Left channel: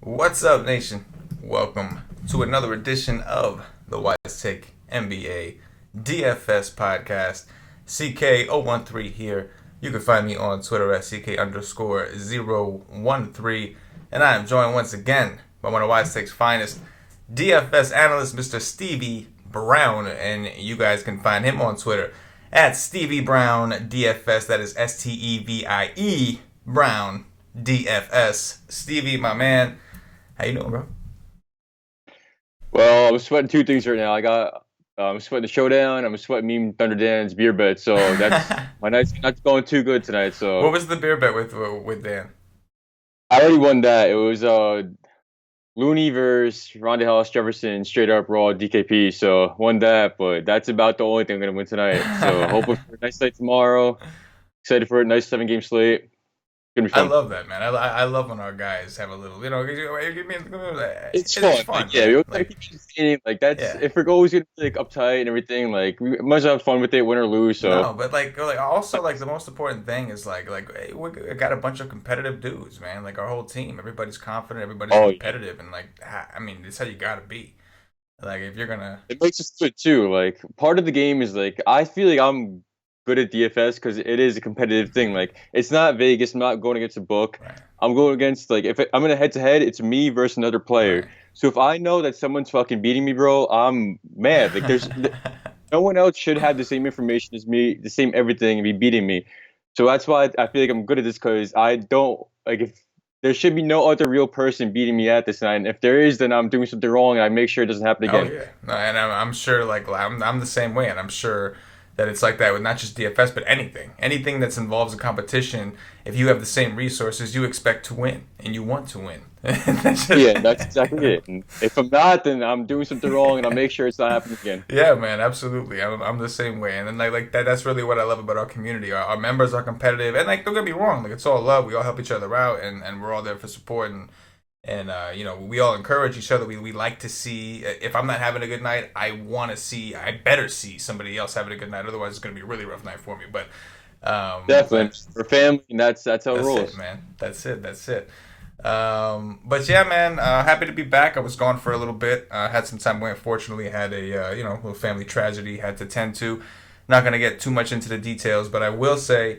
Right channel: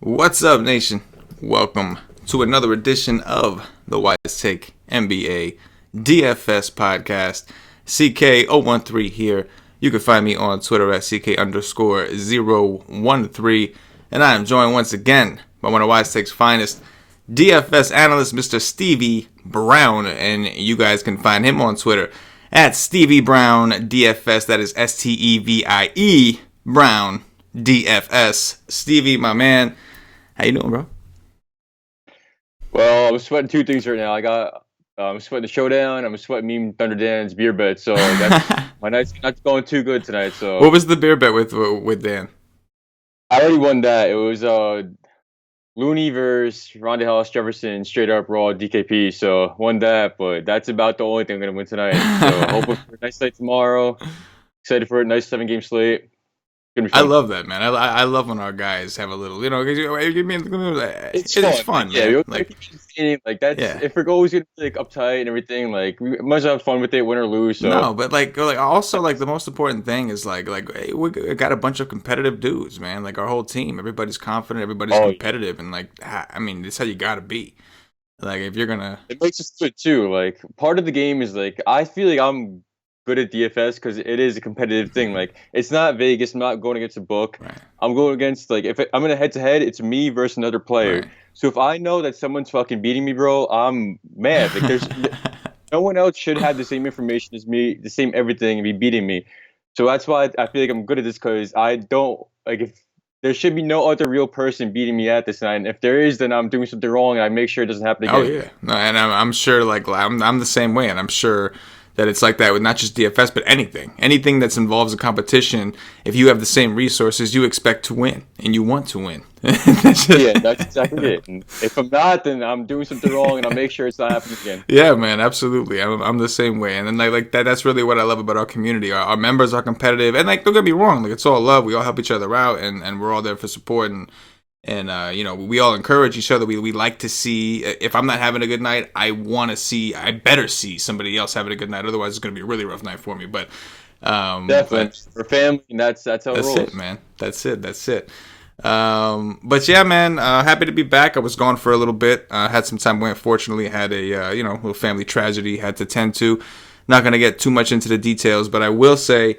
What's up, nation? Welcome to another edition of the Wise Take NBA DFS podcast. CK013 here. You can find me on Twitter at CK_013. And I am joined once again by one of Wise Take's finest DFS analyst, Mr. Stevie Brown. And you guys can find him on Twitter at Stevie Brown DFS. That is STEVIE Brown DFS. Stevie, my man, how you doing, bro? Well, I'm sweating two things right now. I'm sweating the showdown. I'm sweating Meme Thunder Dan's beer bet. So that's my night's not going too good tonight. So what was the beer bet with Dan? I already won that. It was Looney versus Ronda House Jefferson, straight up raw DKP. So won that, but that's about the only thing I'm gonna win tonight. So hoping for a nice night tomorrow. Excited for a nice 7-game slate. I love that, man. I love when our guys have a little, it's fun. Yeah, we always keep it like that's if we're always gonna be like uptight and everything, like we must have fun with it, win or lose. So no, but also the most important thing is hey, we got a bunch of competitive dudes, man. Like our whole team, everybody's confident, everybody's competitive, and it's how you gotta be. Like if you're gonna, it makes us good too. Like part of the game is I feel like I'm good at DFS because it is a competitive thing. Like it's not Vegas. I'm not going against a book. Right. I'm going against I'm in a head-to-head. It's me versus another player. Right. So if I know that someone's fucking beating me, bro, I'm mad. Like there's no one else should have the same information as me, the same everything, and be beating me. So that's why I feel like I'm good at this because I don't if there should be no other real person beating me at this night. And if there is, then I'm doing something wrong, and I make sure it doesn't happen again. Oh yeah, no, and I'm sure I'm the same way, and I'm sure that it's like that with not just DFS, but anything that involves a competition. If you have the same resources, you expect to win, and you want to win. Yeah, that's exactly it. And if I'm not, then I'm doing something wrong, and I'll make sure it's not happening again. Yeah, man, absolutely. I'm the same way, and then like that. That's really what I love about our community. Our members are competitive, and don't get me wrong, it's all love. We all help each other out, and we're all there for support and we all encourage each other. We like to see, if I'm not having a good night, I better see somebody else having a good night. Otherwise, it's going to be a really rough night for me. But definitely for family, and that's how it rolls. That's it, man. That's it. But yeah, man, happy to be back. I was gone for a little bit. Had some time away. Unfortunately, had a little family tragedy had to tend to. Not going to get too much into the details, but I will say,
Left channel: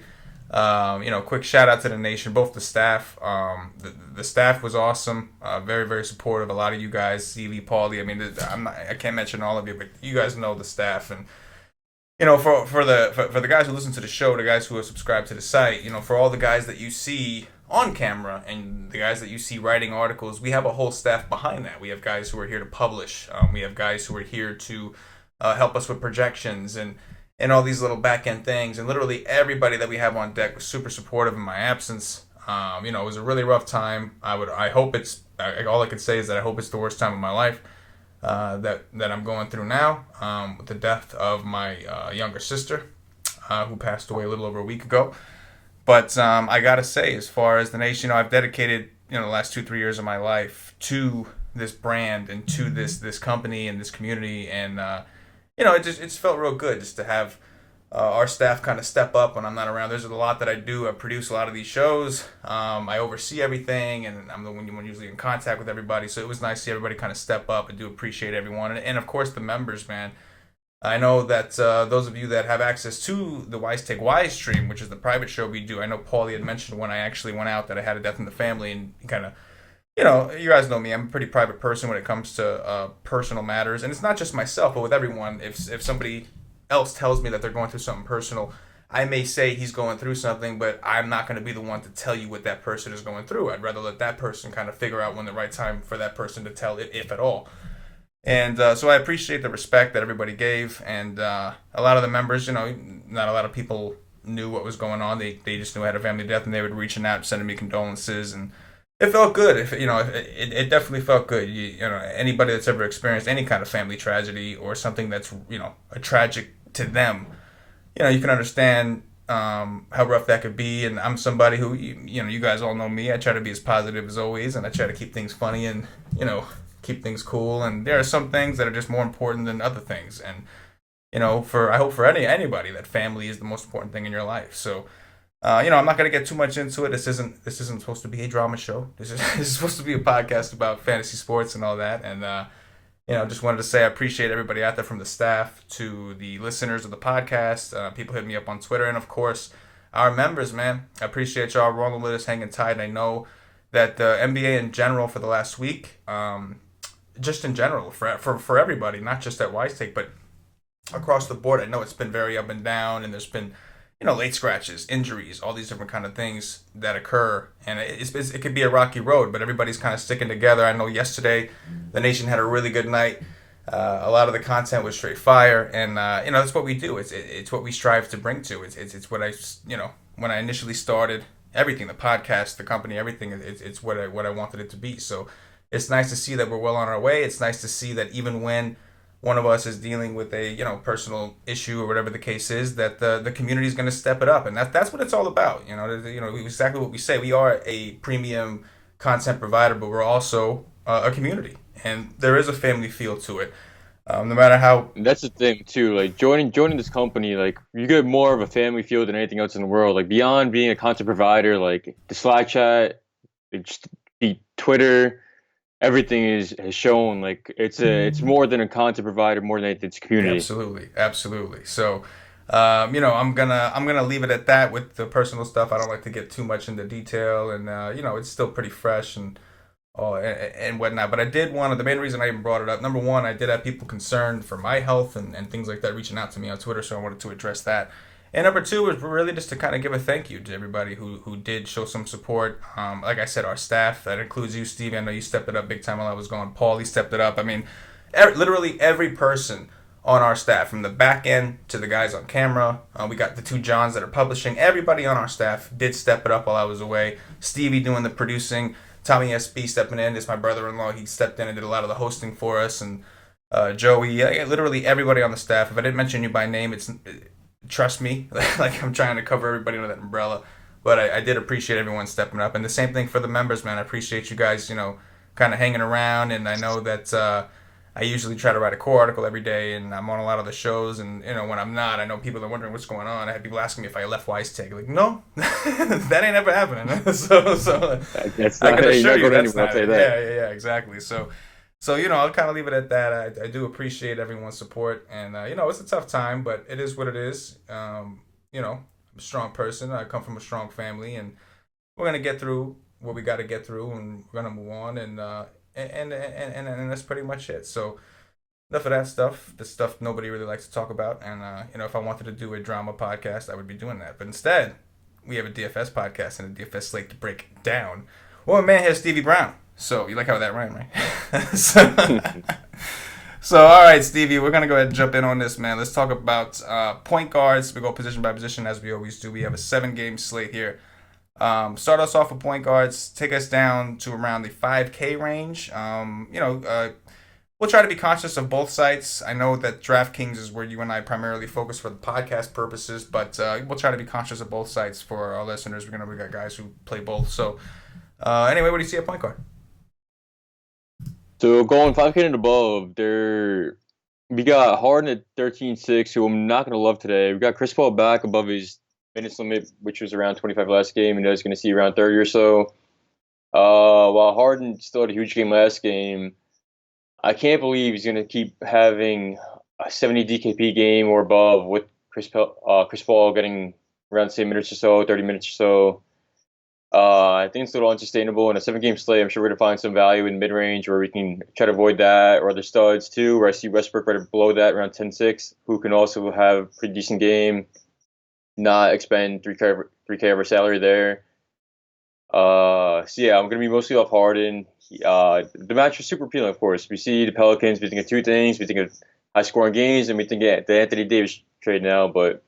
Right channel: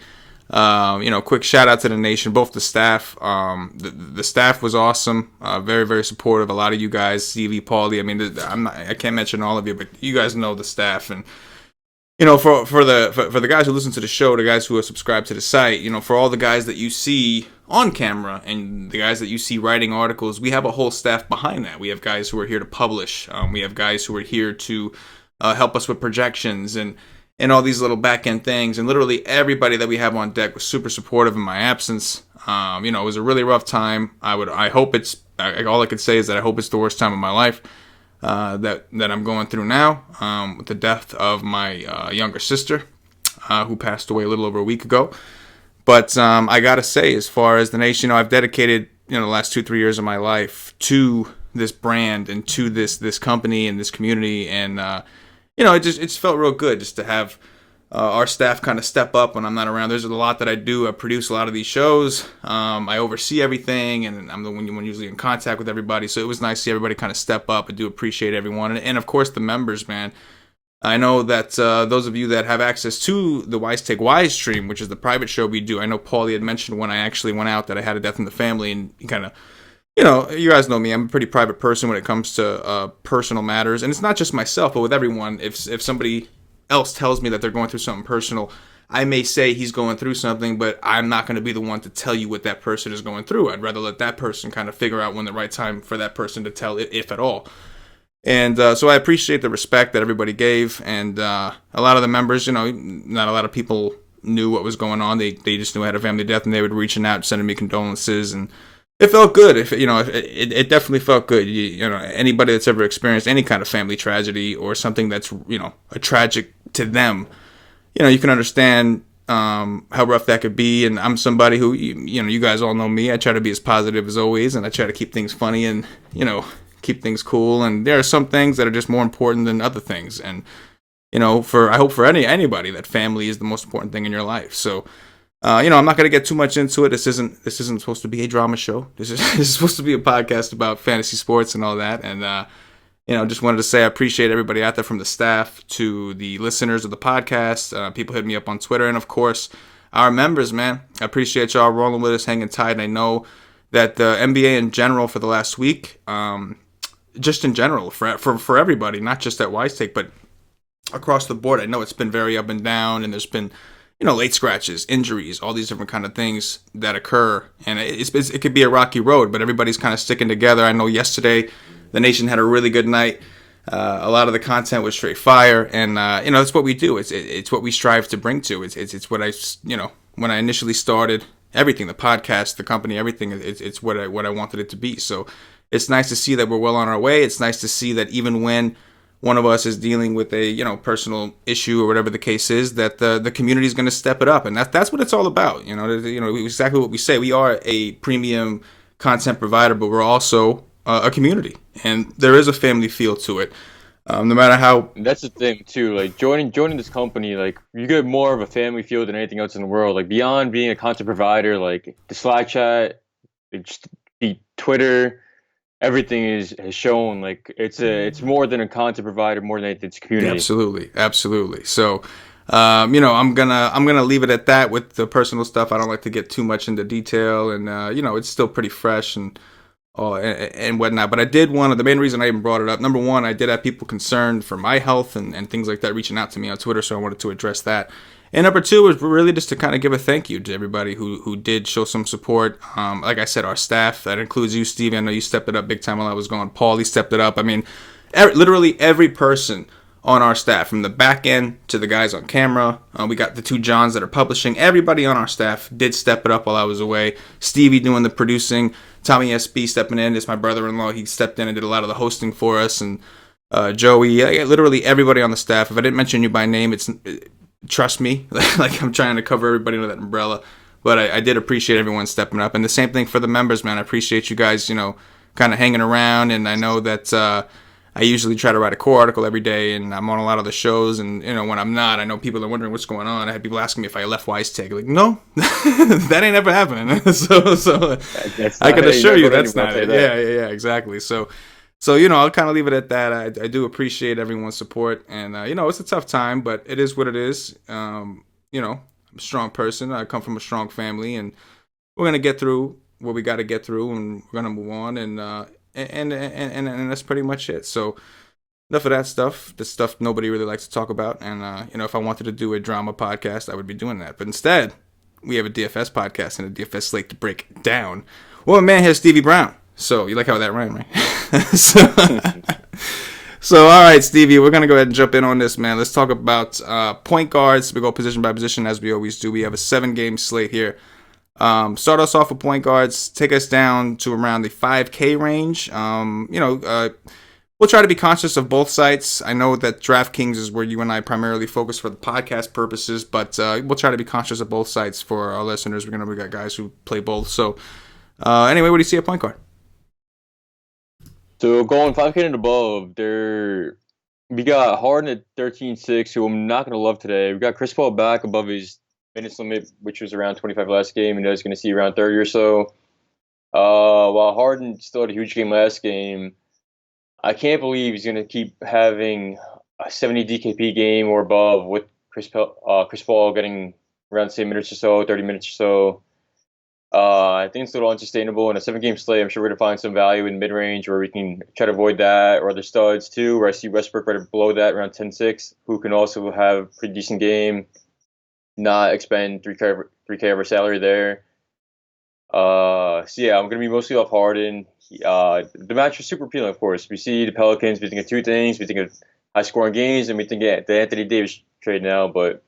quick shout out to the nation, both the staff. The staff was awesome, very, very supportive. A lot of you guys, Stevie, Paulie. I mean, I can't mention all of you, but you guys know the staff, and for the guys who listen to the show, the guys who are subscribed to the site, for all the guys that you see on camera and the guys that you see writing articles, we have a whole staff behind that. We have guys who are here to publish. We have guys who are here to help us with projections and all these little back-end things, and literally everybody that we have on deck was super supportive in my absence. It was a really rough time. I hope it's, all I could say is that I hope it's the worst time of my life that I'm going through now, with the death of my younger sister, who passed away a little over a week ago. But I gotta say, as far as the nation, I've dedicated the last 2-3 years of my life to this brand and to this company and this community, and it just felt real good just to have our staff kind of step up when I'm not around. There's a lot that I do. I produce a lot of these shows. I oversee everything, and I'm the one usually in contact with everybody. So it was nice to see everybody kind of step up. I do appreciate everyone. And of course, the members, man. I know that those of you that have access to the Wise Take Wise stream, which is the private show we do, I know Paulie had mentioned when I actually went out that I had a death in the family, and kind of, you guys know me. I'm a pretty private person when it comes to personal matters. And it's not just myself, but with everyone. If somebody else tells me that they're going through something personal, I may say he's going through something, but I'm not going to be the one to tell you what that person is going through. I'd rather let that person kind of figure out when the right time for that person to tell, if at all. And so I appreciate the respect that everybody gave. And a lot of the members, not a lot of people knew what was going on. They just knew I had a family death, and they would reaching out, sending me condolences, and it felt good. It definitely felt good. Anybody that's ever experienced any kind of family tragedy or something that's a tragic to them, you can understand how rough that could be. And I'm somebody who, you guys all know me. I try to be as positive as always, and I try to keep things funny and keep things cool. And there are some things that are just more important than other things. And I hope for anybody that family is the most important thing in your life. So, I'm not gonna get too much into it. This isn't supposed to be a drama show. This is supposed to be a podcast about fantasy sports and all that. And just wanted to say I appreciate everybody out there, from the staff to the listeners of the podcast. People hit me up on Twitter, and of course, our members, man. I appreciate y'all rolling with us, hanging tight. And I know that the NBA in general for the last week, just in general for everybody, not just at Wise Take, but across the board, I know it's been very up and down, and there's been late scratches, injuries, all these different kind of things that occur, and it could be a rocky road, but everybody's kind of sticking together. I know yesterday the nation had a really good night. A lot of the content was straight fire, and it's what we do. It's what we strive to bring to. It's what I when I initially started everything, the podcast, the company, everything. It's what I wanted it to be. So it's nice to see that we're well on our way. It's nice to see that even when one of us is dealing with a personal issue or whatever the case is, that the community is going to step it up, and that's what it's all about. Exactly what we say. We are a premium content provider, but we're also a community, and there is a family feel to it. No matter how. That's the thing too. Like joining this company, like you get more of a family feel than anything else in the world. Like beyond being a content provider, like the Slack chat, just the Twitter. Everything has shown like it's more than a content provider, more than anything, it's community. Absolutely. So, I'm gonna leave it at that with the personal stuff. I don't like to get too much into detail, and it's still pretty fresh and whatnot. But I did the main reason I even brought it up. Number one, I did have people concerned for my health and things like that reaching out to me on Twitter, so I wanted to address that. And number two was really just to kind of give a thank you to everybody who did show some support. Like I said, our staff, that includes you, Stevie. I know you stepped it up big time while I was gone. Paulie stepped it up. I mean, literally every person on our staff, from the back end to the guys on camera. We got the two Johns that are publishing. Everybody on our staff did step it up while I was away. Stevie doing the producing. Tommy SB stepping in. It's my brother-in-law. He stepped in and did a lot of the hosting for us. And Joey, literally everybody on the staff. If I didn't mention you by name, trust me, like I'm trying to cover everybody under that umbrella. But I did appreciate everyone stepping up. And the same thing for the members, man. I appreciate you guys, kind of hanging around. And I know that I usually try to write a core article every day, and I'm on a lot of the shows. And, when I'm not, I know people are wondering what's going on. I had people asking me if I left Wise Tech. Like, no, that ain't ever happening. so I can assure you that's not. Yeah, exactly. So, I'll kind of leave it at that. I do appreciate everyone's support, and it's a tough time, but it is what it is. I'm a strong person. I come from a strong family, and we're gonna get through what we got to get through, and we're gonna move on, and that's pretty much it. So enough of that stuff. The stuff nobody really likes to talk about, and if I wanted to do a drama podcast, I would be doing that. But instead, we have a DFS podcast and a DFS slate to break down. Well, my man here, Stevie Brown. So you like how that rhymed, right? So all right, Stevie, we're gonna go ahead and jump in on this, man. Let's talk about point guards. We go position by position as we always do. We have a 7-game slate here. Start us off with point guards. Take us down to around the 5K range. We'll try to be conscious of both sites. I know that DraftKings is where you and I primarily focus for the podcast purposes, but we'll try to be conscious of both sites for our listeners. We got guys who play both. So anyway, what do you see at point guard? So going 5K and above, we got Harden at 13.6, who I'm not going to love today. We got Chris Paul back above his minutes limit, which was around 25 last game, and I was going to see around 30 or so. While Harden still had a huge game last game, I can't believe he's going to keep having a 70 DKP game or above with Chris Paul getting around the same minutes or so, 30 minutes or so. I think it's a little unsustainable. In a 7-game slate, I'm sure we're going to find some value in mid-range where we can try to avoid that, or other studs too, where I see Westbrook right below that, around 10-6, who can also have a pretty decent game, not expend 3K of our salary there. I'm going to be mostly off Harden. The match is super appealing, of course. We see the Pelicans, we think of two things. We think of high-scoring games, and we think of the Anthony Davis trade now, but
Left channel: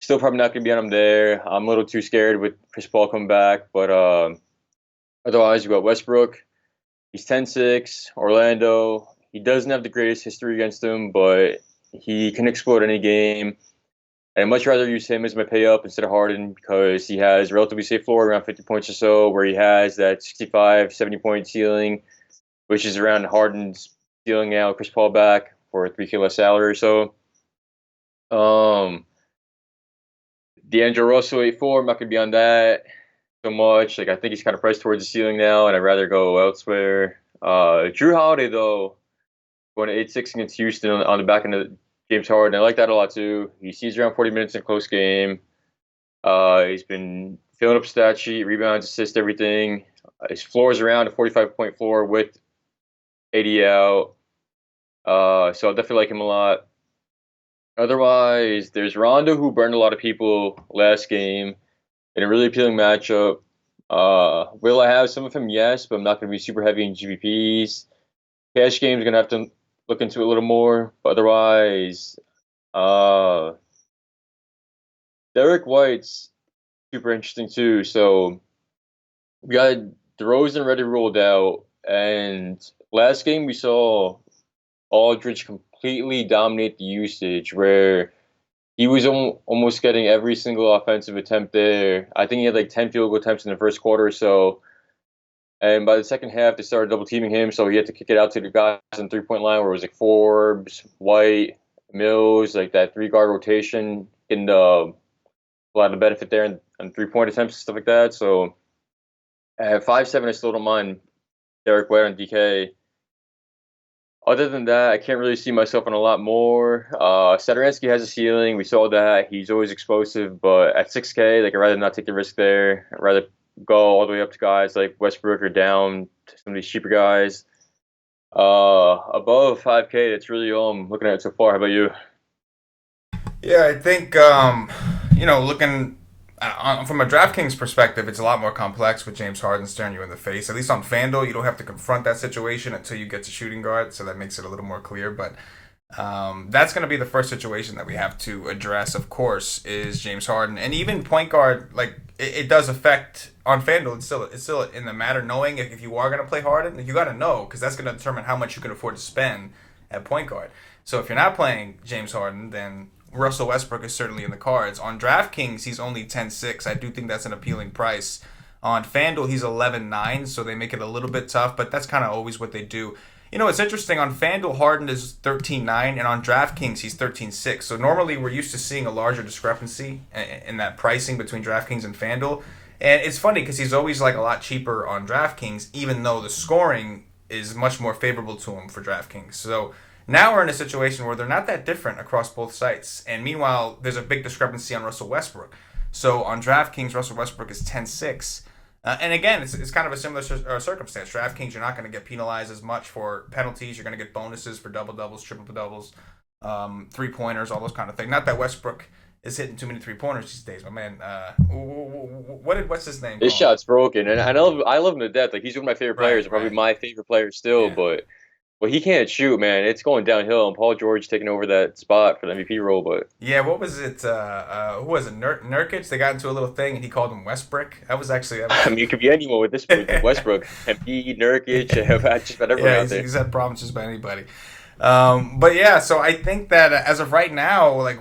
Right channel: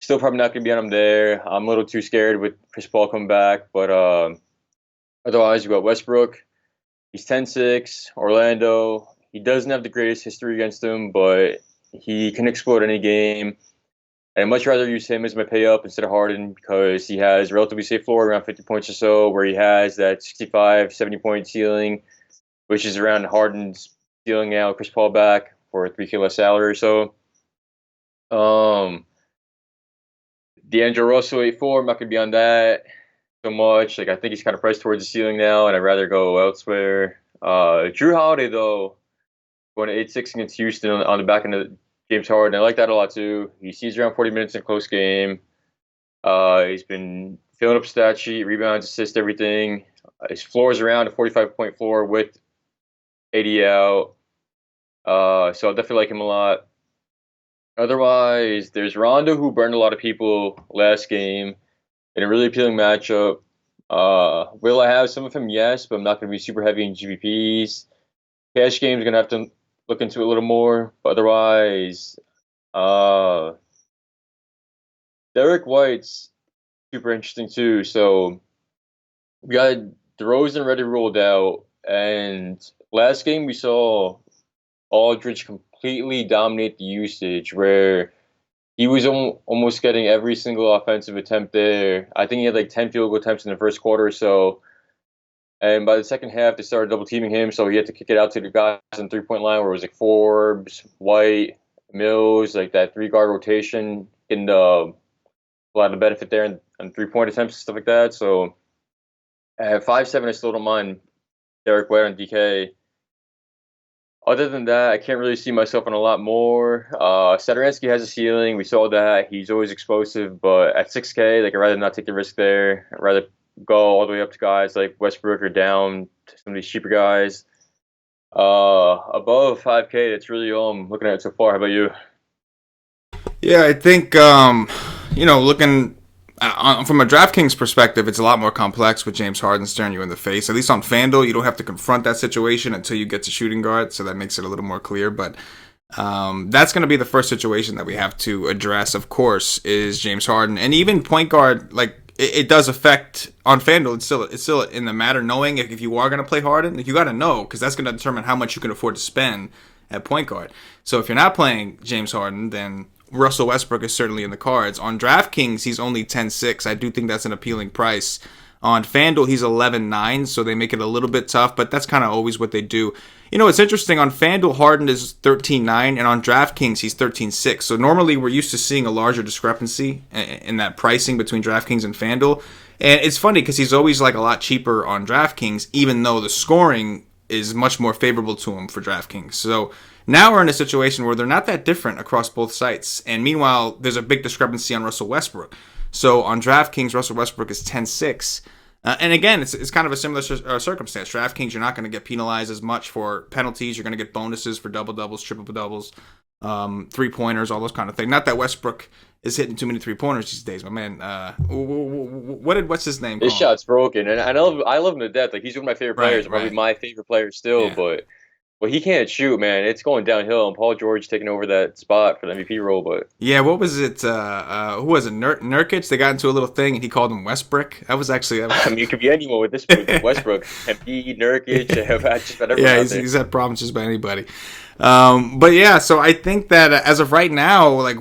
still probably not going to be on him there. I'm a little too scared with Chris Paul coming back, but otherwise you got Westbrook. He's 10-6. Orlando. He doesn't have the greatest history against him, but he can explode any game. And I'd much rather use him as my pay up instead of Harden because he has a relatively safe floor around 50 points or so, where he has that 65, 70-point ceiling, which is around Harden's ceiling now, Chris Paul back for a 3K less salary or so. Um, D'Angelo Russell 8-4. I'm not gonna be on that so much. Like I think he's kind of pressed towards the ceiling now, and I'd rather go elsewhere. Drew Holiday though, going to 8-6 against Houston on the back end of James Harden. I like that a lot too. He sees around 40 minutes in a close game. He's been filling up stat sheet, rebounds, assists, everything. His floor is around a 45-point floor with 80 out. So I definitely like him a lot. Otherwise, there's Rondo, who burned a lot of people last game in a really appealing matchup. Will I have some of him? Yes, but I'm not going to be super heavy in GPPs. Cash games going to have to look into it a little more. But otherwise, Derek White's super interesting too. So we got DeRozan already ruled out, and last game we saw Aldridge completely dominate the usage, where he was almost getting every single offensive attempt there. I think he had like 10 field goal attempts in the first quarter or so. And by the second half, they started double teaming him, so he had to kick it out to the guys on 3-point line where it was like Forbes, White, Mills, like that 3-guard rotation, in a lot of benefit there on 3-point attempts and stuff like that. So at 5-7, I still don't mind Derek White on DK. Other than that, I can't really see myself on a lot more. Satoransky has a ceiling. We saw that. He's always explosive, but at 6K, like I'd rather not take the risk there. I'd rather go all the way up to guys like Westbrook or down to some of these cheaper guys. Above 5K, that's really all I'm looking at so far. How about you? Yeah, I think looking from a DraftKings perspective, it's a lot more complex with James Harden staring you in the face. At least on FanDuel, you don't have to confront that situation until you get to shooting guard, so that makes it a little more clear. But that's going to be the first situation that we have to address, of course, is James Harden. And even point guard, like, it does affect on FanDuel. It's still in the matter knowing if you are going to play Harden. You got to know, because that's going to determine how much you can afford to spend at point guard. So if you're not playing James Harden, then Russell Westbrook is certainly in the cards. On DraftKings, he's only 10-6. I do think that's an appealing price. On FanDuel, he's 11-9, so they make it a little bit tough, but that's kind of always what they do. You know, it's interesting. On FanDuel, Harden is 13-9, and on DraftKings, he's 13-6. So normally we're used to seeing a larger discrepancy in that pricing between DraftKings and FanDuel. And it's funny because he's always like a lot cheaper on DraftKings, even though the scoring is much more favorable to him for DraftKings. So now we're in a situation where they're not that different across both sites. And meanwhile, there's a big discrepancy on Russell Westbrook. So on DraftKings, Russell Westbrook is 10-6. And again, it's kind of a similar circumstance. DraftKings, you're not going to get penalized as much for penalties. You're going to get bonuses for double-doubles, triple-doubles, three-pointers, all those kind of things. Not that Westbrook is hitting too many three-pointers these days, my man. What's his name? His shot's broken, and I love him to death. Like he's one of my favorite players, probably my favorite player still. Yeah. But he can't shoot, man. It's going downhill, and Paul George taking over that spot for the MVP role. But yeah, what was it? Who was it? Nurkic? They got into a little thing, and he called him Westbrook. That was actually. I mean, it could be anyone with this with Westbrook, MP, Nurkic, just about everyone out there. He's had problems just about anybody. But yeah, so I think that as of right now, like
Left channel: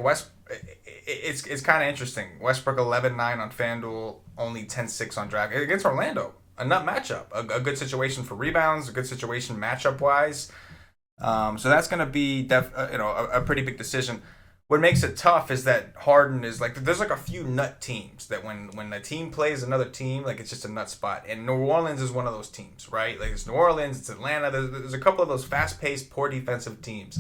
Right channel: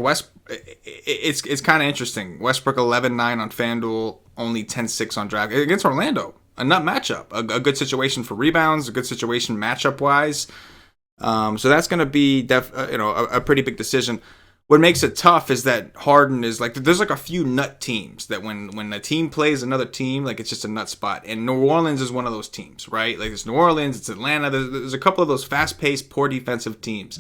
it's kind of interesting. Westbrook 11-9 on FanDuel, only 10-6 on Draft against Orlando. A nut matchup, a good situation for rebounds, a good situation matchup wise. So that's going to be a pretty big decision. What makes it tough is that Harden is like there's like a few nut teams that when a team plays another team, like it's just a nut spot. And New Orleans is one of those teams, right? Like it's New Orleans, it's Atlanta. There's a couple of those fast-paced, poor defensive teams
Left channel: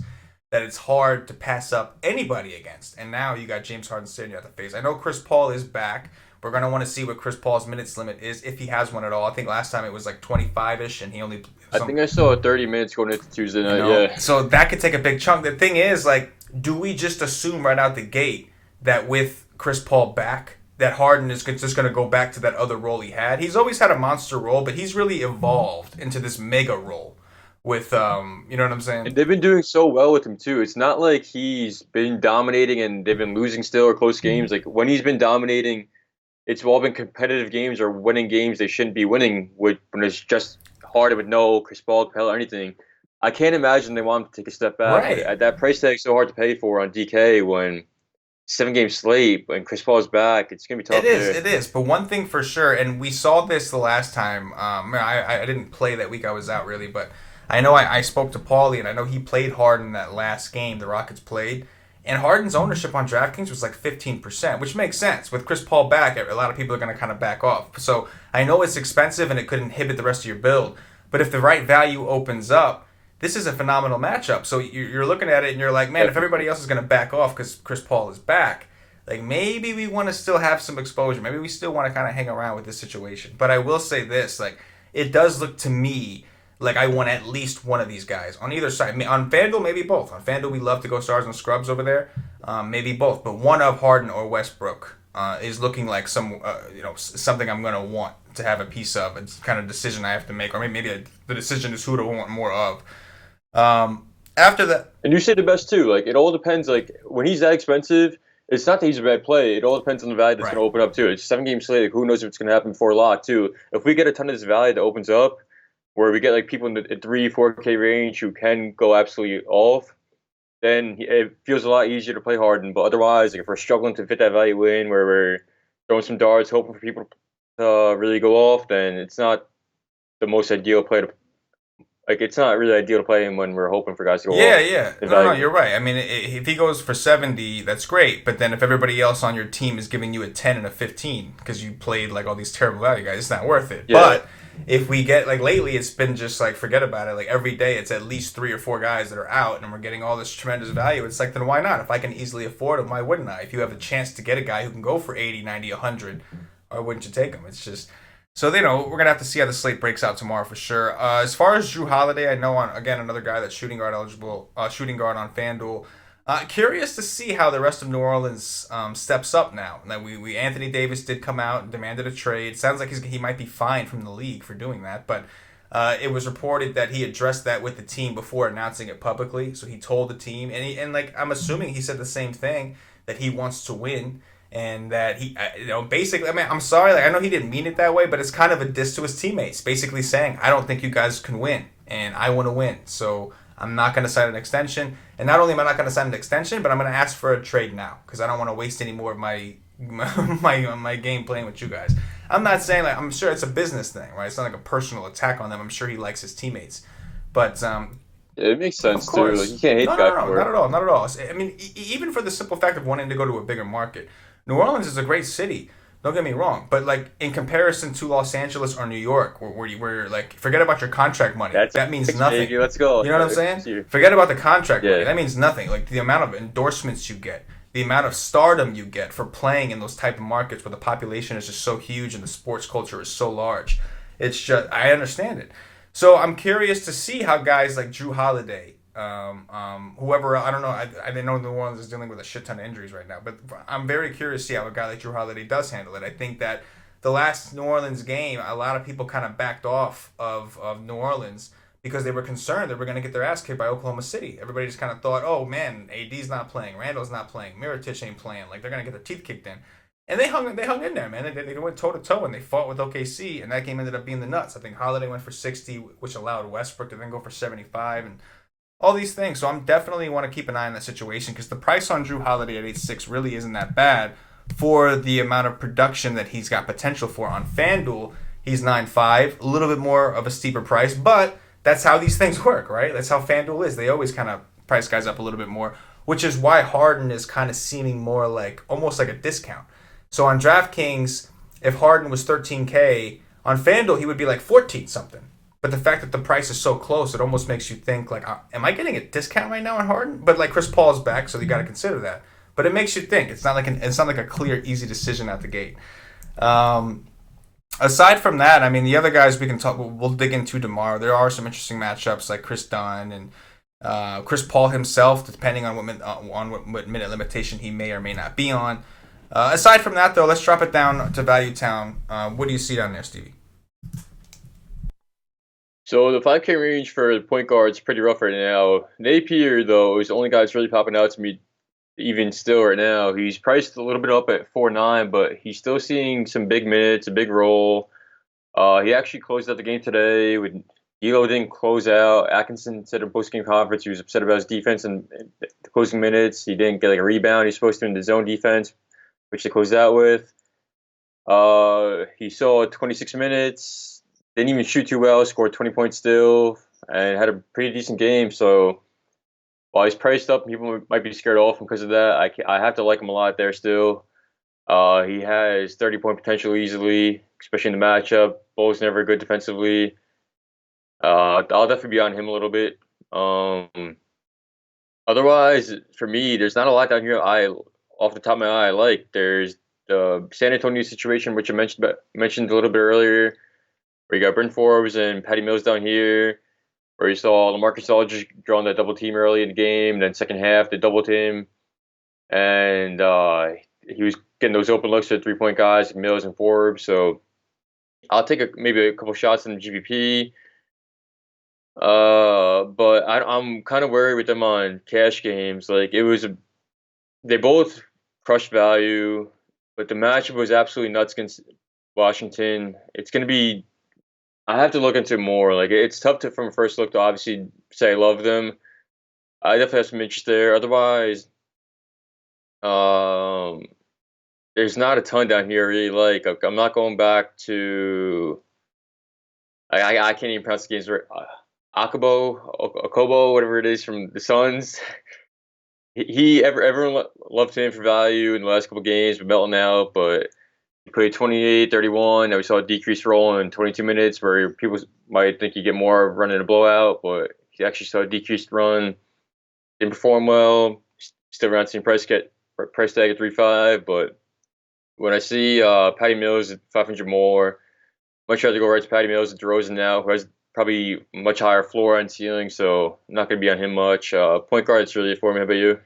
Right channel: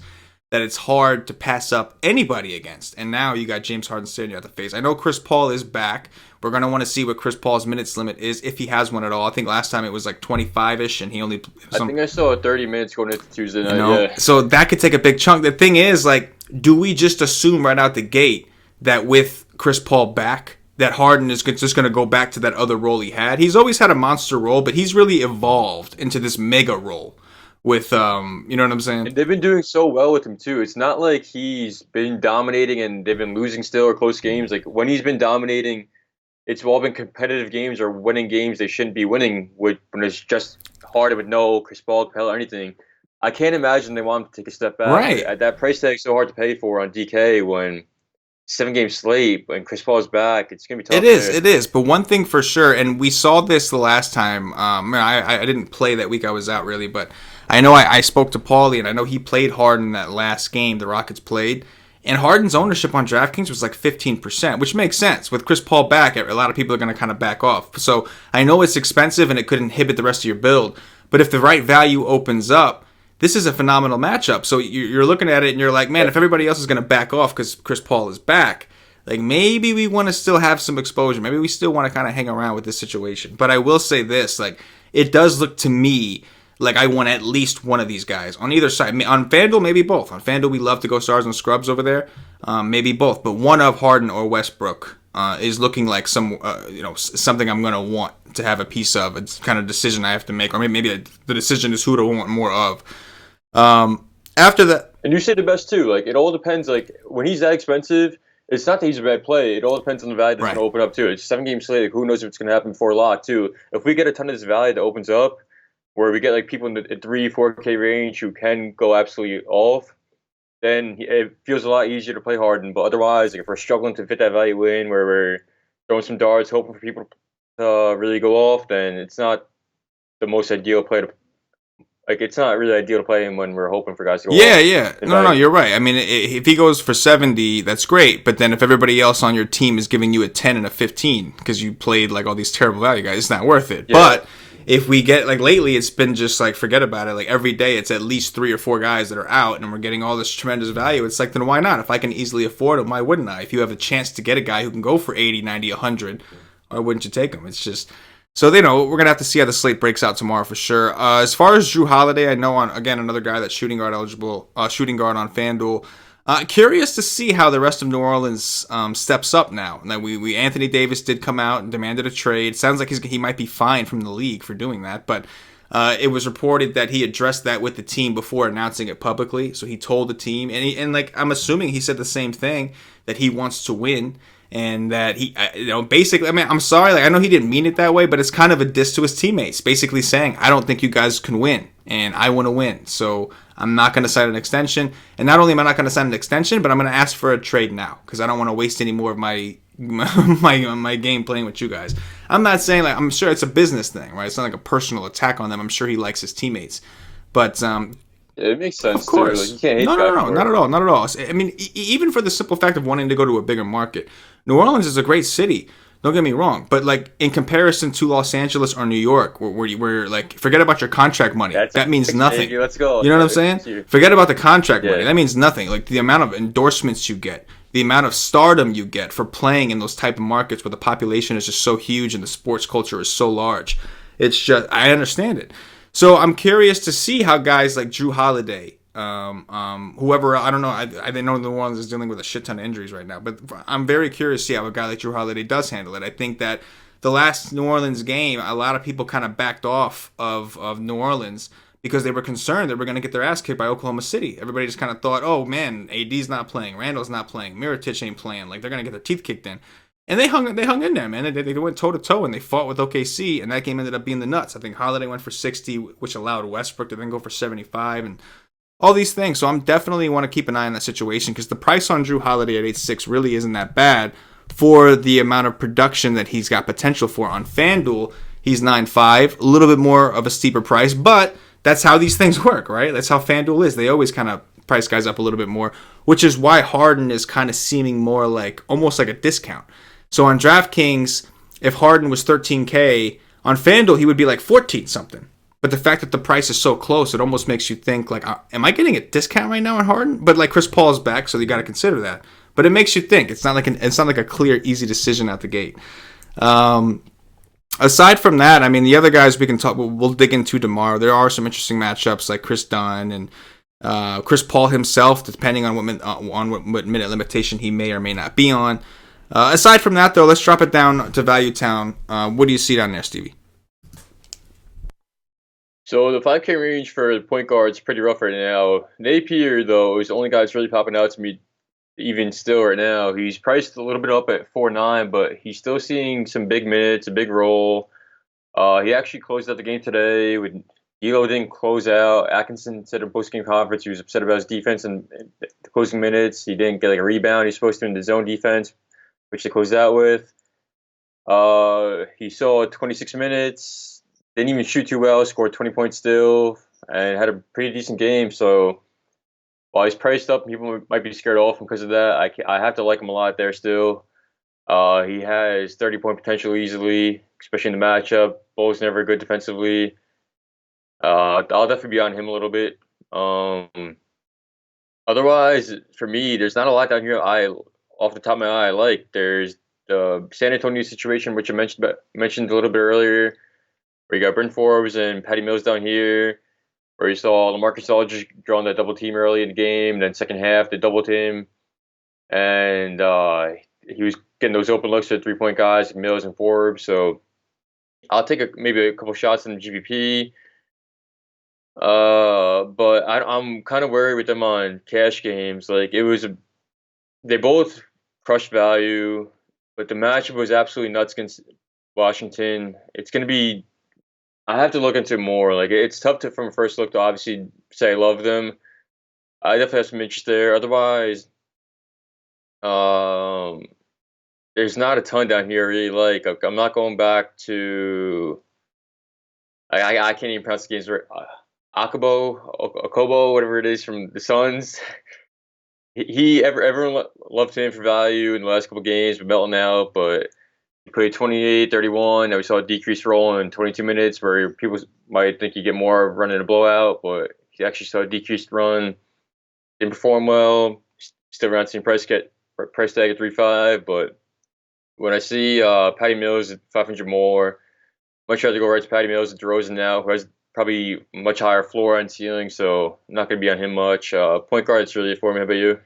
that it's hard to pass up anybody against. And now you got James Harden staring you at the face. I know Chris Paul is back. We're going to want to see what Chris Paul's minutes limit is, if he has one at all. I think last time it was like 25-ish, and he only... I think I saw 30 minutes going into Tuesday night, yeah. So that could take a big chunk. The thing is, like, do we just assume right out the gate that with Chris Paul back, that Harden is just going to go back to that other role he had? He's always had a monster role, but he's really evolved into this mega role with, you know what I'm saying? And they've been doing so well with him, too. It's not like he's been dominating and they've been losing still or close games. Like, when he's been dominating... It's all been competitive games or winning games they shouldn't be winning when it's just Harden with no Chris Paul, Capella, or anything. I can't imagine they want him to take a step back. Right. At that price tag so hard to pay for on DK when 7-game slate and Chris Paul's back, it's going to be tough. It is. But one thing for sure, and we saw this the last time. I didn't play that week. I was out really, but I know I spoke to Paulie, and I know he played hard in that last game the Rockets played. And Harden's ownership on DraftKings was like 15%, which makes sense. With Chris Paul back, a lot of people are going to kind of back off. So I know it's expensive and it could inhibit the rest of your build. But if the right value opens up, this is a phenomenal matchup. So you're looking at it and you're like, man, if everybody else is going to back off because Chris Paul is back, like maybe we want to still have some exposure. Maybe we still want to kind of hang around with this situation. But I will say this, like it does look to me like I want at least one of these guys on either side. On FanDuel, maybe both. On FanDuel, we love to go stars and scrubs over there. Maybe both, but one of Harden or Westbrook is looking like something I'm gonna want to have a piece of. It's kind of decision I have to make, or maybe the decision is who to want more of. After that, and you say the best too. Like it all depends. Like when he's that expensive, it's not that he's a bad play. It all depends on the value that's going to open up too. It's a 7-game slate. Like, who knows if it's going to happen before a lot too. If we get a ton of this value that opens up, where we get like people in the 3-4K range who can go absolutely off, then it feels a lot easier to play Harden. But otherwise, like if we're struggling to fit that value in, where we're throwing some darts, hoping for people to really go off, then it's not the most ideal play to. Like it's not really ideal to play him when we're hoping for guys to go off. Yeah. No, you're right. I mean, if he goes for 70, that's great. But then if everybody else on your team is giving you a 10 and a 15 because you played like all these terrible value guys, it's not worth it. Yeah. But if we get like lately, it's been just like forget about it. Like every day, it's at least 3 or 4 guys that are out, and we're getting all this tremendous value. It's like then why not? If I can easily afford him, why wouldn't I? If you have a chance to get a guy who can go for 80, 90, 100, why wouldn't you take him? It's just. So, we're going to have to see how the slate breaks out tomorrow for sure. As far as Jrue Holiday, I know, another guy that's shooting guard eligible, shooting guard on FanDuel. Curious to see how the rest of New Orleans steps up now. Now, Anthony Davis did come out and demanded a trade. Sounds like he might be fined from the league for doing that. But it was reported that he addressed that with the team before announcing it publicly. So he told the team, and I'm assuming he said the same thing, that he wants to win. And that he, basically, I mean, I'm sorry, like I know he didn't mean it that way, but it's kind of a diss to his teammates, basically saying, I don't think you guys can win, and I want to win, so I'm not going to sign an extension. And not only am I not going to sign an extension, but I'm going to ask for a trade now, because I don't want to waste any more of my game playing with you guys. I'm not saying, like, I'm sure it's a business thing, right? It's not like a personal attack on them. I'm sure he likes his teammates, but it makes sense too. Like you can't hate not at all. I mean, even for the simple fact of wanting to go to a bigger market. New Orleans is a great city. Don't get me wrong, but like in comparison to Los Angeles or New York, where like forget about your contract money. That means nothing. Baby. Let's go. You know what I'm saying? Forget about the contract money. That means nothing. Like the amount of endorsements you get, the amount of stardom you get for playing in those type of markets where the population is just so huge and the sports culture is so large. It's just I understand it. So I'm curious to see how guys like Jrue Holiday. Whoever, I don't know, I know New Orleans is dealing with a shit ton of injuries right now, but I'm very curious to see how a guy like Jrue Holiday does handle it. I think that the last New Orleans game, a lot of people kind of backed off of New Orleans because they were concerned they were going to get their ass kicked by Oklahoma City. Everybody just kind of thought, oh man, AD's not playing, Randall's not playing, Mirotic ain't playing, like they're going to get their teeth kicked in. And they hung in there, man. They went toe-to-toe, and they fought with OKC, and that game ended up being the nuts. I think Holiday went for 60, which allowed Westbrook to then go for 75, and all these things. So I'm definitely want to keep an eye on that situation because the price on Jrue Holiday at 8.6 really isn't that bad for the amount of production that he's got potential for. On FanDuel, he's 9.5, a little bit more of a steeper price, but that's how these things work, right? That's how FanDuel is. They always kind of price guys up a little bit more, which is why Harden is kind of seeming more like almost like a discount. So on DraftKings, if Harden was 13K, on FanDuel, he would be like 14 something. But the fact that the price is so close, it almost makes you think, like, am I getting a discount right now on Harden? But, like, Chris Paul's back, so you got to consider that. But it makes you think. It's not like a clear, easy decision out the gate. Aside from that, I mean, the other guys we can talk, we'll dig into tomorrow. There are some interesting matchups like Chris Dunn and Chris Paul himself, depending on what minute limitation he may or may not be on. Aside from that, though, let's drop it down to Value Town. What do you see down there, Stevie? So the 5K range for the point guard is pretty rough right now. Napier, though, is the only guy that's really popping out to me even still right now. He's priced a little bit up at 4.9, but he's still seeing some big minutes, a big role. He actually closed out the game today. D'Lo didn't close out. Atkinson said in post-game conference he was upset about his defense and the closing minutes. He didn't get like a rebound. He's supposed to in the zone defense, which they closed out with. He saw 26 minutes. Didn't even shoot too well, scored 20 points still, and had a pretty decent game. So while he's priced up, people might be scared off him because of that. I have to like him a lot there still. He has 30-point potential easily, especially in the matchup. Bull's never good defensively. I'll definitely be on him a little bit. Otherwise, for me, there's not a lot down here. Off the top of my eye, I like. There's the San Antonio situation, which I mentioned a little bit earlier, where you got Bryn Forbes and Patty Mills down here, where you saw LaMarcus Aldridge drawing that double team early in the game, and then second half they doubled him, and he was getting those open looks to the 3-point guys, Mills and Forbes. So I'll take maybe a couple shots in the GPP. But I'm kind of worried with them on cash games. Like they both crushed value, but the matchup was absolutely nuts against Washington. It's gonna be. I have to look into it more. Like it's tough to from first look to obviously say I love them. I definitely have some interest there. Otherwise, there's not a ton down here I really like. I'm not going back to. I can't even pronounce the games right. Akobo, whatever it is from the Suns. Everyone loved him for value in the last couple games, but melting out. But he played 28, 31. Now we saw a decreased roll in 22 minutes, where people might think you get more running a blowout, but he actually saw a decreased run. Didn't perform well. Still around the same price tag at 3.5. But when I see Patty Mills at 500 more, much rather go right to Patty Mills and DeRozan now, who has probably much higher floor and ceiling, so I'm not going to be on him much. Point guard's really for me. How about you?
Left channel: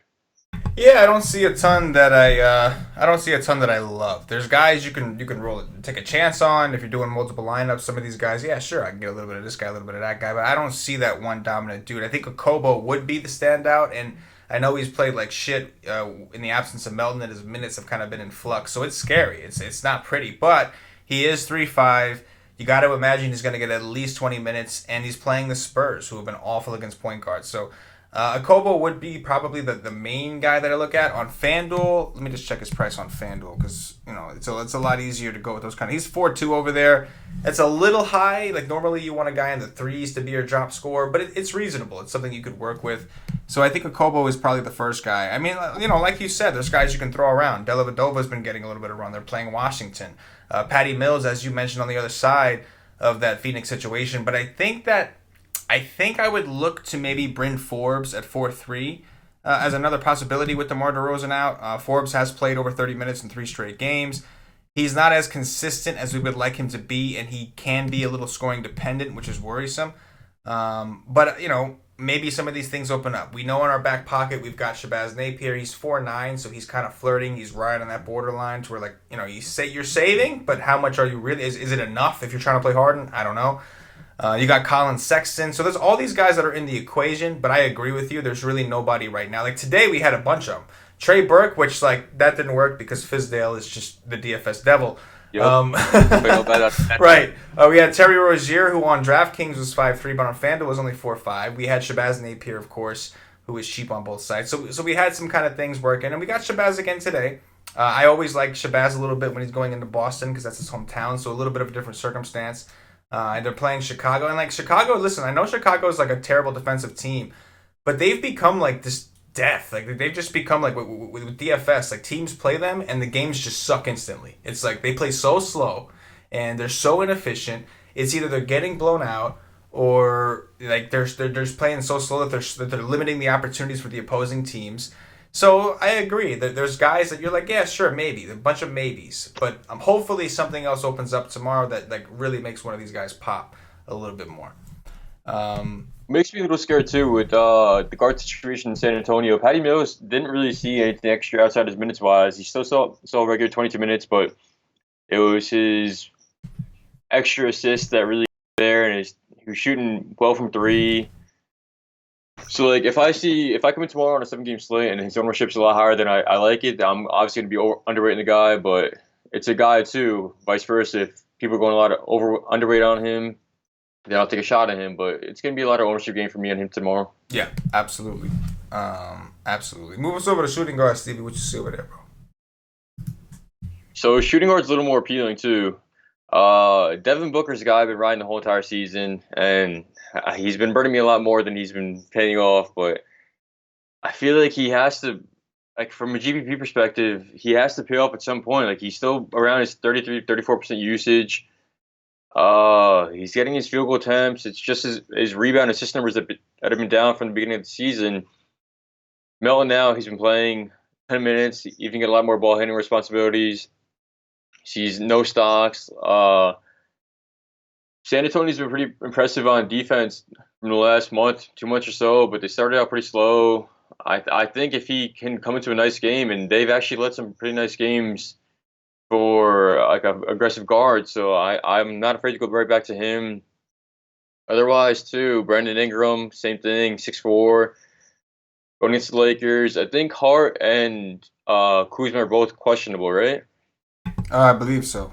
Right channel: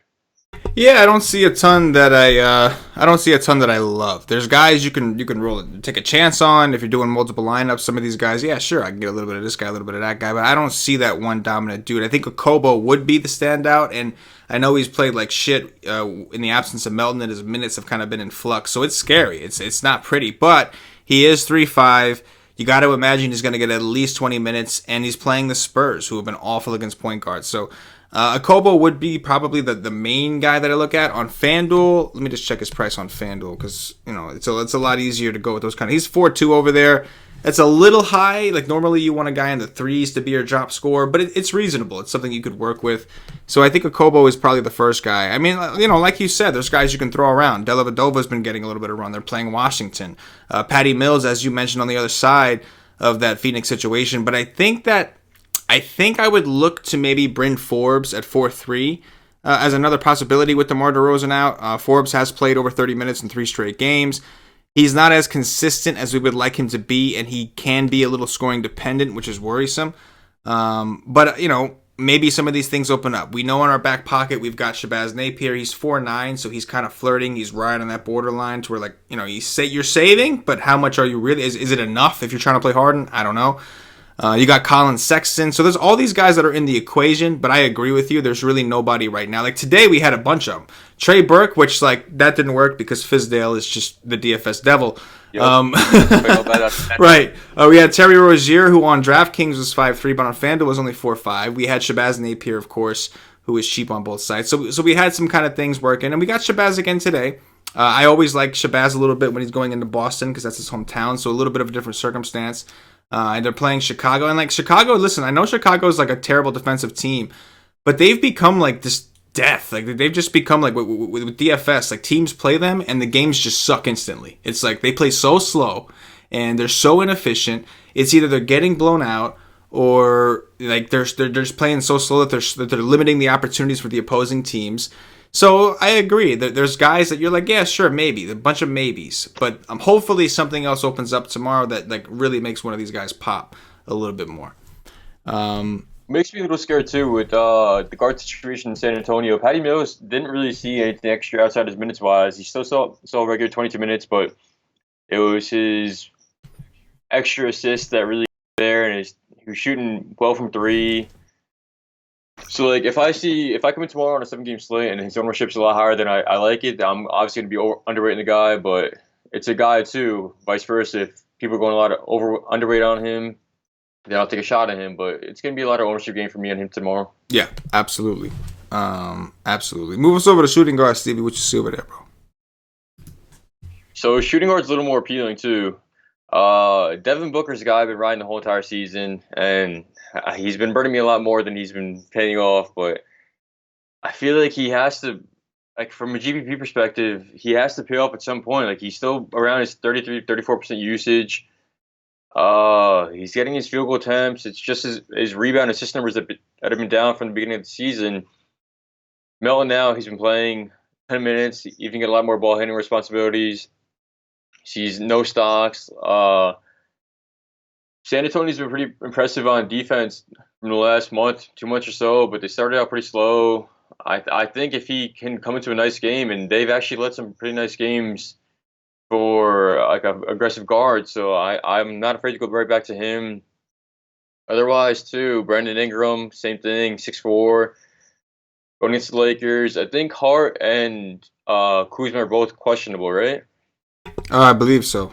Yeah, I don't see a ton that I love. There's guys you can roll it, take a chance on if you're doing multiple lineups. Some of these guys, yeah, sure, I can get a little bit of this guy, a little bit of that guy, but I don't see that one dominant dude. I think Okobo would be the standout, and I know he's played like shit in the absence of Melton, and his minutes have kind of been in flux, so it's scary. It's not pretty, but he is 3.5. You got to imagine he's going to get at least 20 minutes, and he's playing the Spurs, who have been awful against point guards. So Akobo would be probably the main guy that I look at. On FanDuel, let me just check his price on FanDuel, because it's a lot easier to go with those kind of. He's 4.2 over there. That's a little high. Like normally you want a guy in the threes to be your drop scorer, but it's reasonable. It's something you could work with. So I think Akobo is probably the first guy. I mean, like you said, there's guys you can throw around. Dellavedova's been getting a little bit of run. They're playing Washington. Patty Mills, as you mentioned, on the other side of that Phoenix situation. But I think I would look to maybe Bryn Forbes at 4.3 as another possibility with DeMar DeRozan out. Forbes has played over 30 minutes in 3 straight games. He's not as consistent as we would like him to be, and he can be a little scoring dependent, which is worrisome. But maybe some of these things open up. We know in our back pocket we've got Shabazz Napier. He's 4.9, so he's kind of flirting. He's right on that borderline to where, you say you're saving, but how much are you really? Is it enough if you're trying to play Harden? I don't know. You got Colin Sexton. So there's all these guys that are in the equation, but I agree with you. There's really nobody right now. Like today we had a bunch of them. Trey Burke, which that didn't work because Fizdale is just the DFS devil. Yep. Right. We had Terry Rozier, who on DraftKings was 5.3, but on FanDuel was only 4.5. We had Shabazz Napier, of course, who is cheap on both sides. So we had some kind of things working, and we got Shabazz again today. I always like Shabazz a little bit when he's going into Boston because that's his hometown, so a little bit of a different circumstance. And they're playing Chicago. And Chicago, listen, I know Chicago is a terrible defensive team, but they've become this death. They've just become with DFS, teams play them and the games just suck instantly. It's they play so slow and they're so inefficient. It's either they're getting blown out or they're just playing so slow that they're limiting the opportunities for the opposing teams. So I agree. There's guys that you're yeah, sure, maybe. A bunch of maybes. But hopefully something else opens up tomorrow that really makes one of these guys pop a little bit more. Makes me a little scared, too, with the guard situation in San Antonio. Patty Mills didn't really see anything extra outside his minutes-wise. He still saw a regular 22 minutes, but it was his extra assist that really there, and he was shooting well from 3. So if I come in tomorrow on a 7-game slate and his ownership's a lot higher than I like it, I'm obviously going to be underrating the guy, but it's a guy too, vice versa. If people are going a lot of underweight on him, then I'll take a shot at him, but it's going to be a lot of ownership game for me on him tomorrow. Yeah, absolutely. Absolutely. Move us over to shooting guard, Stevie. What you see over there, bro? So shooting guard's a little more appealing too. Devin Booker's a guy I've been riding the whole entire season, and he's been burning me a lot more than he's been paying off, but I feel like he has to, like from a GPP perspective, he has to pay off at some point. Like he's still around his 34% usage. He's getting his field goal attempts. It's just his rebound assist numbers that have been down from the beginning of the season. Melton now, he's been playing 10 minutes. He even get a lot more ball handling responsibilities. He's no stocks. San Antonio's been pretty impressive on defense from the last month, 2 months or so, but they started out pretty slow. I think if he can come into a nice game, and they've actually led some pretty nice games for like a aggressive guard, so I'm not afraid to go right back to him. Otherwise, too, Brandon Ingram, same thing, 6'4", going against the Lakers. I think Hart and Kuzma are both questionable, right? I believe so.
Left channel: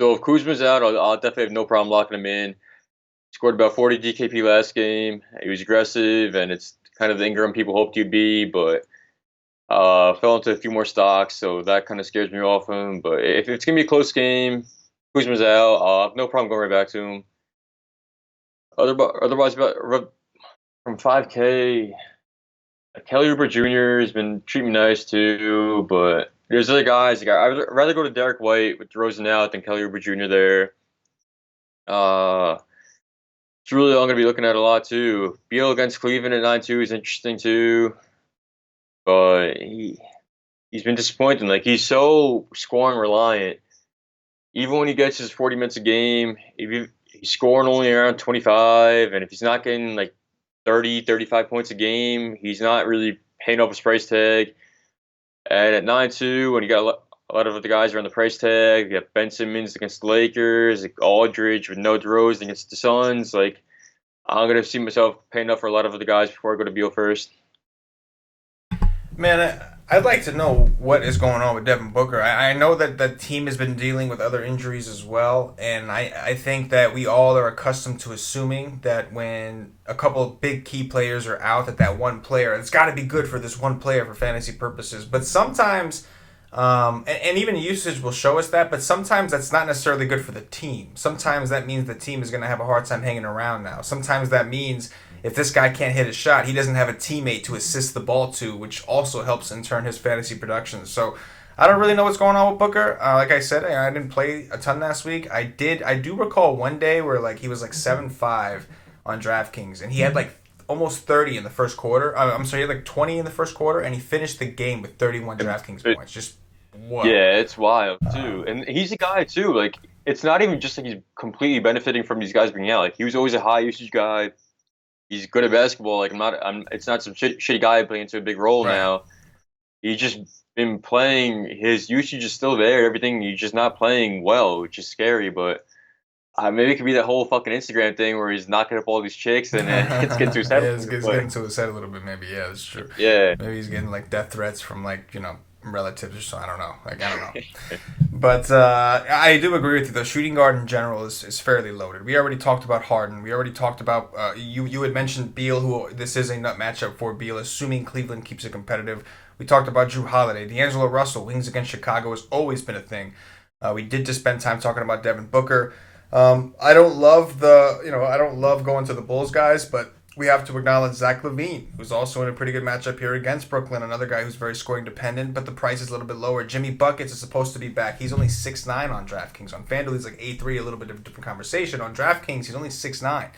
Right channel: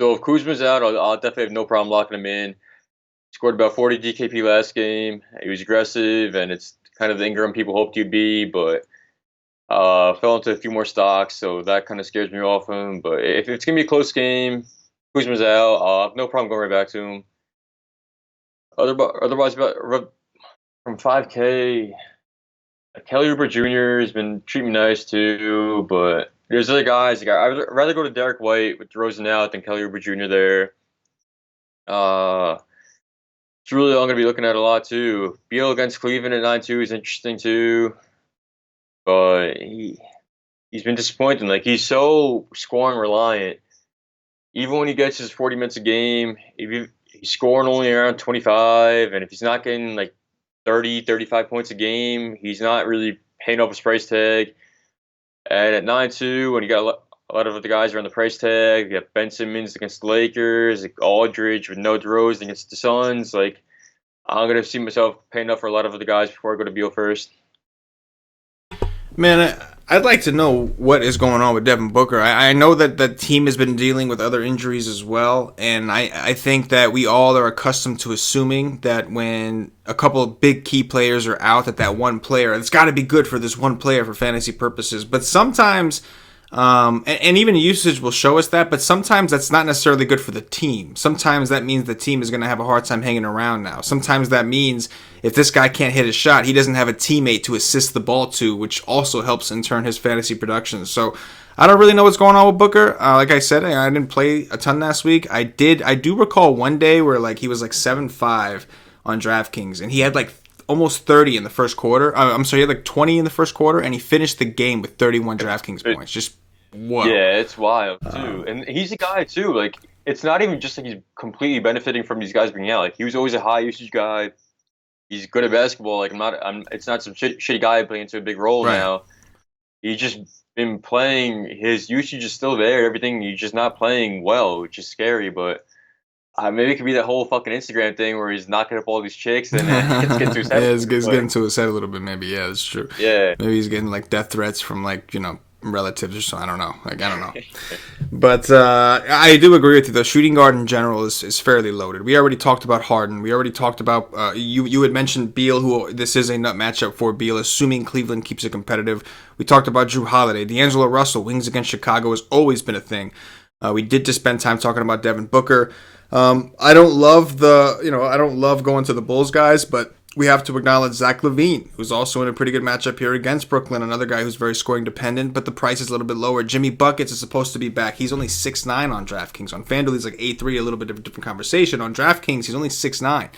So if Kuzma's out, I'll definitely have no problem locking him in. Scored about 40 DKP last game. He was aggressive, and it's kind of the Ingram people hoped he'd be, but fell into a few more stocks, so that kind of scares me off him. But if it's going to be a close game, Kuzma's out, I'll have no problem going right back to him. Otherwise, from 5K, Kelly Oubre Jr. has been treating me nice too, but there's other guys. Like, I'd rather go to Derek White with DeRozan out than Kelly Oubre Jr. there. It's really all I'm going to be looking at a lot too. Beal against Cleveland at 9-2 is interesting too, but he's been disappointing. Like he's so scoring reliant. Even when he gets his 40 minutes a game, if he's scoring only around 25, and if he's not getting like 30, 35 points a game, he's not really paying up his price tag. And at 9-2, when you got a lot of the guys are on the price tag, you got Ben Simmons against the Lakers, like Aldridge with no DeRozan against the Suns. Like I'm gonna see myself paying up for a lot of the guys before I go to Beal first. Man, I'd like to know what is going on with Devin Booker. I know that the team has been dealing with other injuries as well, and I think that we all are accustomed to assuming that when a couple of big key players are out, that one player, it's got to be good for this one player for fantasy purposes. But sometimes, and even usage will show us that, but sometimes that's not necessarily good for the team. Sometimes that means the team is going to have a hard time hanging around now. Sometimes that means if this guy can't hit a shot, he doesn't have a teammate to assist the ball to, which also helps in turn his fantasy production. So I don't really know what's going on with Booker. Like I said, I didn't play a ton last week. I do recall one day where like he was like 7-5 on DraftKings, and he had like almost 30 in the first quarter. I'm sorry, he had like 20 in the first quarter, and he finished the game with 31 DraftKings points. Just whoa. Yeah, it's wild too. And he's a guy too. Like it's not even just like he's completely benefiting from these guys being out. Like he was always a high usage guy. He's good at basketball. Like it's not some shitty guy playing into a big role now. He's just been playing. His usage is still there. Everything. He's just not playing well, which is scary. But maybe it could be that whole fucking Instagram thing where he's knocking up all these chicks and it's getting too sad. Yeah, it's getting to his head a little bit. Maybe that's true. Yeah. Maybe he's getting like death threats from like relatives or so. I don't know. But I do agree with you. The shooting guard in general is fairly loaded. We already talked about Harden. We already talked about you had mentioned Beal, who this is a nut matchup for Beal, assuming Cleveland keeps it competitive. We talked about Drew Holiday. D'Angelo Russell, wings against Chicago has always been a thing. We did just spend time talking about Devin Booker. I don't love going to the Bulls guys, but we have to acknowledge Zach LaVine, who's also in a pretty good matchup here against Brooklyn, another guy who's very scoring dependent, but the price is a little bit lower. Jimmy Buckets is supposed to be back. He's only 6'9" on DraftKings. On FanDuel, he's like 8'3", a little bit of a different conversation. On DraftKings, he's only 6'9".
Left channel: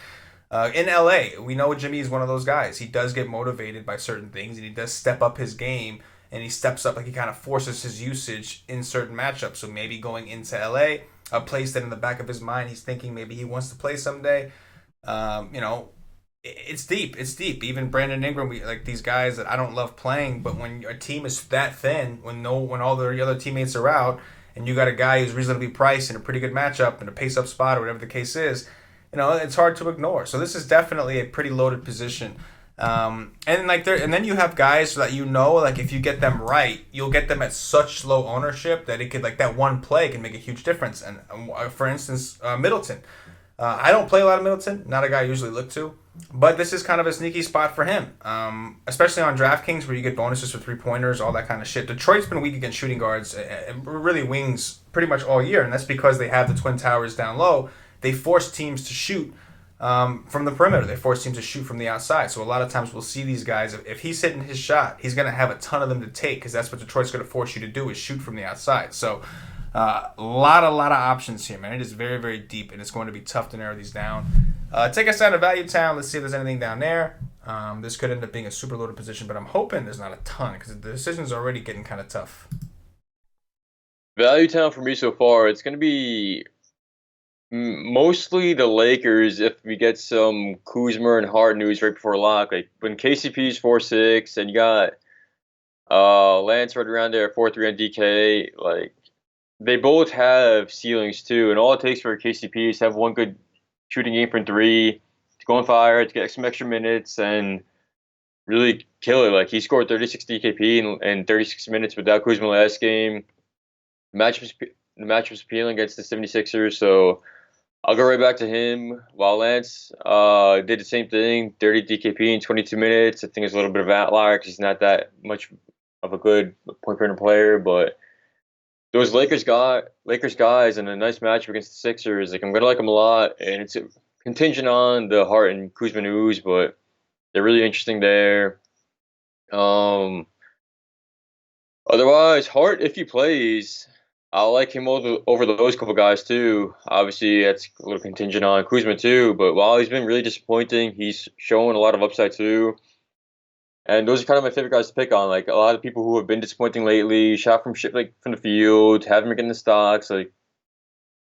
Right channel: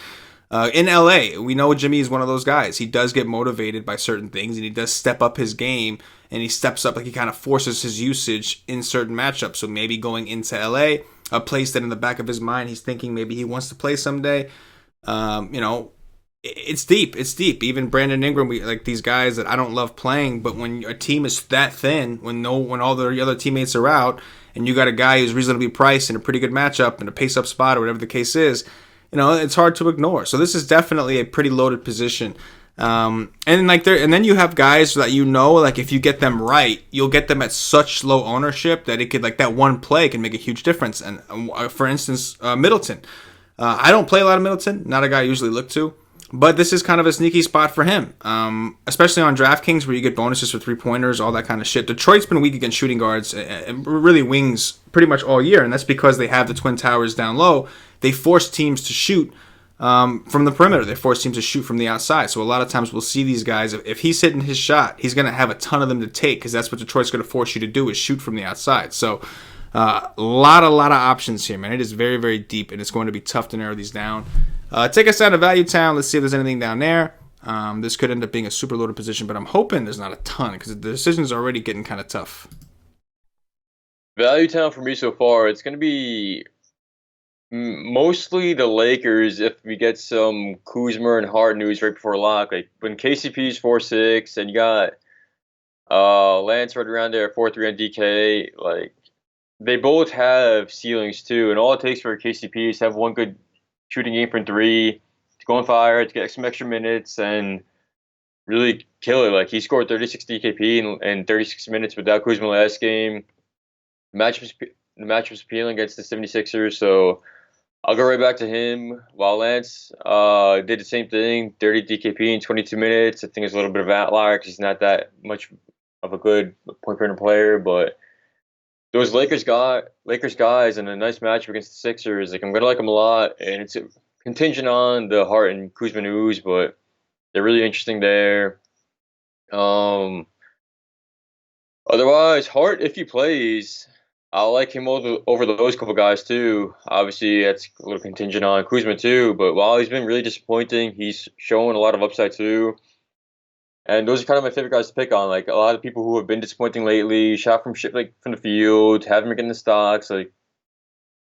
In LA, we know Jimmy is one of those guys. He does get motivated by certain things, and he does step up his game, and he steps up, like he kind of forces his usage in certain matchups. So maybe going into LA, a place that in the back of his mind, he's thinking maybe he wants to play someday. It's deep. It's deep. Even Brandon Ingram, like these guys that I don't love playing, but when a team is that thin, when all the other teammates are out, and you got a guy who's reasonably priced in a pretty good matchup in a pace-up spot or whatever the case is, it's hard to ignore. So this is definitely a pretty loaded position. And then you have guys that like if you get them right, you'll get them at such low ownership that it could like that one play can make a huge difference. And for instance, Middleton. I don't play a lot of Middleton. Not a guy I usually look to. But this is kind of a sneaky spot for him, especially on DraftKings where you get bonuses for three-pointers, all that kind of shit. Detroit's been weak against shooting guards and really wings pretty much all year, and that's because they have the Twin Towers down low. They force teams to shoot from the perimeter. They force teams to shoot from the outside. So a lot of times we'll see these guys, if he's hitting his shot, he's going to have a ton of them to take because that's what Detroit's going to force you to do is shoot from the outside. So a lot of options here, man. It is very, very deep, and it's going to be tough to narrow these down. Take us down to Value Town. Let's see if there's anything down there. This could end up being a super loaded position, but I'm hoping there's not a ton because the decisions are already getting kind of tough. Value Town for me so far, it's going to be mostly the Lakers if we get some Kuzma and Hart news right before lock. Like when KCP's 4-6 and you got Lance right around there 4-3 on DK, like they both have ceilings too, and all it takes for KCP is to have one good shooting game from three, to go on fire, to get some extra minutes, and really kill it. Like he scored 36 DKP in 36 minutes without Kuzma last game. The matchup was appealing against the 76ers, so I'll go right back to him. While Lance did the same thing, 30 DKP in 22 minutes. I think it's a little bit of an outlier because he's not that much of a good point guard player, but those Lakers guys and a nice matchup against the Sixers, like I'm gonna like them a lot, and it's contingent on the Hart and Kuzma news, but they're really interesting there. Otherwise, Hart, if he plays, I like him over those couple guys too. Obviously, that's a little contingent on Kuzma too, but while he's been really disappointing, he's showing a lot of upside too. And those are kind of my favorite guys to pick on. Like a lot of people who have been disappointing lately, shot from the field, haven't been getting the stocks. Like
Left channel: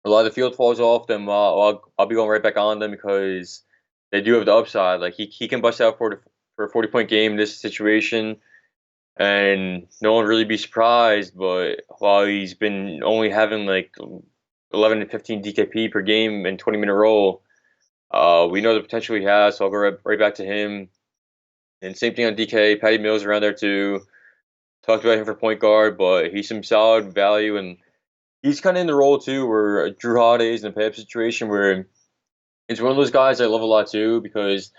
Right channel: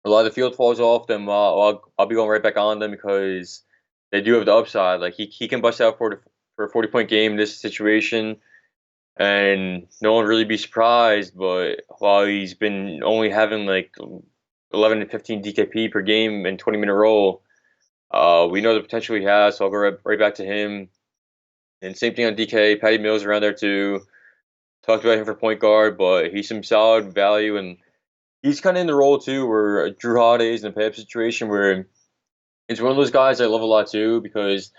a lot of the field falls off them. I'll be going right back on them because they do have the upside. Like he can bust out for a 40-point game in this situation, and no one really be surprised. But while he's been only having like 11 to 15 DKP per game and 20-minute roll, we know the potential he has. So I'll go right back to him. And same thing on DK. Patty Mills around there too. Talked about him for point guard, but he's some solid value, and he's kind of in the role too where Drew Holiday's in a pay-up situation where it's one of those guys I love a lot too because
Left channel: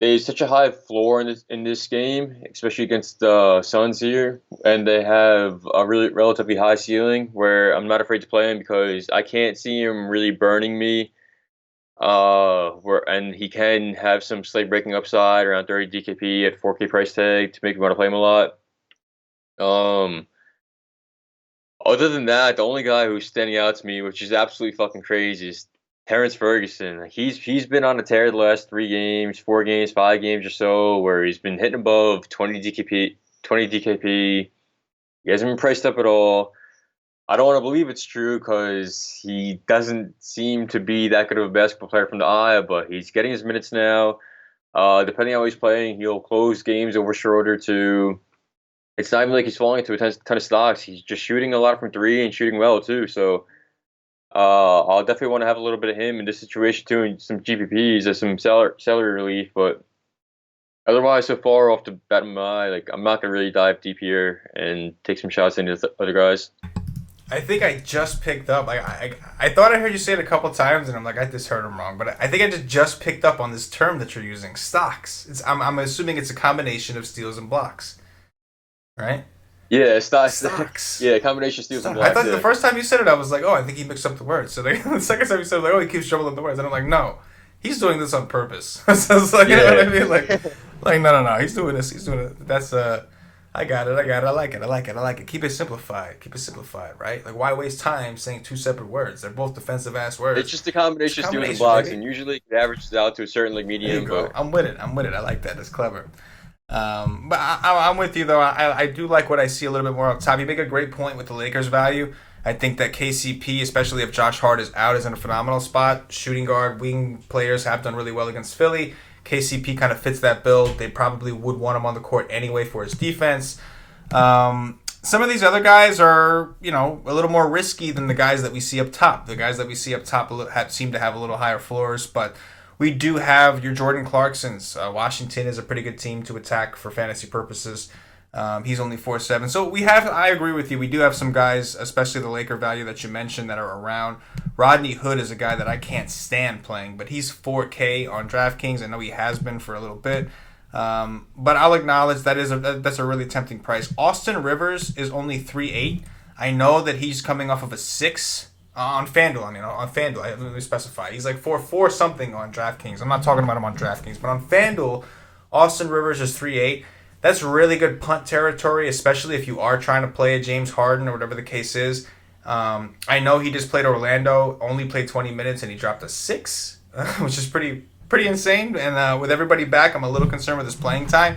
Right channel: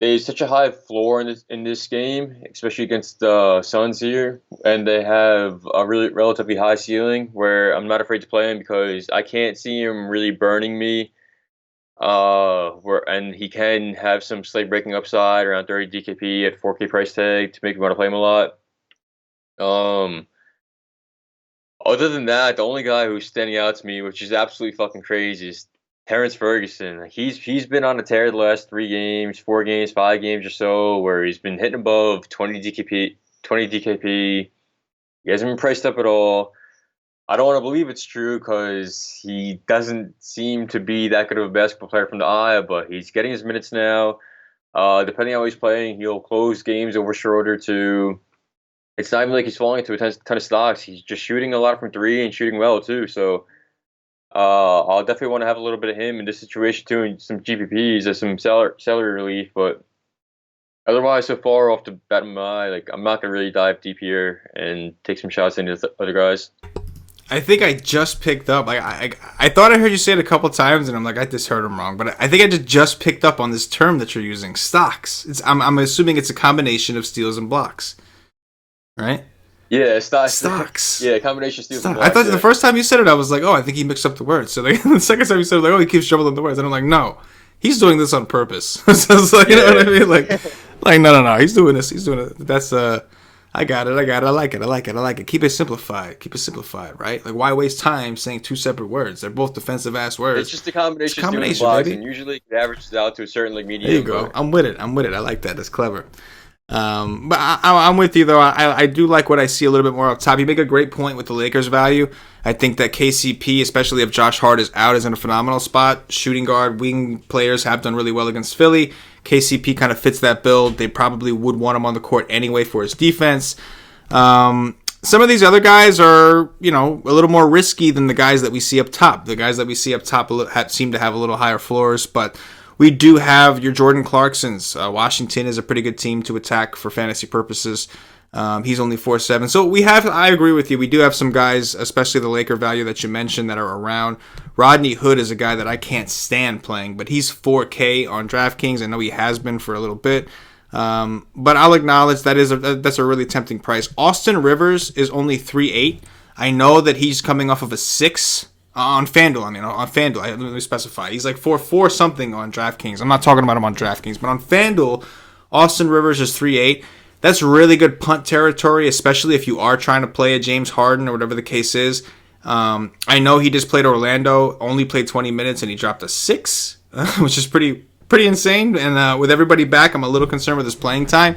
there's such a high floor in this game, especially against the Suns here, and they have a really relatively high ceiling where I'm not afraid to play him because I can't see him really burning me. And he can have some slate breaking upside around 30 DKP at 4K price tag to make me want to play him a lot. Other than that, the only guy who's standing out to me, which is absolutely fucking crazy, is Terrence Ferguson. He's been on a tear the last 3 games, 4 games, 5 games or so, where he's been hitting above 20 DKP. He hasn't been priced up at all. I don't want to believe it's true because he doesn't seem to be that good of a basketball player from the eye, but he's getting his minutes now. Depending on how he's playing, he'll close games over Schroeder too. It's not even like he's falling into a ton of stocks. He's just shooting a lot from 3 and shooting well too. So I'll definitely want to have a little bit of him in this situation too, and some GPPs as some salary relief. But otherwise, so far off the bat of my eye, like I'm not gonna really dive deep here and take some shots into the other guys. I think I just picked up. Like I thought I heard you say it a couple times, and I'm like, I just heard him wrong. But I think I just picked up on this term that you're using, stocks. I'm assuming it's a combination of steals and blocks, right? Yeah, stocks. Yeah, combination steals and blocks. I thought the first time you said it, I was like, oh, I think he mixed up the words. So the second time you said it, like, oh, he keeps jumbling the words, and I'm like, no, he's doing this on purpose. So it's like, you know what I mean? Like no, he's doing this. He's doing it. That's I got it. I like it. Keep it simplified, right? Like, why waste time saying 2 separate words? They're both defensive ass words. It's just a combination of steals and blocks, and usually it averages out to a certain like median. There you go. I'm with it. I like that. That's clever. But I'm with you though. I do like what I see a little bit more up top. You make a great point with the Lakers value. I think that KCP, especially if Josh Hart is out, is in a phenomenal spot. Shooting guard, wing players have done really well against Philly. KCP kind of fits that build. They probably would want him on the court anyway for his defense. Some of these other guys are, a little more risky than the guys that we see up top. The guys that we see up top seem to have a little higher floors, but we do have your Jordan Clarksons. Washington is a pretty good team to attack for fantasy purposes. He's only 4.7. So I agree with you. We do have some guys, especially the Laker value that you mentioned, that are around. Rodney Hood is a guy that I can't stand playing, but he's 4K on DraftKings. I know he has been for a little bit. But I'll acknowledge that's a really tempting price. Austin Rivers is only 3.8. I know that he's coming off of a 6 On FanDuel, I mean, on FanDuel, let me specify. He's like 4 something on DraftKings. I'm not talking about him on DraftKings, but on FanDuel, Austin Rivers is 3.8. That's really good punt territory, especially if you are trying to play a James Harden or whatever the case is. I know he just played Orlando, only played 20 minutes, and he dropped a 6, which is pretty insane. And with everybody back, I'm a little concerned with his playing time.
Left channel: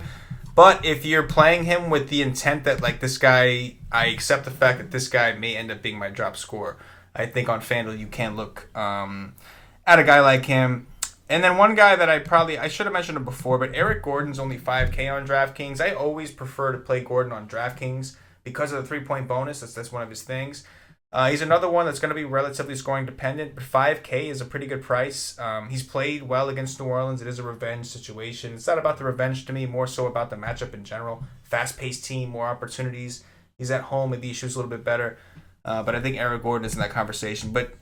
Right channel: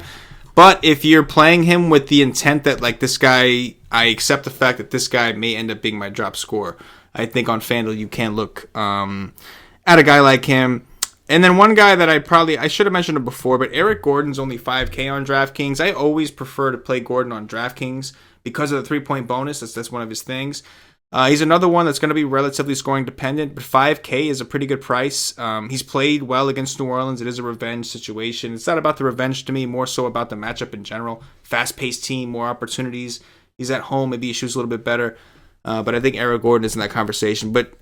But if you're playing him with the intent that, like, this guy, I accept the fact that this guy may end up being my drop scorer. I think on FanDuel you can look at a guy like him. And then one guy that I should have mentioned him before, but Eric Gordon's only 5K on DraftKings. I always prefer to play Gordon on DraftKings because of the 3-point bonus. That's one of his things. He's another one that's going to be relatively scoring dependent, but 5K is a pretty good price. He's played well against New Orleans. It is a revenge situation. It's not about the revenge to me, more so about the matchup in general. Fast-paced team, more opportunities. He's at home. Maybe he shoots a little bit better. But I think Eric Gordon is in that conversation. But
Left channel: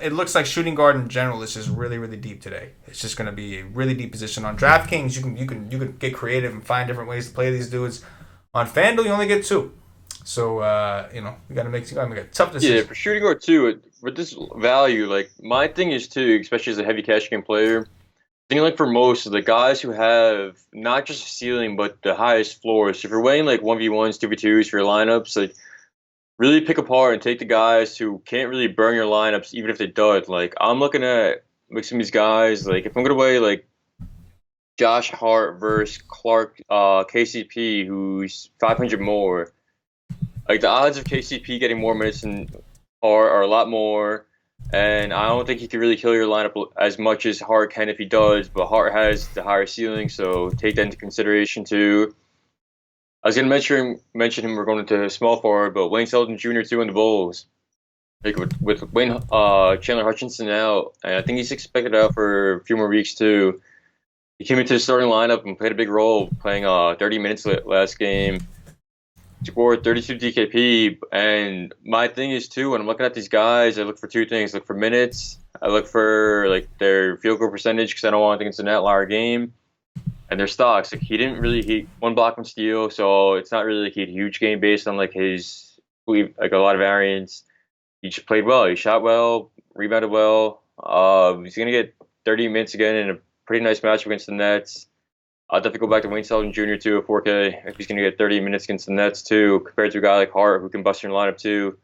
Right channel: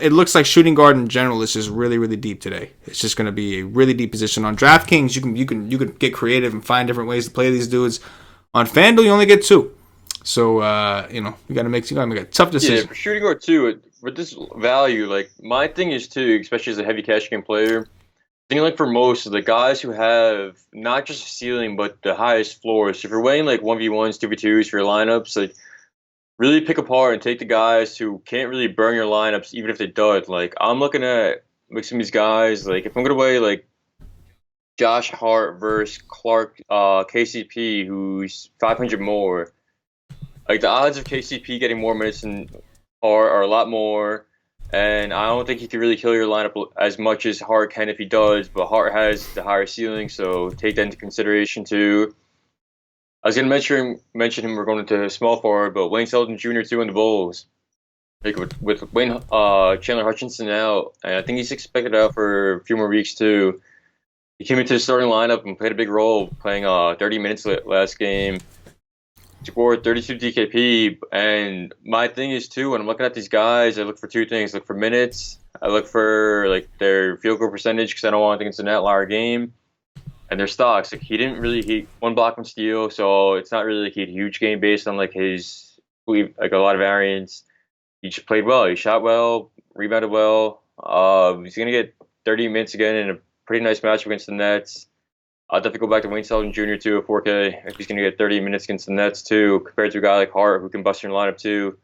it looks like shooting guard in general is just really, really deep today. It's just going to be a really deep position on DraftKings. You can get creative and find different ways to play these dudes. On FanDuel, you only get 2. So you got to make a tough decision. Yeah, for shooting guard too, with this value, like my thing is too, especially as a heavy cash game player. I think like for most of the guys who have not just a ceiling but the highest floors. So if you're weighing like 1v1s, 2v2s for your lineups, like really pick apart and take the guys who can't really burn your lineups, even if they dud. Like I'm looking at mixing these guys. Like if I'm gonna weigh like Josh Hart versus Clark, KCP, who's 500 more. Like the odds of KCP getting more minutes than Hart are a lot more, and I don't think he can really kill your lineup as much as Hart can if he does. But Hart has the higher ceiling, so take that into consideration too. I was gonna mention him. We're going into small forward, but Wayne Selden Jr. too in the Bulls. Like with Wayne Chandler Hutchinson out, and I think he's expected out for a few more weeks too. He came into the starting lineup and played a big role, playing 30 minutes last game. Scored 32 DKP, and my thing is too, when I'm looking at these guys, I look for 2 things. I look for minutes. I look for like their field goal percentage because I don't want to think it's an outlier game. And their stocks. Like he 1 block, 1 steal, so it's not really like a huge game based on like his like a lot of variance. He just played well. He shot well, rebounded well. He's gonna get 30 minutes again in a pretty nice match against the Nets. I'll definitely go back to Wayne Selden Jr. too at 4K if he's gonna get 30 minutes against the Nets too, compared to a guy like Hart who can bust your lineup too,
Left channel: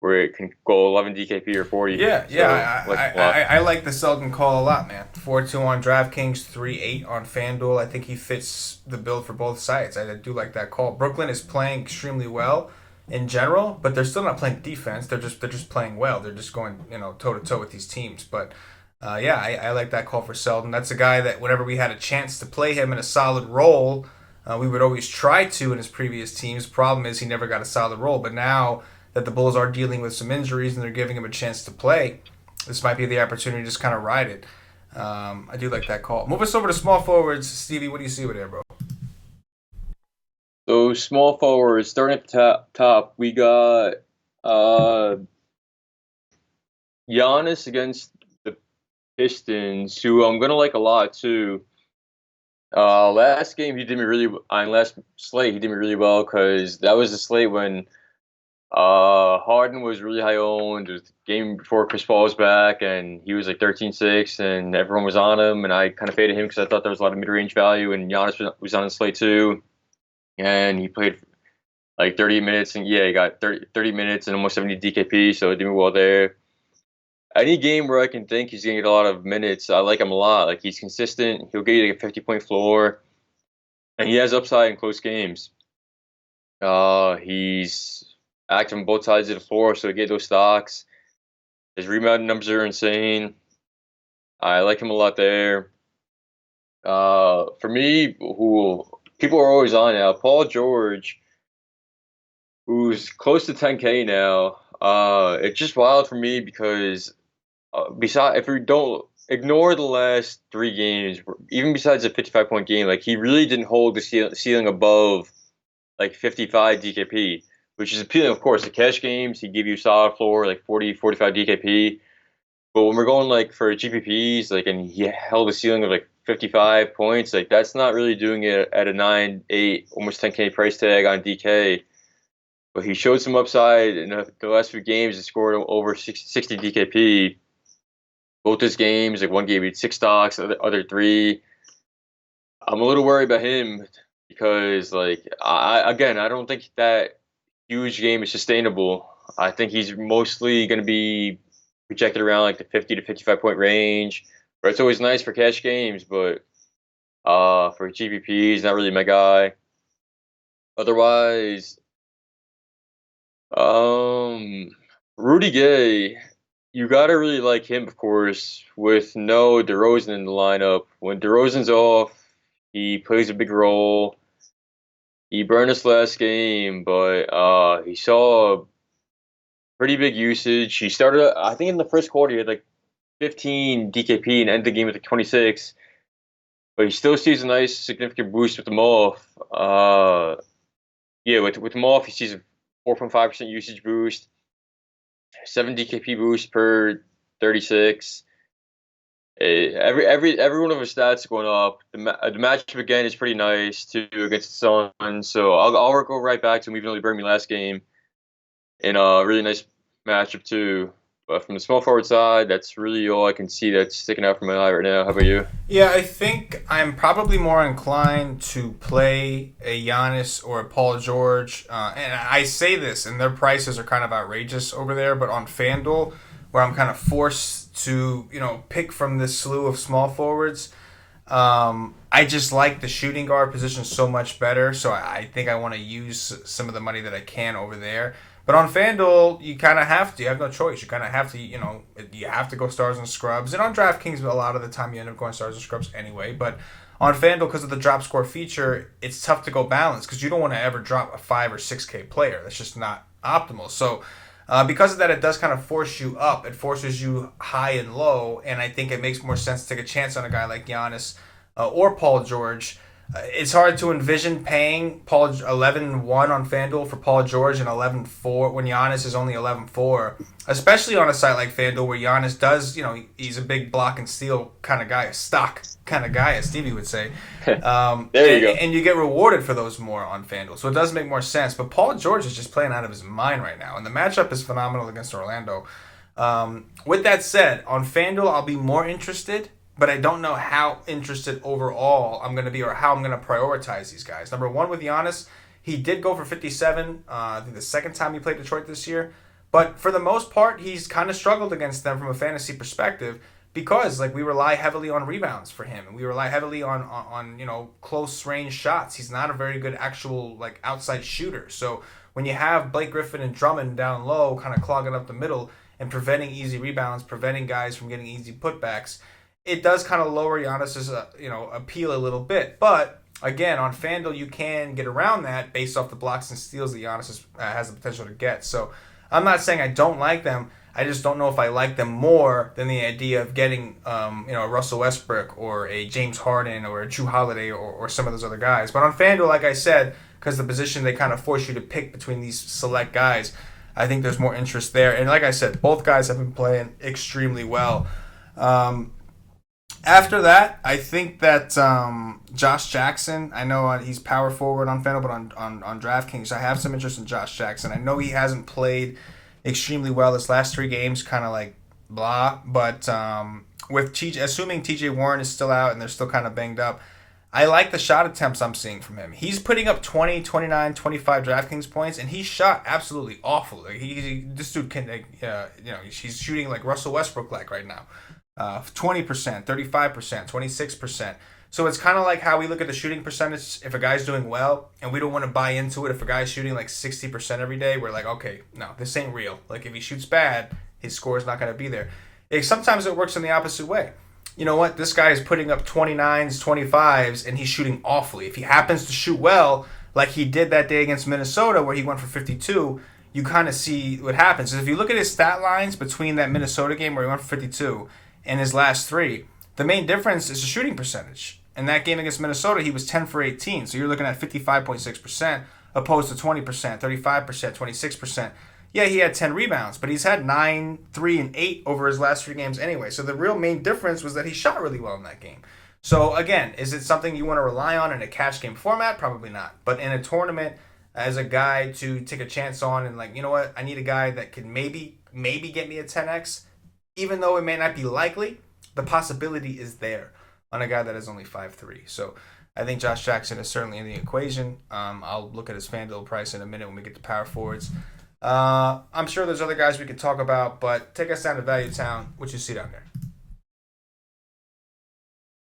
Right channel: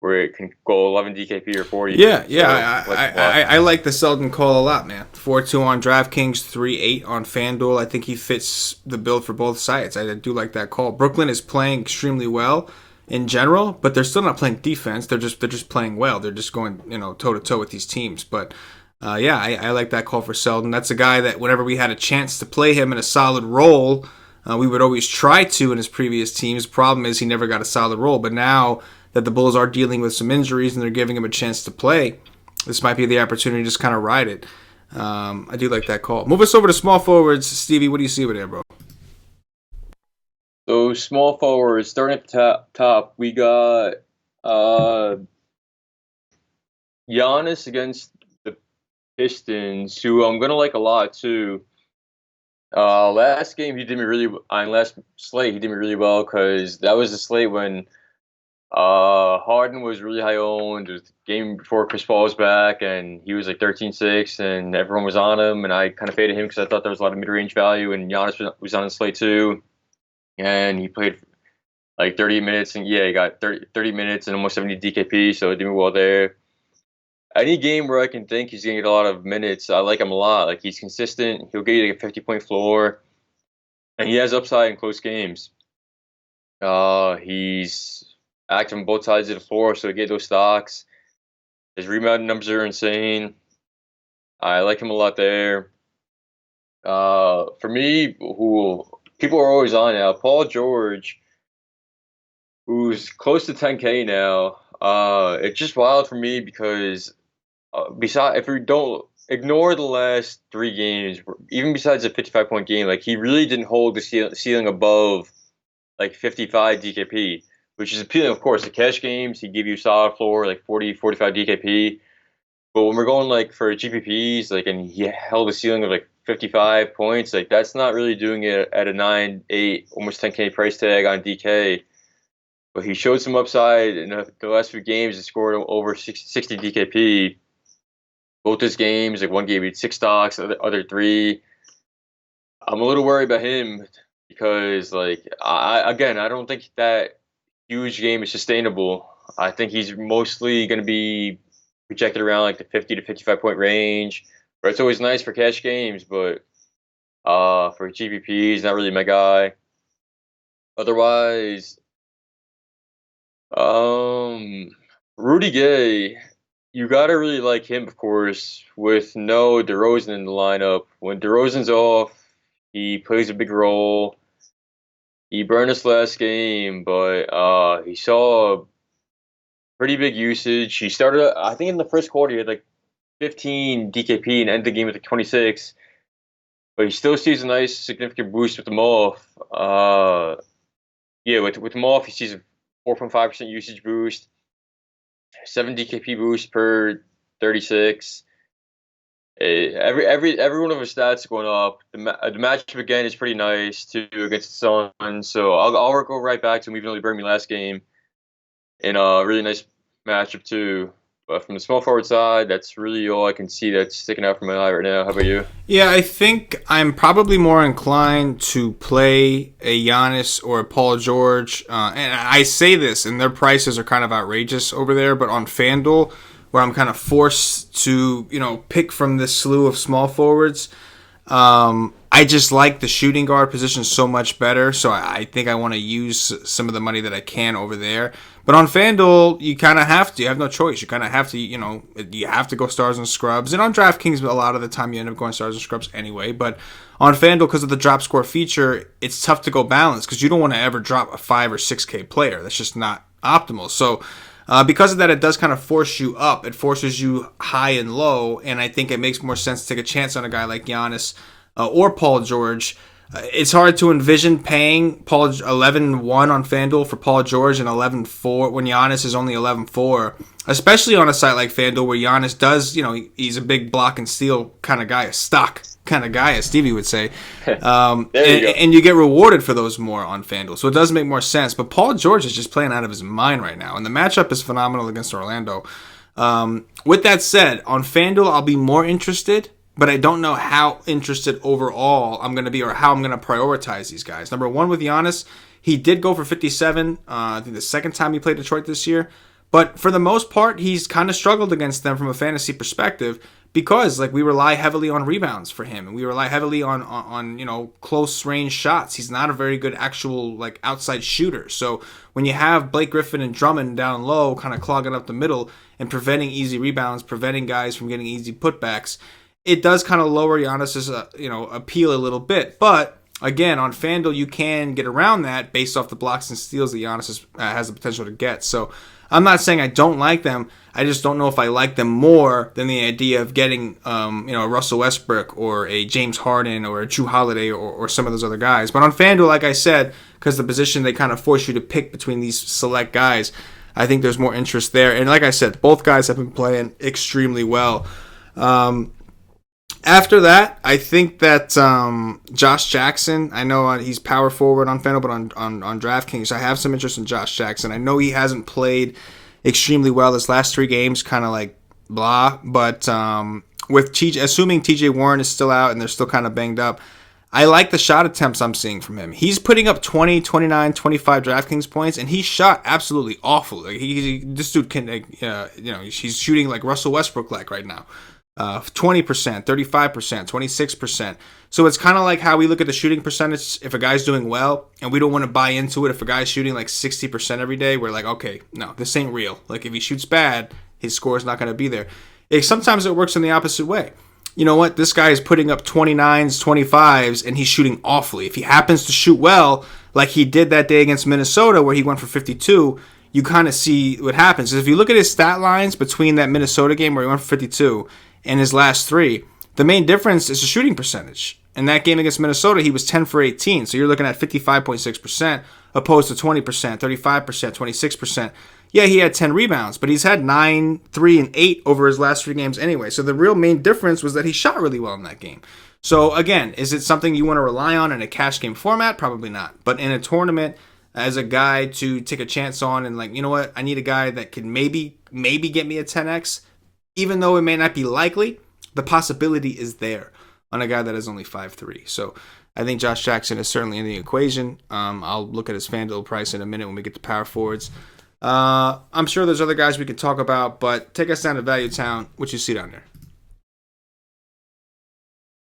where it can go 11 DKP or 40. Yeah. So, I like the Selden call a lot, man. 4-2 on DraftKings, 3-8 on FanDuel. I think he fits the build for both sides. I do like that call. Brooklyn is playing extremely well in general, but they're still not playing defense. They're just playing well. They're just going toe to toe with these teams. But I like that call for Selden. That's a guy that whenever we had a chance to play him in a solid role, we would always try to in his previous teams. Problem is he never got a solid role. But now that the Bulls are dealing with some injuries and they're giving him a chance to play, this might be the opportunity to just kind of ride it. I do like that call. Move us over to small forwards. Stevie, what do you see over there, bro? So small forwards, starting at the top, we got Giannis against the Pistons, who I'm gonna like a lot too. Last game he did me really on last slate he did me really well because that was the slate when Harden was really high owned. It was the game before Chris Paul was back, and he was like 13-6, and everyone was on him, and I kind of faded him because I thought there was a lot of mid-range value, and Giannis was on the slate too, and he played like 30 minutes, and yeah, he got 30 minutes and almost 70 DKP, so it did me well there. Any game where I can think he's going to get a lot of minutes, I like him a lot. Like, he's consistent. He'll get you like a 50-point floor, and he has upside in close games. He's active on both sides of the floor, so get those stocks. His rebound numbers are insane. I like him a lot there. For me, who people are always on now, Paul George, who's close to 10K now. It's just wild for me because besides, if we don't ignore the last 3 games, even besides a 55-point game, like he really didn't hold the ceiling above like 55 DKP, which is appealing, of course. The cash games, he give you solid floor, like 40, 45 DKP. But when we're going like for GPPs, like, and he held a ceiling of like 55 points, like that's not really doing it at a 9, 8, almost 10K price tag on DK. but he showed some upside in the last few games. He scored over 60 DKP. Both his games, like one game he had 6 stocks, other three. I'm a little worried about him because, like, I don't think that huge game is sustainable. I think he's mostly going to be projected around like the 50 to 55 point range. But it's always nice for cash games, but for GPP, he's not really my guy. Otherwise, um, Rudy Gay, you gotta really like him, of course, with no DeRozan in the lineup. When DeRozan's off, he plays a big role. He burned us last game, but he saw pretty big usage. He started, I think, in the first quarter, he had like 15 DKP and ended the game with like 26. But he still sees a nice, significant boost with them off. Yeah, with them off, he sees a 4.5% usage boost, 7 DKP boost per 36. Every one of his stats going up. The matchup again is pretty nice too against the Suns. So I'll go right back to him, even though he burned me last game. In a really nice matchup too. But from the small forward side, that's really all I can see that's sticking out from my eye right now. How about you? Yeah, I think I'm probably more inclined to play a Giannis or a Paul George. And I say this, and their prices are kind of outrageous over there, but on FanDuel, where I'm kind of forced to, pick from this slew of small forwards, I just like the shooting guard position so much better. So I think I want to use some of the money that I can over there. But on FanDuel, you kind of have to. You have no choice. You kind of have to, you have to go stars and scrubs. And on DraftKings, a lot of the time you end up going stars and scrubs anyway. But on FanDuel, because of the drop score feature, it's tough to go balanced because you don't want to ever drop a 5 or 6K player. That's just not optimal. So because of that, it does kind of force you up. It forces you high and low. And I think it makes more sense to take a chance on a guy like Giannis or Paul George. It's hard to envision paying Paul 11-1 on FanDuel for Paul George and 11-4 when Giannis is only 11-4, especially on a site like FanDuel where Giannis does, he's a big block and steal kind of guy, a stock kind of guy, as Stevie would say. There you go. And you get rewarded for those more on FanDuel, so it does make more sense. But Paul George is just playing out of his mind right now, and the matchup is phenomenal against Orlando. With that said, on FanDuel, I'll be more interested, but I don't know how interested overall I'm going to be or how I'm going to prioritize these guys. Number one, with Giannis, he did go for 57, I think the second time he played Detroit this year. But for the most part, he's kind of struggled against them from a fantasy perspective because we rely heavily on rebounds for him. And we rely heavily on close range shots. He's not a very good actual outside shooter. So when you have Blake Griffin and Drummond down low kind of clogging up the middle and preventing easy rebounds, preventing guys from getting easy putbacks, it does kind of lower Giannis's appeal a little bit. But again, on FanDuel, you can get around that based off the blocks and steals that Giannis has the potential to get. So I'm not saying I don't like them. I just don't know if I like them more than the idea of getting a Russell Westbrook or a James Harden or a Jrue Holiday or some of those other guys. But on FanDuel, like I said, because the position they kind of force you to pick between these select guys, I think there's more interest there. And like I said, both guys have been playing extremely well. After that, I think that Josh Jackson, I know he's power forward on FanDuel, but on DraftKings, I have some interest in Josh Jackson. I know he hasn't played extremely well this last 3 games, kind of blah. But with assuming TJ Warren is still out and they're still kind of banged up, I like the shot attempts I'm seeing from him. He's putting up 20, 29, 25 DraftKings points, and he shot absolutely awful. This dude can, he's shooting like Russell Westbrook right now. 20%, 35%, 26%. So it's kind of like how we look at the shooting percentage if a guy's doing well, and we don't want to buy into it if a guy's shooting 60% every day. We're like, okay, no, this ain't real. If he shoots bad, his score is not going to be there. Sometimes it works in the opposite way. You know what? This guy is putting up 29s, 25s, and he's shooting awfully. If he happens to shoot well, like he did that day against Minnesota where he went for 52, you kind of see what happens. If you look at his stat lines between that Minnesota game where he went for 52 and his last 3, the main difference is the shooting percentage. In that game against Minnesota, he was 10 for 18. So you're looking at 55.6% opposed to 20%, 35%, 26%. Yeah, he had 10 rebounds, but he's had 9, 3, and 8 over his last 3 games anyway. So the real main difference was that he shot really well in that game. So again, is it something you want to rely on in a cash game format? Probably not. But in a tournament, as a guy to take a chance on, and like, you know what, I need a guy that could maybe get me a 10x, even though it may not be likely. The possibility is there on a guy that is only 5'3". So I think Josh Jackson is certainly in the equation. I'll look at his FanDuel price in a minute when we get to power forwards. I'm sure there's other guys we could talk about, but take us down to Value Town. What you see down there?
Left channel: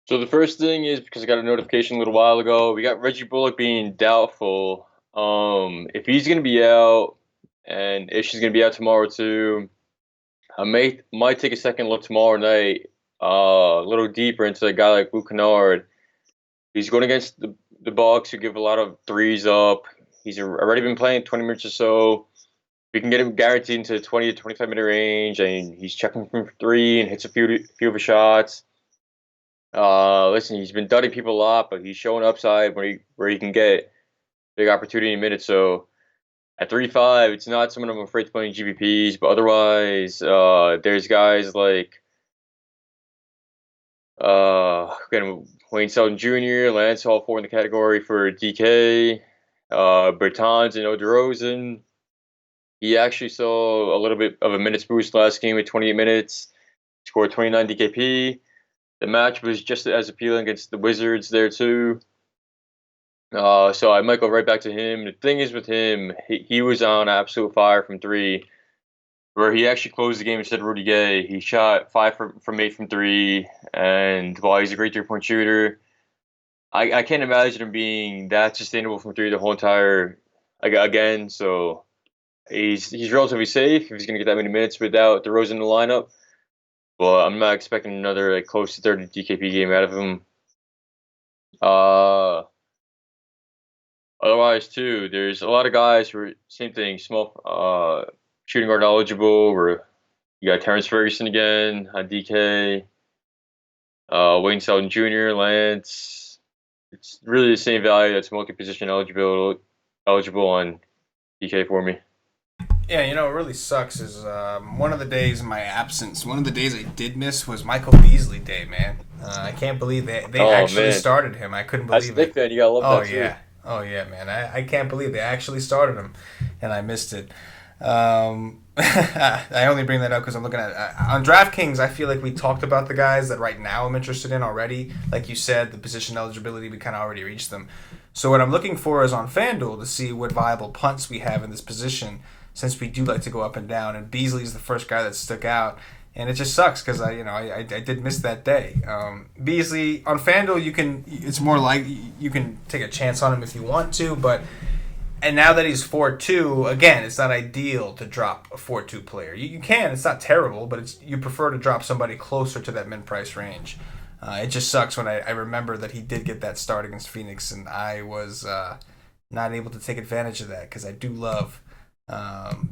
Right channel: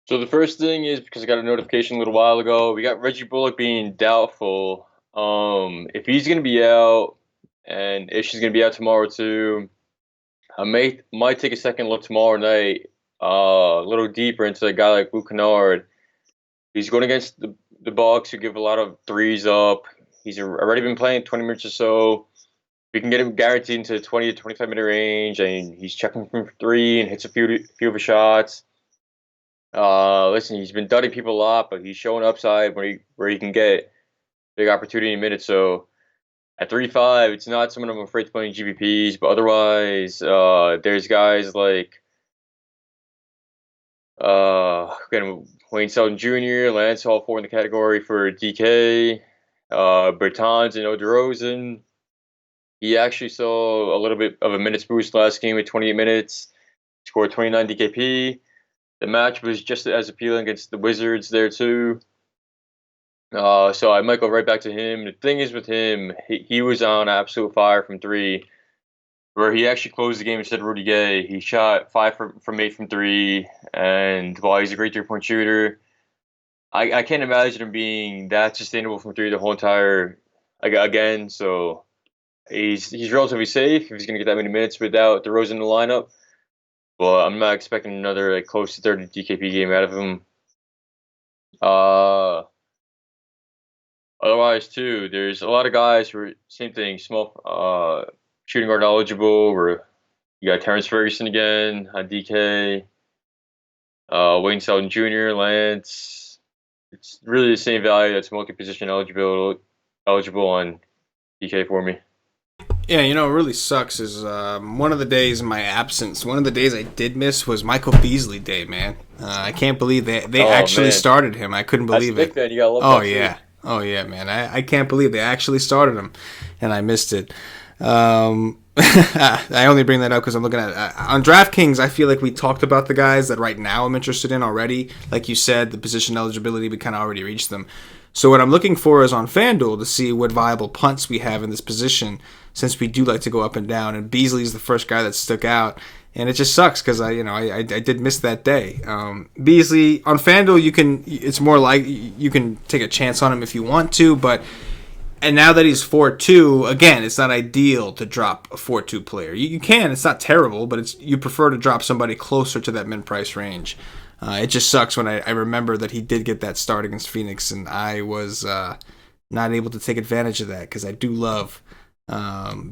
So the first thing is, because I got a notification a little while ago, we got Reggie Bullock being doubtful. If he's going to be out, and if she's going to be out tomorrow too, I might take a second look tomorrow night, a little deeper into a guy like Luke Kennard. He's going against the Bucks, who give a lot of threes up. He's already been playing 20 minutes or so. We can get him guaranteed into the 20 to 25-minute range, and he's checking from three and hits a few of his shots. Listen, he's been dudding people a lot, but he's showing upside where he can get big opportunity in minutes. So at 3.5, it's not someone I'm afraid to play in GPPs, but otherwise, there's guys like Wayne Selden Jr., Lance Hall 4 in the category for DK, Bertans and DeRozan. He actually saw a little bit of a minutes boost last game with 28 minutes, scored 29 DKP. The match was just as appealing against the Wizards there too. So I might go right back to him. The thing is with him, he was on absolute fire from three, where he actually closed the game instead of Rudy Gay. He shot 5 from 8 from three, and while he's a great 3-point shooter, I can't imagine him being that sustainable from three the whole entire again. So he's relatively safe if he's going to get that many minutes without DeRozan in the lineup. Well, I'm not expecting another close to 30 DKP game out of him. Otherwise, too, there's a lot of guys who are same thing, small shooting guard eligible. Where you got Terrence Ferguson again on DK, Wayne Selden Jr., Lance. It's really the same value that's multi-position eligible on DK for me. Yeah, you know, what really sucks is one of the days in my absence, one of the days I did miss was Michael Beasley Day, man. I can't believe they actually started him. I couldn't believe it. Fan, you gotta love that yeah. too. Oh, yeah, man. I can't believe they actually started him, and I missed it. I only bring that up because I'm looking at on DraftKings. I feel like we talked about the guys that right now I'm interested in already. Like you said, the position eligibility, we kind of already reached them. So what I'm looking for is on FanDuel to see what viable punts we have in this position, since we do like to go up and down. And Beasley's the first guy that stuck out, and it just sucks because I did miss that day. Beasley on FanDuel, it's more like you can take a chance on him if you want to, but. And now that he's 4-2, again, it's not ideal to drop a 4-2 player. You can, it's not terrible, but you prefer to drop somebody closer to that mid-price range. It just sucks when I remember that he did get that start against Phoenix, and I was not able to take advantage of that because I do love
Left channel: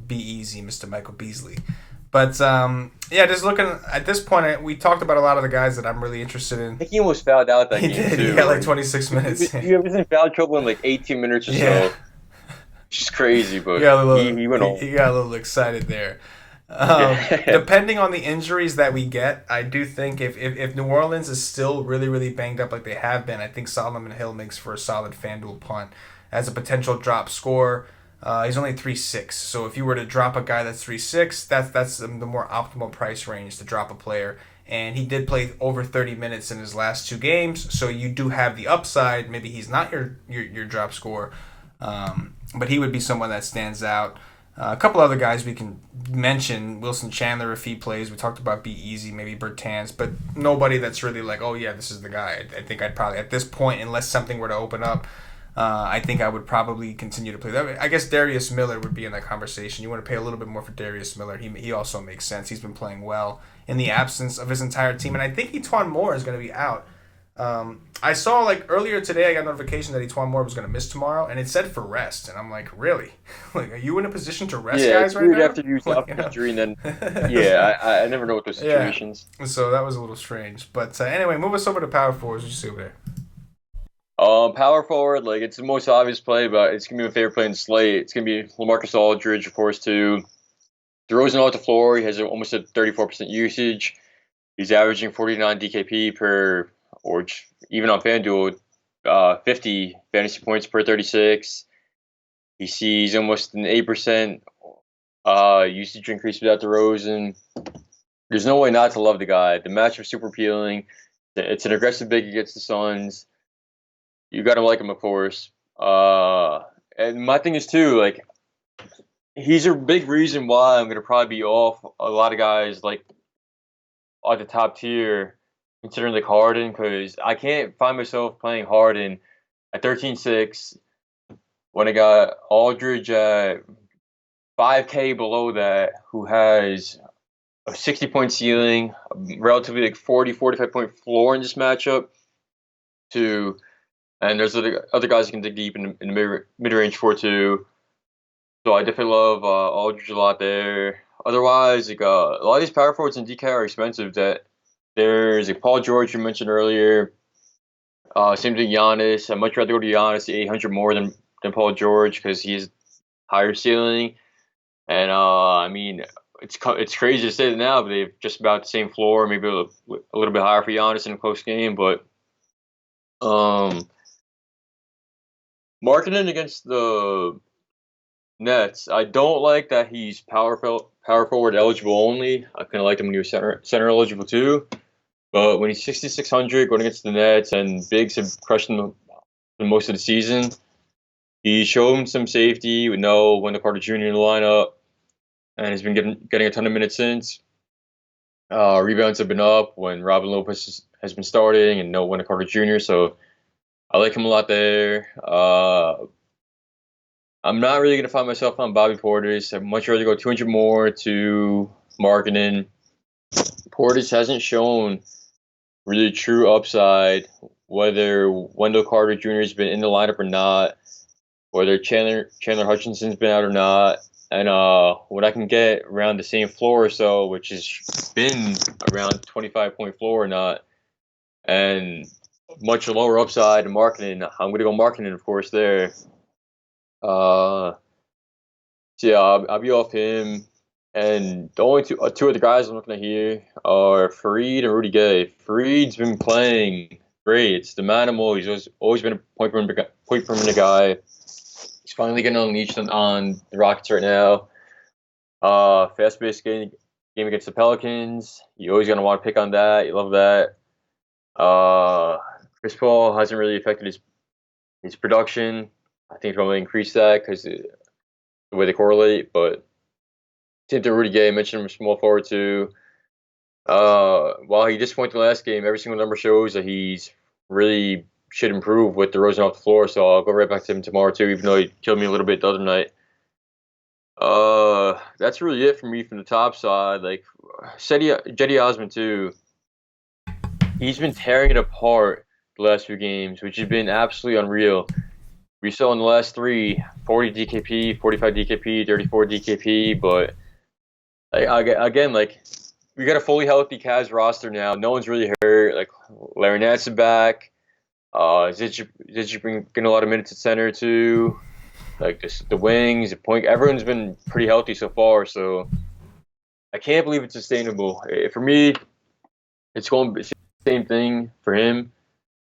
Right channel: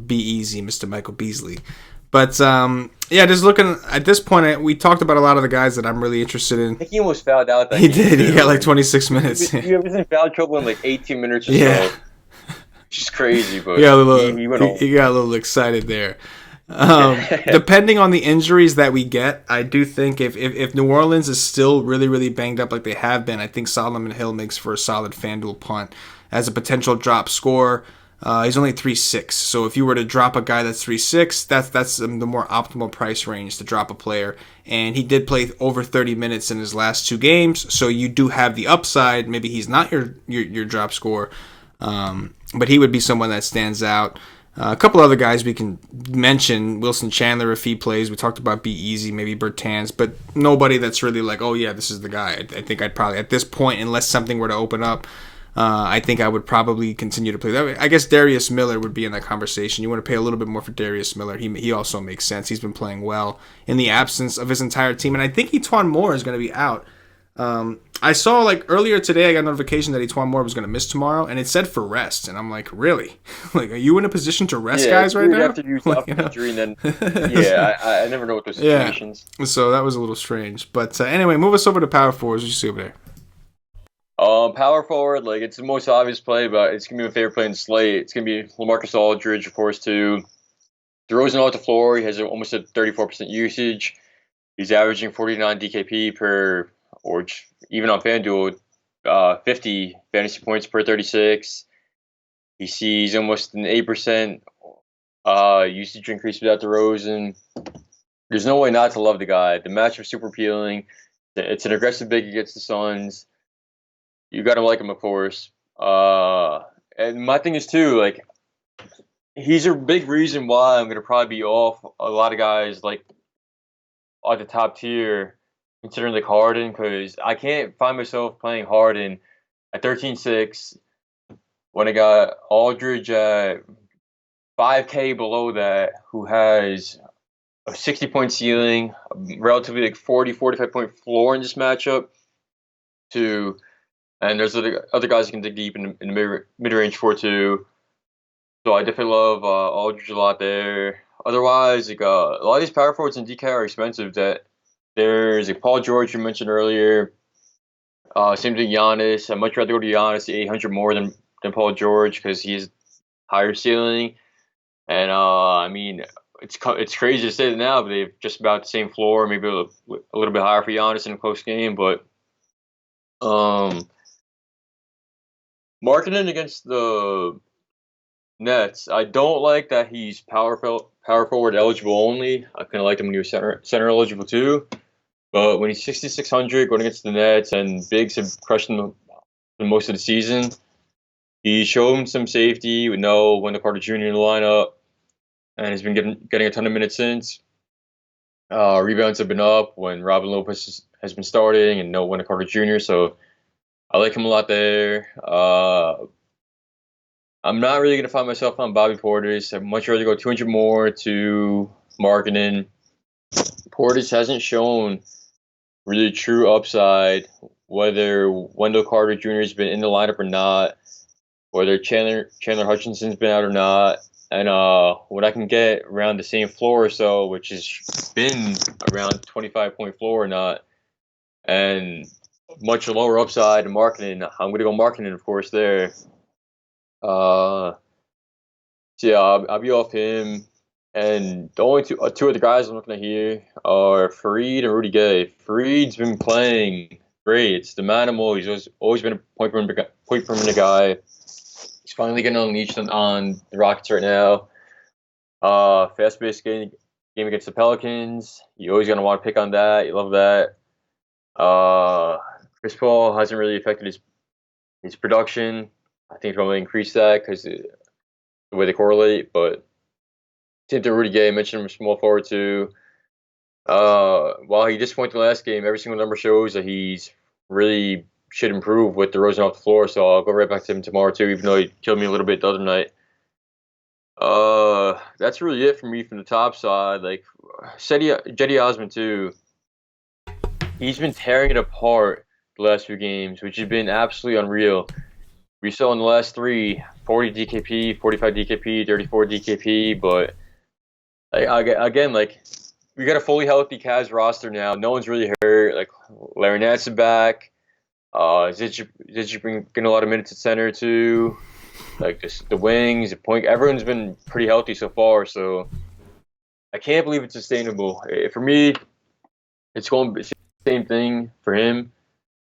Be Easy, Mr. Michael Beasley. But, yeah, just looking at this point, we talked about a lot of the guys that I'm really interested in. I think he almost fouled out that game. He did. Too. He got like 26 minutes. He was in foul trouble in like 18 minutes or so. Just crazy, but he went on. He got a little excited there. Depending on the injuries that we get, I do think if New Orleans is still really, really banged up like they have been, I think Solomon Hill makes for a solid FanDuel punt as a potential drop scorer. He's only 3.6, so if you were to drop a guy that's 3.6, that's the more optimal price range to drop a player. And he did play over 30 minutes in his last 2 games, so you do have the upside. Maybe he's not your drop scorer. But he would be someone that stands out. A couple other guys we can mention. Wilson Chandler, if he plays. We talked about Be Easy, maybe Bertans, but nobody that's really like, oh yeah, this is the guy. I think I'd probably, at this point, unless something were to open up, I think I would probably continue to play that way. I guess Darius Miller would be in that conversation. You want to pay a little bit more for Darius Miller. He also makes sense. He's been playing well in the absence of his entire team. And I think Etuan Moore is going to be out. I saw like earlier today I got a notification that Etuan Moore was going to miss tomorrow, and it said for rest, and I'm like, really? Like, are you in a position to rest guys right now? After you stop injury, and then I never know what those situations. Yeah. So that was a little strange, but anyway, move us over to power forwards. What you see over there? Power forward, like it's the most obvious play, but it's gonna be my favorite play in the slate. It's gonna be LaMarcus Aldridge, of course, too. DeRozan off the floor. He has almost a 34% usage. He's averaging 49 DKP per. Or even on FanDuel, 50 fantasy points per 36. He sees almost an 8% usage increase without DeRozan. There's no way not to love the guy. The matchup's super appealing. It's an aggressive big against the Suns. You got to like him, of course. And my thing is, too, like, he's a big reason why I'm going to probably be off a lot of guys, like, at the top tier, considering, like, Harden, because I can't find myself playing Harden at 13-6 when I got Aldridge at 5K below that, who has a 60-point ceiling, a relatively like 45-point floor in this matchup, to and there's other guys who can dig deep in the mid range for too. So I definitely love Aldridge a lot there. Otherwise, like a lot of these power forwards in DK are expensive. That there's like Paul George you mentioned earlier. Same thing, Giannis. I'd much rather go to Giannis, the 800 more than Paul George because he's higher ceiling. And I mean, it's crazy to say that now, but they've just about the same floor, maybe a little bit higher for Giannis in a close game. But marketing against the Nets, I don't like that he's power forward eligible only. I kind of liked him when he was center eligible too. But when he's 6,600 going against the Nets and bigs have crushed him most of the season, he showed some safety with no Wendell Carter Jr. in the lineup, and he's been getting a ton of minutes since. Rebounds have been up when Robin Lopez has been starting and no Wendell Carter Jr., so I like him a lot there. I'm not really going to find myself on Bobby Portis. I'd much rather go 200 more to Markkanen. Portis hasn't shown really true upside, whether Wendell Carter Jr. has been in the lineup or not, whether Chandler Hutchinson's been out or not, and what I can get around the same floor or so, which has been around 25-point floor or not, and much lower upside in Markkanen. I'm going to go Markkanen, of course, there. So yeah, I'll be off him. And the only two other guys I'm looking at here are Fareed and Rudy Gay. Fareed's been playing great. It's the manimal. He's always been a point perimeter guy. He's finally getting unleashed on the Rockets right now. Fast-paced game against the Pelicans. You always gonna want to pick on that. You love that. Chris Paul hasn't really affected his production. I think it'll increase that because the way they correlate. But same to Rudy Gay. I mentioned him small forward too. While he disappointed the last game, every single number shows that he's really should improve with DeRozan off the floor. So I'll go right back to him tomorrow too, even though he killed me a little bit the other night. That's really it for me from the top side. Like Cedi Osman too. He's been tearing it apart the last few games, which has been absolutely unreal. We saw in the last 40 DKP, 45 DKP, 34 DKP, but again, like, we got a fully healthy Cavs roster now. No one's really hurt. Like, Larry Nance is back. Zidge getting a lot of minutes at center too. Like the wings, the point. Everyone's been pretty healthy so far. So I can't believe it's sustainable. For me, it's going to be the same thing for him.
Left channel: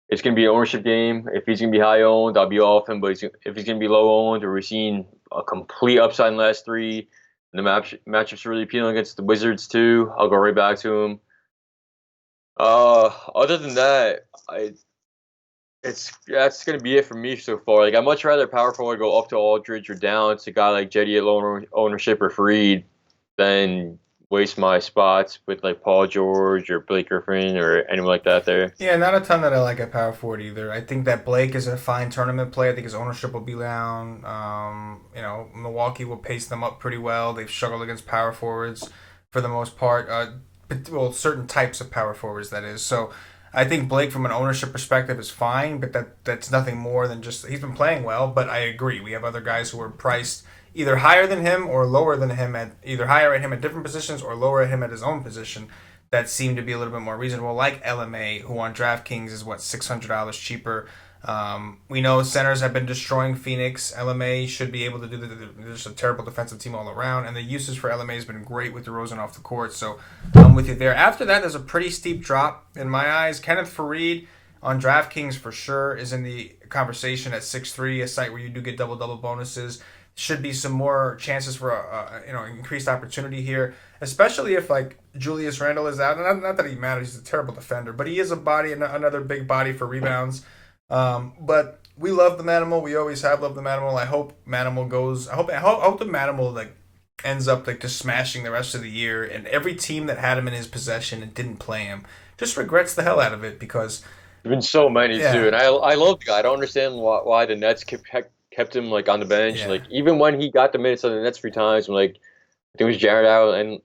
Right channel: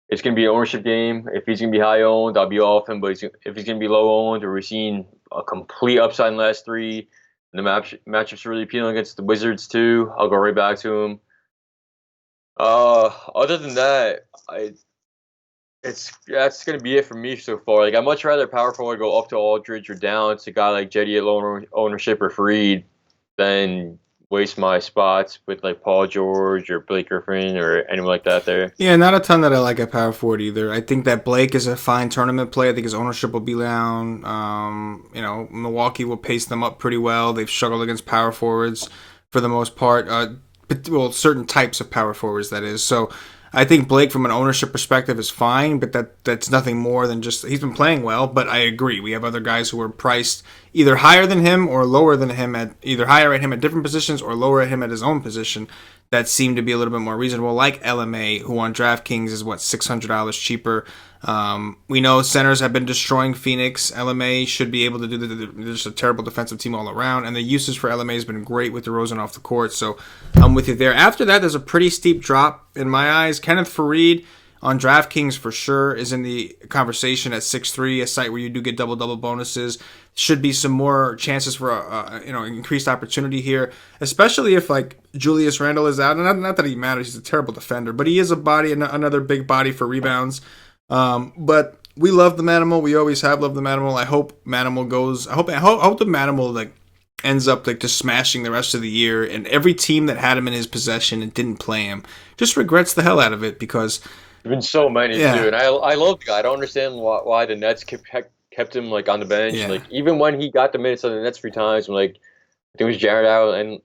It's going to be an ownership game. If he's going to be high owned, I'll be off him. But if he's going to be low owned, or we're seeing a complete upside in the last three, and the matchup's really appealing against the Wizards too, I'll go right back to him. Other than that, that's going to be it for me so far. Like, I'd much rather power forward go up to Aldridge or down to a guy like Jetty at low ownership or Fareed than waste my spots with like Paul George or Blake Griffin or anyone like that there. Yeah, not a ton that I like at power forward either. I think that Blake is a fine tournament play. I think his ownership will be down. Milwaukee will pace them up pretty well. They've struggled against power forwards for the most part. Certain types of power forwards, that is. So I think Blake, from an ownership perspective, is fine, but that's nothing more than just he's been playing well. But I agree, we have other guys who are priced either higher than him or lower than him either higher at him at different positions or lower at him at his own position that seem to be a little bit more reasonable, like LMA, who on DraftKings is $600 cheaper. We know centers have been destroying Phoenix. LMA should be able to do they're just a terrible defensive team all around, and the usage for LMA has been great with DeRozan off the court, so I'm with you there. After that, there's a pretty steep drop in my eyes. Kenneth Fareed, on DraftKings for sure is in the conversation at 6-3, a site where you do get double bonuses. Should be some more chances for increased opportunity here, especially if like Julius Randle is out. And not that he matters, he's a terrible defender, but he is a body, another big body for rebounds. But we love the Manimal. We always have loved the Manimal. I hope Manimal goes. I hope the Manimal like ends up like just smashing the rest of the year, and every team that had him in his possession and didn't play him just regrets the hell out of it because there's been so many too, and I love the guy. I don't understand why the Nets kept him like on the bench. Like even when he got the minutes on the Nets 3 times, like I think it was Jared Allen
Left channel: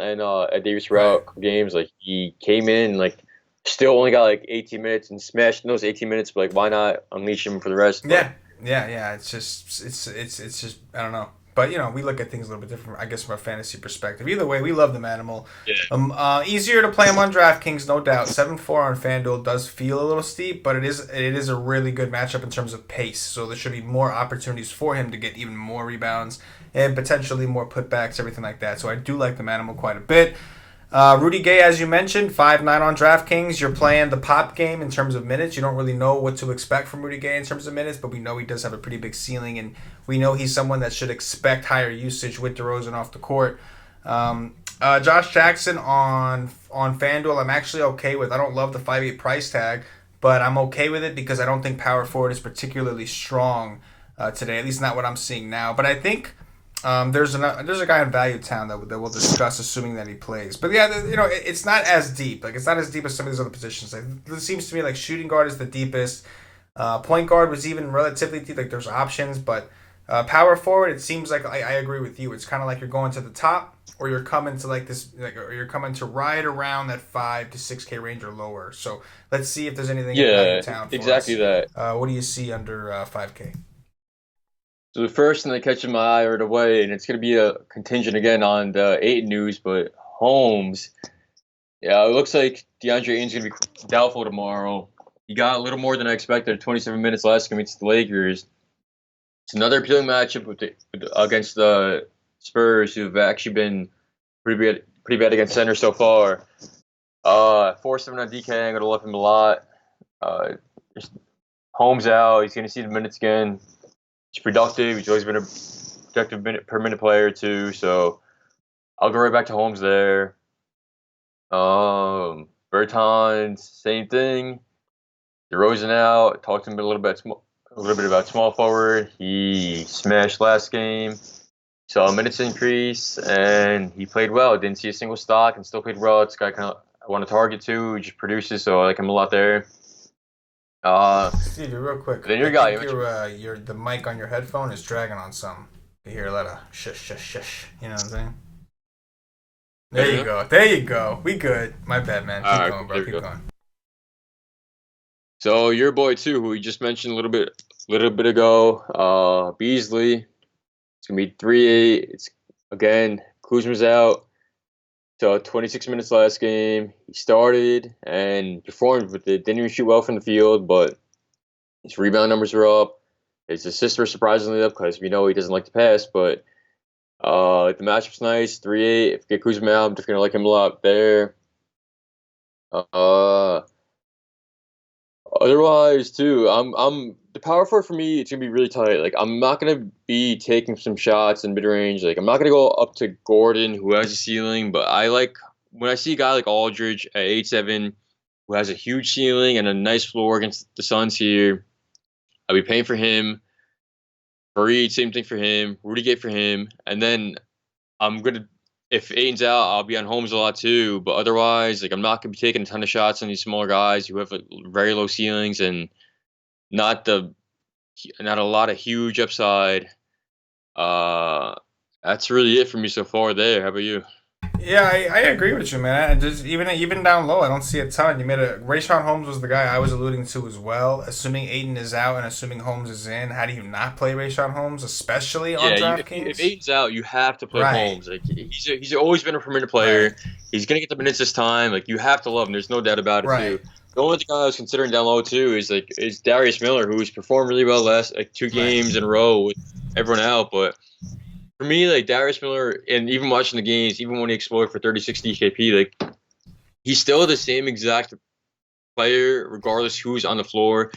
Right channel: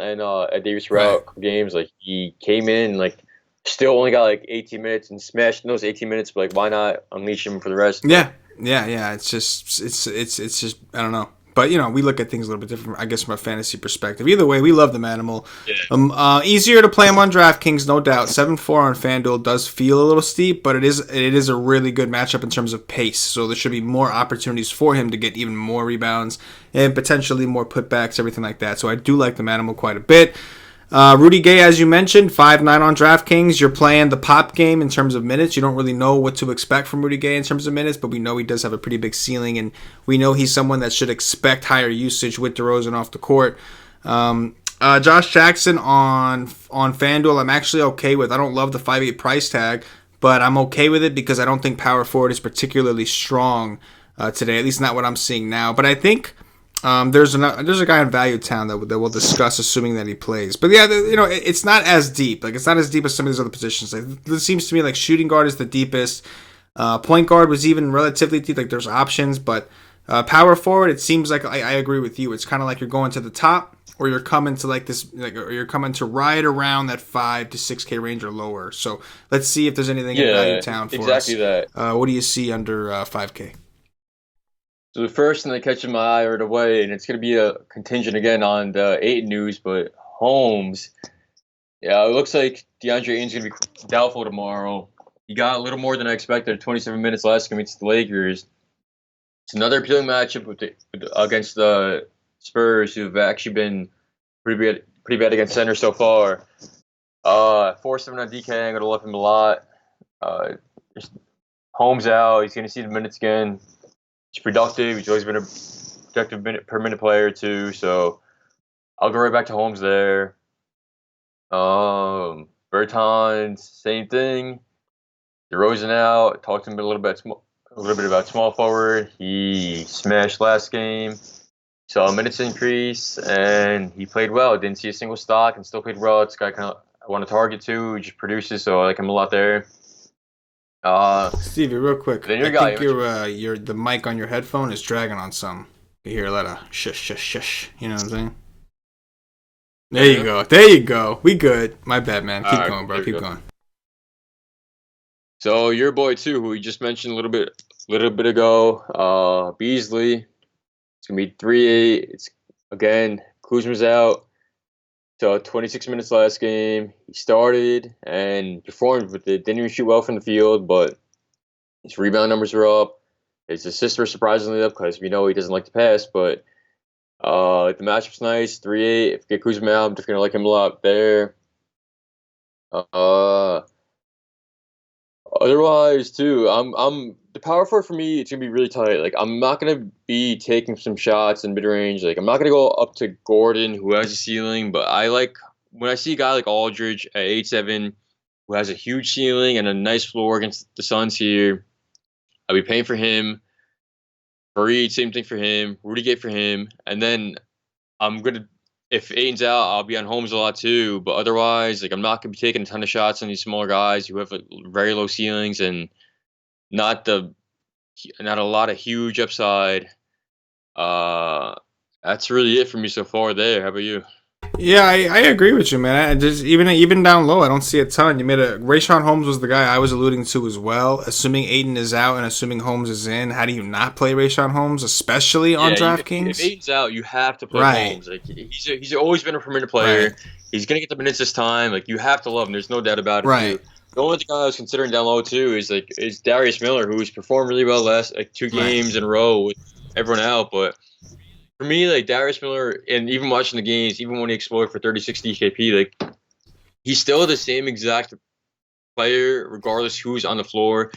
and Davis were out games. Like he came in like still only got like 18 minutes and smashed in those 18 minutes. But like why not unleash him for the rest? Yeah. It's just I don't know. But, we look at things a little bit different, I guess, from a fantasy perspective. Either way, we love the Manimal. Yeah. Easier to play him on DraftKings, no doubt. 7-4 on FanDuel does feel a little steep, but it is a really good matchup in terms of pace. So there should be more opportunities for him to get even more rebounds and potentially more putbacks, everything like that. So I do like the Manimal quite a bit. Rudy Gay, as you mentioned, 5-9 on DraftKings. You're playing the pop game in terms of minutes. You don't really know what to expect from Rudy Gay in terms of minutes, but we know he does have a pretty big ceiling, and we know he's someone that should expect higher usage with DeRozan off the court. Josh Jackson on FanDuel, I'm actually okay with. I don't love the 5.8 price tag, but I'm okay with it because I don't think power forward is particularly strong today, at least not what I'm seeing now. But I think there's a guy in Value Town that we'll discuss, assuming that he plays. But yeah, it's not as deep. Like it's not as deep as some of these other positions. Like it seems to me like shooting guard is the deepest. Point guard was even relatively deep. Like there's options, but power forward, it seems like I agree with you. It's kind of like you're going to the top, or you're coming to like this, or you're coming to right around that 5 to 6K range or lower. So let's see if there's anything in Value Town for exactly us. That. What do you see under 5K? So the first thing that catches my eye right away, and it's going to be a contingent again on the Ayton news, but Holmes, yeah, it looks like DeAndre Ayton's going to be doubtful tomorrow. He got a little more than I expected, 27 minutes last game against the Lakers. It's another appealing matchup against the Spurs, who have actually been pretty bad against center so far. 4-7 on DK, I'm going to love him a lot. Holmes out, he's going to see the minutes again. He's productive. He's always been a productive per minute player too. So I'll go right back to Holmes there. Bertans, same thing. DeRozan out. Talked to him a little bit about small forward. He smashed last game. Saw a minutes increase, and he played well. Didn't see a single stock, and still played well. It's a guy I want to target too. He just produces, so I like him a lot there. Stevie, real quick. Then your guy, the mic on your headphone is dragging on something. You hear a lot of shush. You know what I'm saying? There you go. We good. My bad, man. Keep going, bro. Keep going. So your boy too, who we just mentioned a little bit ago, Beasley. It's gonna be 3-8. It's again, Kuzma's out. So 26 minutes last game. He started and performed with it. Didn't even shoot well from the field, but his rebound numbers are up. His assists were surprisingly up because we know he doesn't like to pass. But the matchup's nice. 3-8. If we get Kuzma out, I'm just gonna like him a lot there. Otherwise, too, I'm the power forward for me. It's gonna be really tight. Like I'm not gonna be taking some shots in mid range. Like I'm not gonna go up to Gordon, who has a ceiling. But I like when I see a guy like Aldridge at 8-7, who has a huge ceiling and a nice floor against the Suns here. I'll be paying for him. Fareed, same thing for him. Rudy Gay for him, and then I'm gonna. If Ayton's out, I'll be on Holmes a lot too. But otherwise, like I'm not gonna be taking a ton of shots on these smaller guys who have very low ceilings and not a lot of huge upside. That's really it for me so far. There, how about you? Yeah, I agree with you, man. Just even down low, I don't see a ton. You made Rayshawn Holmes was the guy I was alluding to as well. Assuming Ayton is out and assuming Holmes is in, how do you not play Rayshawn Holmes, especially on DraftKings? If Ayton's out, you have to play Holmes. Like he's always been a per minute player. Right. He's gonna get the minutes this time. Like you have to love him. There's no doubt about it. Right. Too. The only thing I was considering down low too is Darius Miller, who's performed really well last 2 games in a row with everyone out, but. For me, like Darius Miller, and even watching the games, even when he exploded for 36 DKP, like he's still the same exact player, regardless who's on the floor.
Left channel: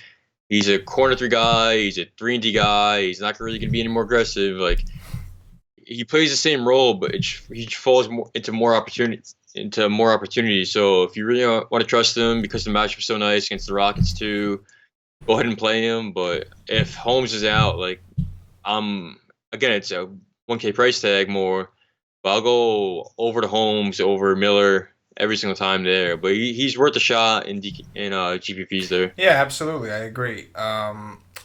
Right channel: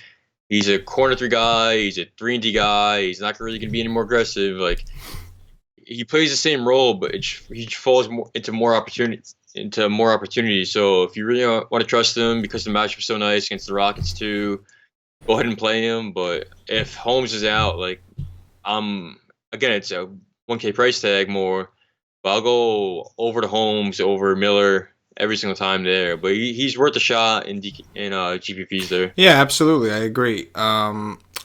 He's a corner three guy. He's a 3-and-D guy. He's not really going to be any more aggressive. Like, he plays the same role, but he falls into more opportunities. So if you really want to trust him, because the matchup's so nice against the Rockets too, go ahead and play him. But if Holmes is out, like, again, it's a 1K price tag more, but I'll go over to Holmes over Miller every single time there. But he's worth a shot in GPPs there. Yeah, absolutely. I agree.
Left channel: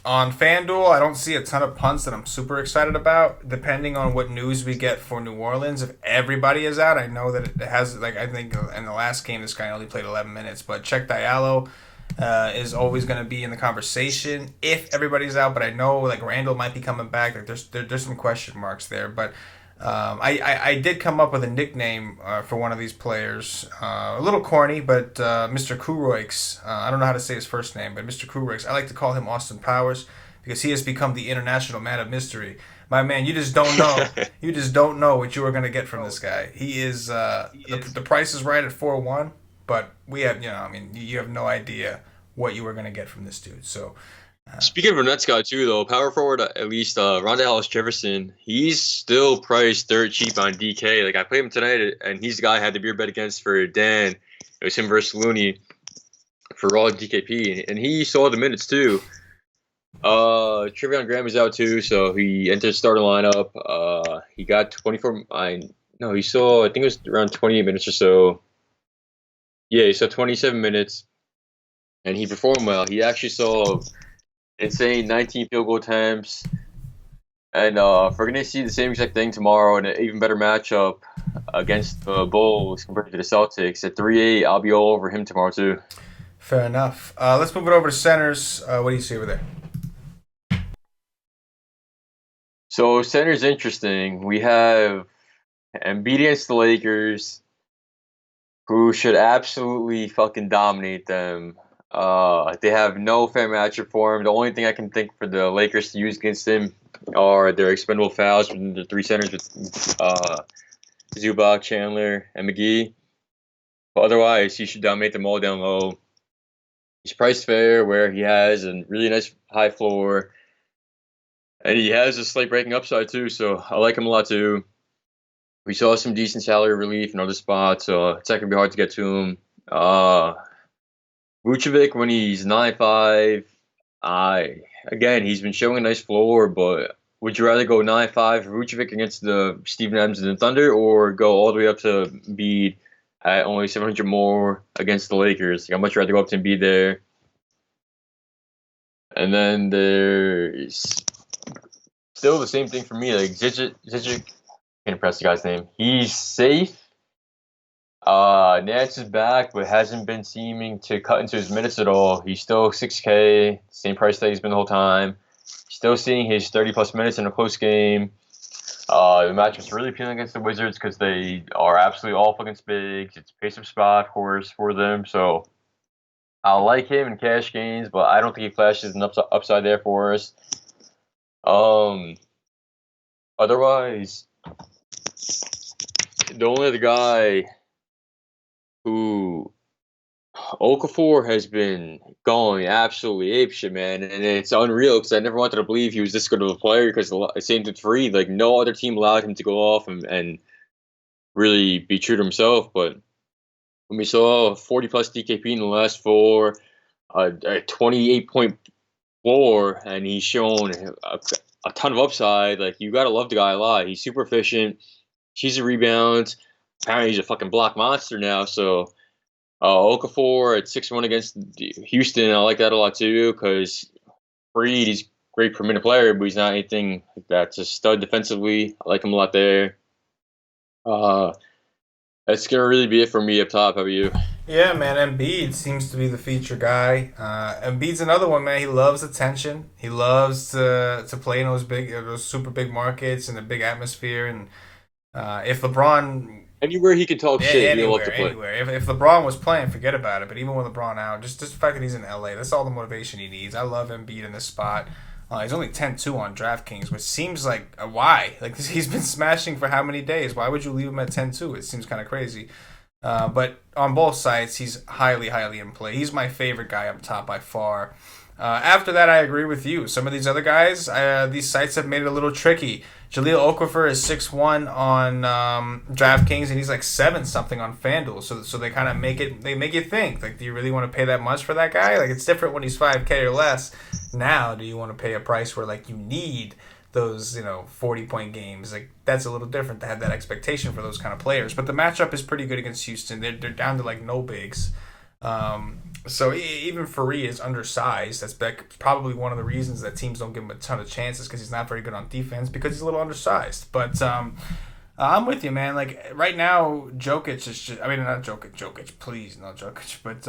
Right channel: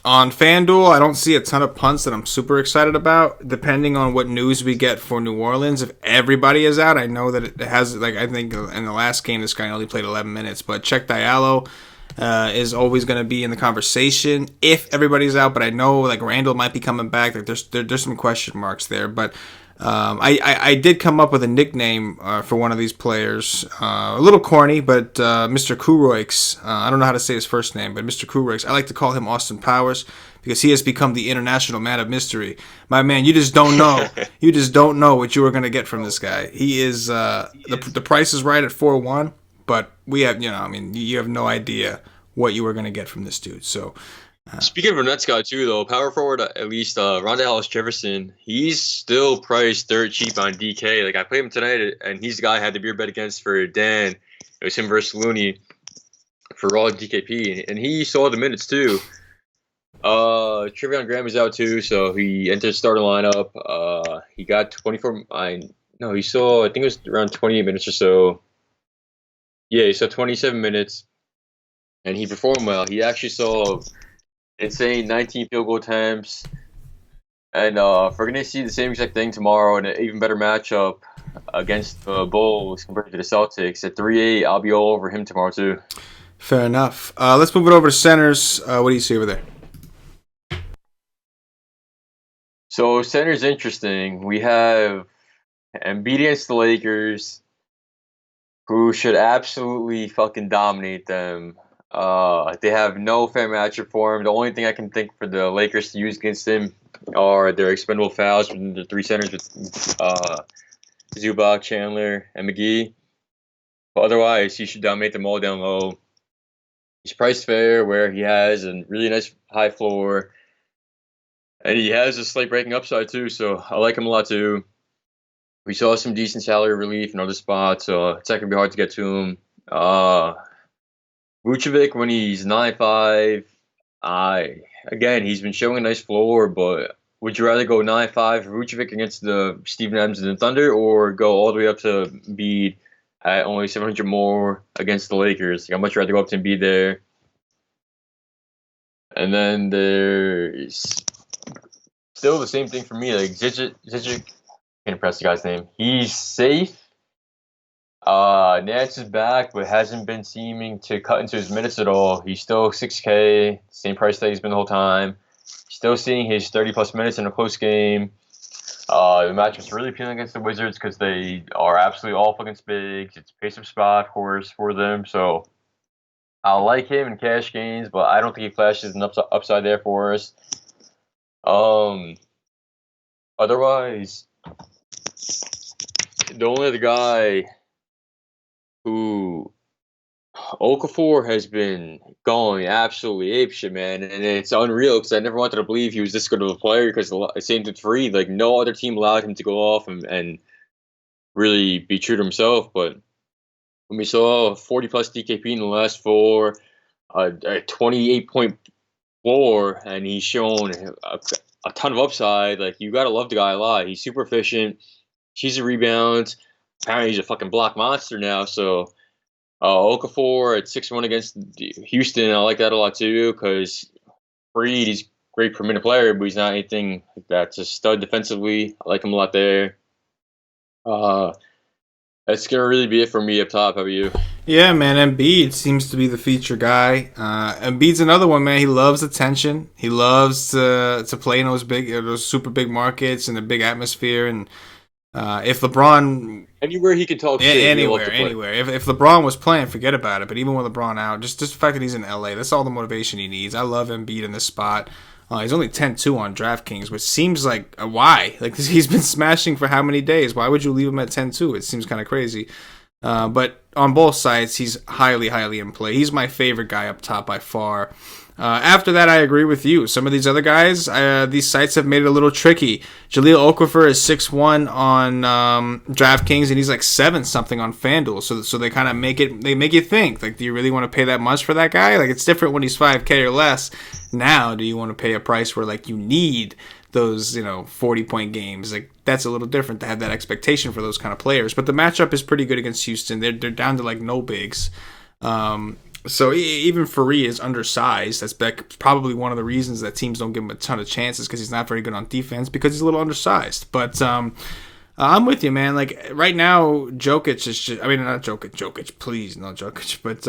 On FanDuel, I don't see a ton of punts that I'm super excited about. Depending on what news we get for New Orleans, if everybody is out, I know that it has, like, I think in the last game this guy only played 11 minutes, but Check Diallo is always going to be in the conversation if everybody's out. But I know, like, Randall might be coming back. Like, there's some question marks there, but. I did come up with a nickname for one of these players. A little corny, but Mr. Kuroix. I don't know how to say his first name, but Mr. Kuroix. I like to call him Austin Powers because he has become the international man of mystery. My man, you just don't know. You just don't know what you were going to get from this guy. He is the price is right at 4-1, but we have, I mean, you have no idea what you were going to get from this dude. So. Speaking of a Nets guy too, though, power forward at least Rondae Hollis-Jefferson, he's still priced dirt cheap on DK. Like, I played him tonight, and he's the guy I had the beer bet against for Dan. It was him versus Looney for raw DKP, and he saw the minutes too. Trevion Graham is out too, so he entered the starting lineup. He got 24. He saw, I think it was around 28 minutes or so. Yeah, he saw 27 minutes, and he performed well. He actually saw insane 19 field goal attempts. And if we're going to see the same exact thing tomorrow in an even better matchup against the Bulls compared to the Celtics at 3-8, I'll be all over him tomorrow too. Fair enough. Let's move it over to centers. What do you see over there? So center's interesting. We have Embiid against the Lakers, who should absolutely fucking dominate them. They have no fair matchup for him. The only thing I can think for the Lakers to use against him are their expendable fouls from the three centers with Zubac, Chandler, and McGee. But otherwise, he should dominate them all down low. He's priced fair, where he has a really nice high floor, and he has a slight breaking upside too. So I like him a lot too. We saw some decent salary relief in other spots, so it's not gonna be hard to get to him. Vucevic, when he's 9.5, again, he's been showing a nice floor, but would you rather go 9.5 for Vucevic against the Steven Adams and the Thunder, or go all the way up to Embiid at only 700 more against the Lakers? I'd much rather go up to Embiid there. And then there's still the same thing for me. Like, Zizic, can't press the guy's name. He's safe. Nance is back, but hasn't been seeming to cut into his minutes at all. He's still 6K, same price that he's been the whole time. Still seeing his 30-plus minutes in a close game. The matchup's really appealing against the Wizards because they are absolutely awful against bigs. It's a pace-up spot, of course, for them. So I like him in cash gains, but I don't think he flashes an upside there for us. Otherwise, the only other guy who Okafor has been going absolutely apeshit, man, and it's unreal because I never wanted to believe he was this good of a player because it seemed free. Like, no other team allowed him to go off and really be true to himself. But when we saw 40-plus DKP in the last four, a 28-point floor, and he's shown a ton of upside, like, you got to love the guy a lot. He's super efficient. He's a rebound. Apparently, he's a fucking block monster now. So, Okafor at 6-1 against Houston, I like that a lot too because Freed, he's a great per minute player, but he's not anything that's a stud defensively. I like him a lot there. That's going to really be it for me up top. How about you? Yeah, man, Embiid seems to be the feature guy. Embiid's another one, man. He loves attention. He loves to play in those super big markets and the big atmosphere. And if LeBron... Anywhere he can talk shit, he'll love to play. Anywhere. If LeBron was playing, forget about it. But even with LeBron out, just the fact that he's in LA, that's all the motivation he needs. I love Embiid in this spot. He's only 10-2 on DraftKings, which seems like, why? Like, he's been smashing for how many days? Why would you leave him at 10-2? It seems kind of crazy. But on both sides, he's highly, highly in play. He's my favorite guy up top by far. After that, I agree with you. Some of these other guys, these sites have made it a little tricky. Jaleel Okafor is 6'1" on DraftKings, and he's like 7 something on FanDuel. So they kind of make you think, like, do you really want to pay that much for that guy? Like, it's different when he's 5K or less. Now, do you want to pay a price where, like, you need those 40-point games? Like, that's a little different to have that expectation for those kind of players. But the matchup is pretty good against Houston. They're down to like no bigs. So even Fareed is undersized. That's probably one of the reasons that teams don't give him a ton of chances, because he's not very good on defense, because he's a little undersized. But I'm with you, man. Like, right now, Jokic is just, I mean, not Jokic, please, no Jokic. But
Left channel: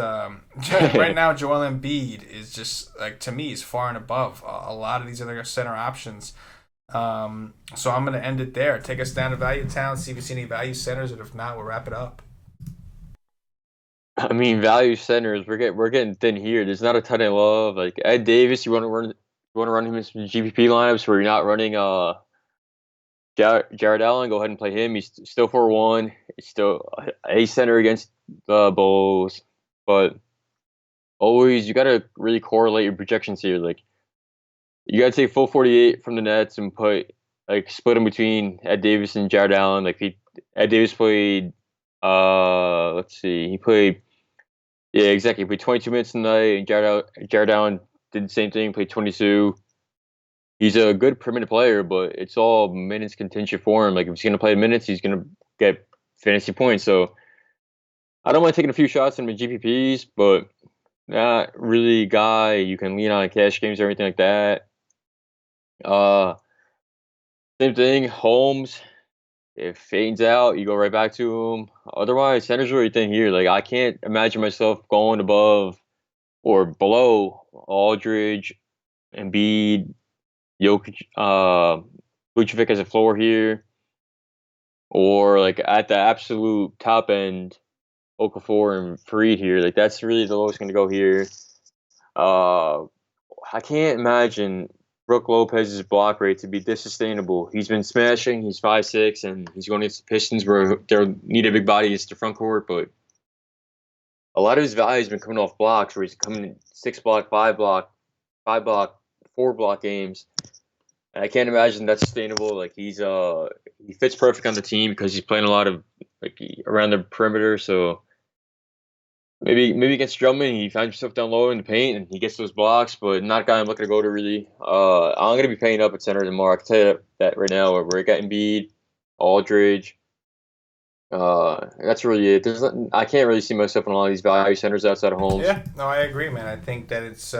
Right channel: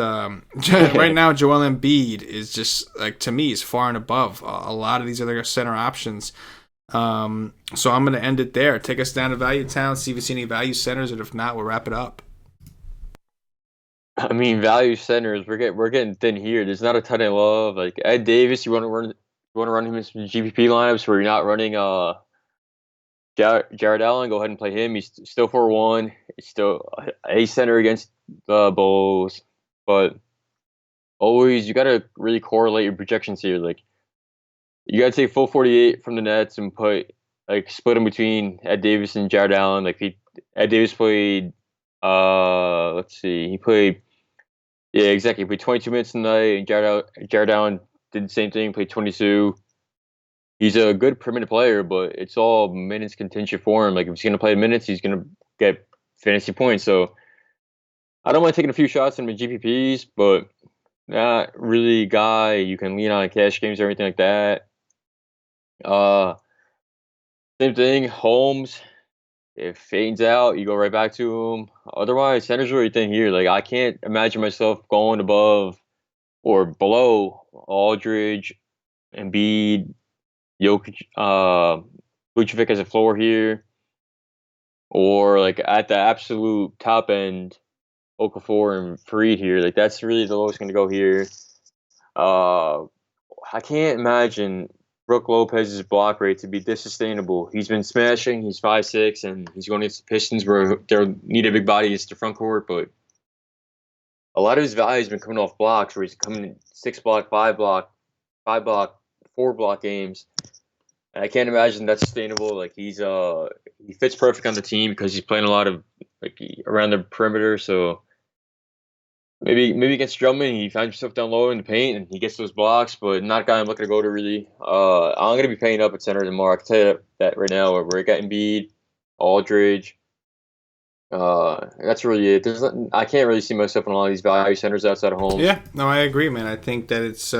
right now, Joel Embiid is just, like, to me, is far and above a lot of these other center options. So I'm going to end it there. Take us down to Value Town, see if you see any value centers, and if not, we'll wrap it up. I mean, value centers, we're getting thin here. There's not a ton of love. Like Ed Davis, you want to run him in some GPP lineups where you're not running Jared Allen. Go ahead and play him. He's still 4-1. He's still a center against the Bulls, but always you got to really correlate your projections here. Like, you got to take full 48 from the Nets and split them between Ed Davis and Jared Allen. Like, Ed Davis played. Let's see. He played. Yeah, exactly. He played 22 minutes tonight, and Jared Allen did the same thing. Played 22. He's a good per minute player, but it's all minutes contingent for him. Like, if he's going to play minutes, he's going to get fantasy points. So I don't mind taking a few shots in my GPPs, but not really a guy you can lean on in cash games or anything like that. Same thing. Holmes. If Faden's out, you go right back to him. Otherwise, center's really thin here. Like, I can't imagine myself going above or below Aldridge, Embiid, Jokic, Vucevic as a floor here, or like at the absolute top end, Okafor and Fareed here. Like, that's really the lowest going to go here. I can't imagine Brook Lopez's block rate to be this sustainable. He's been smashing. He's 5'6", and he's going against the Pistons where they need a big body against the front court. But a lot of his value has been coming off blocks, where he's coming in 6 block, 5 block, 4 block games. And I can't imagine that's sustainable. Like, he fits perfect on the team because he's playing a lot of around the perimeter. So maybe against Drummond, he finds himself down low in the paint and he gets those blocks, but not a guy I'm looking to go to really. I'm going to be paying up at center tomorrow. I can tell you that right now. Where we got Embiid, Aldridge. That's really it. I can't really see myself in a lot of these value centers outside of Holmes. Yeah, no, I agree, man. I think that it's,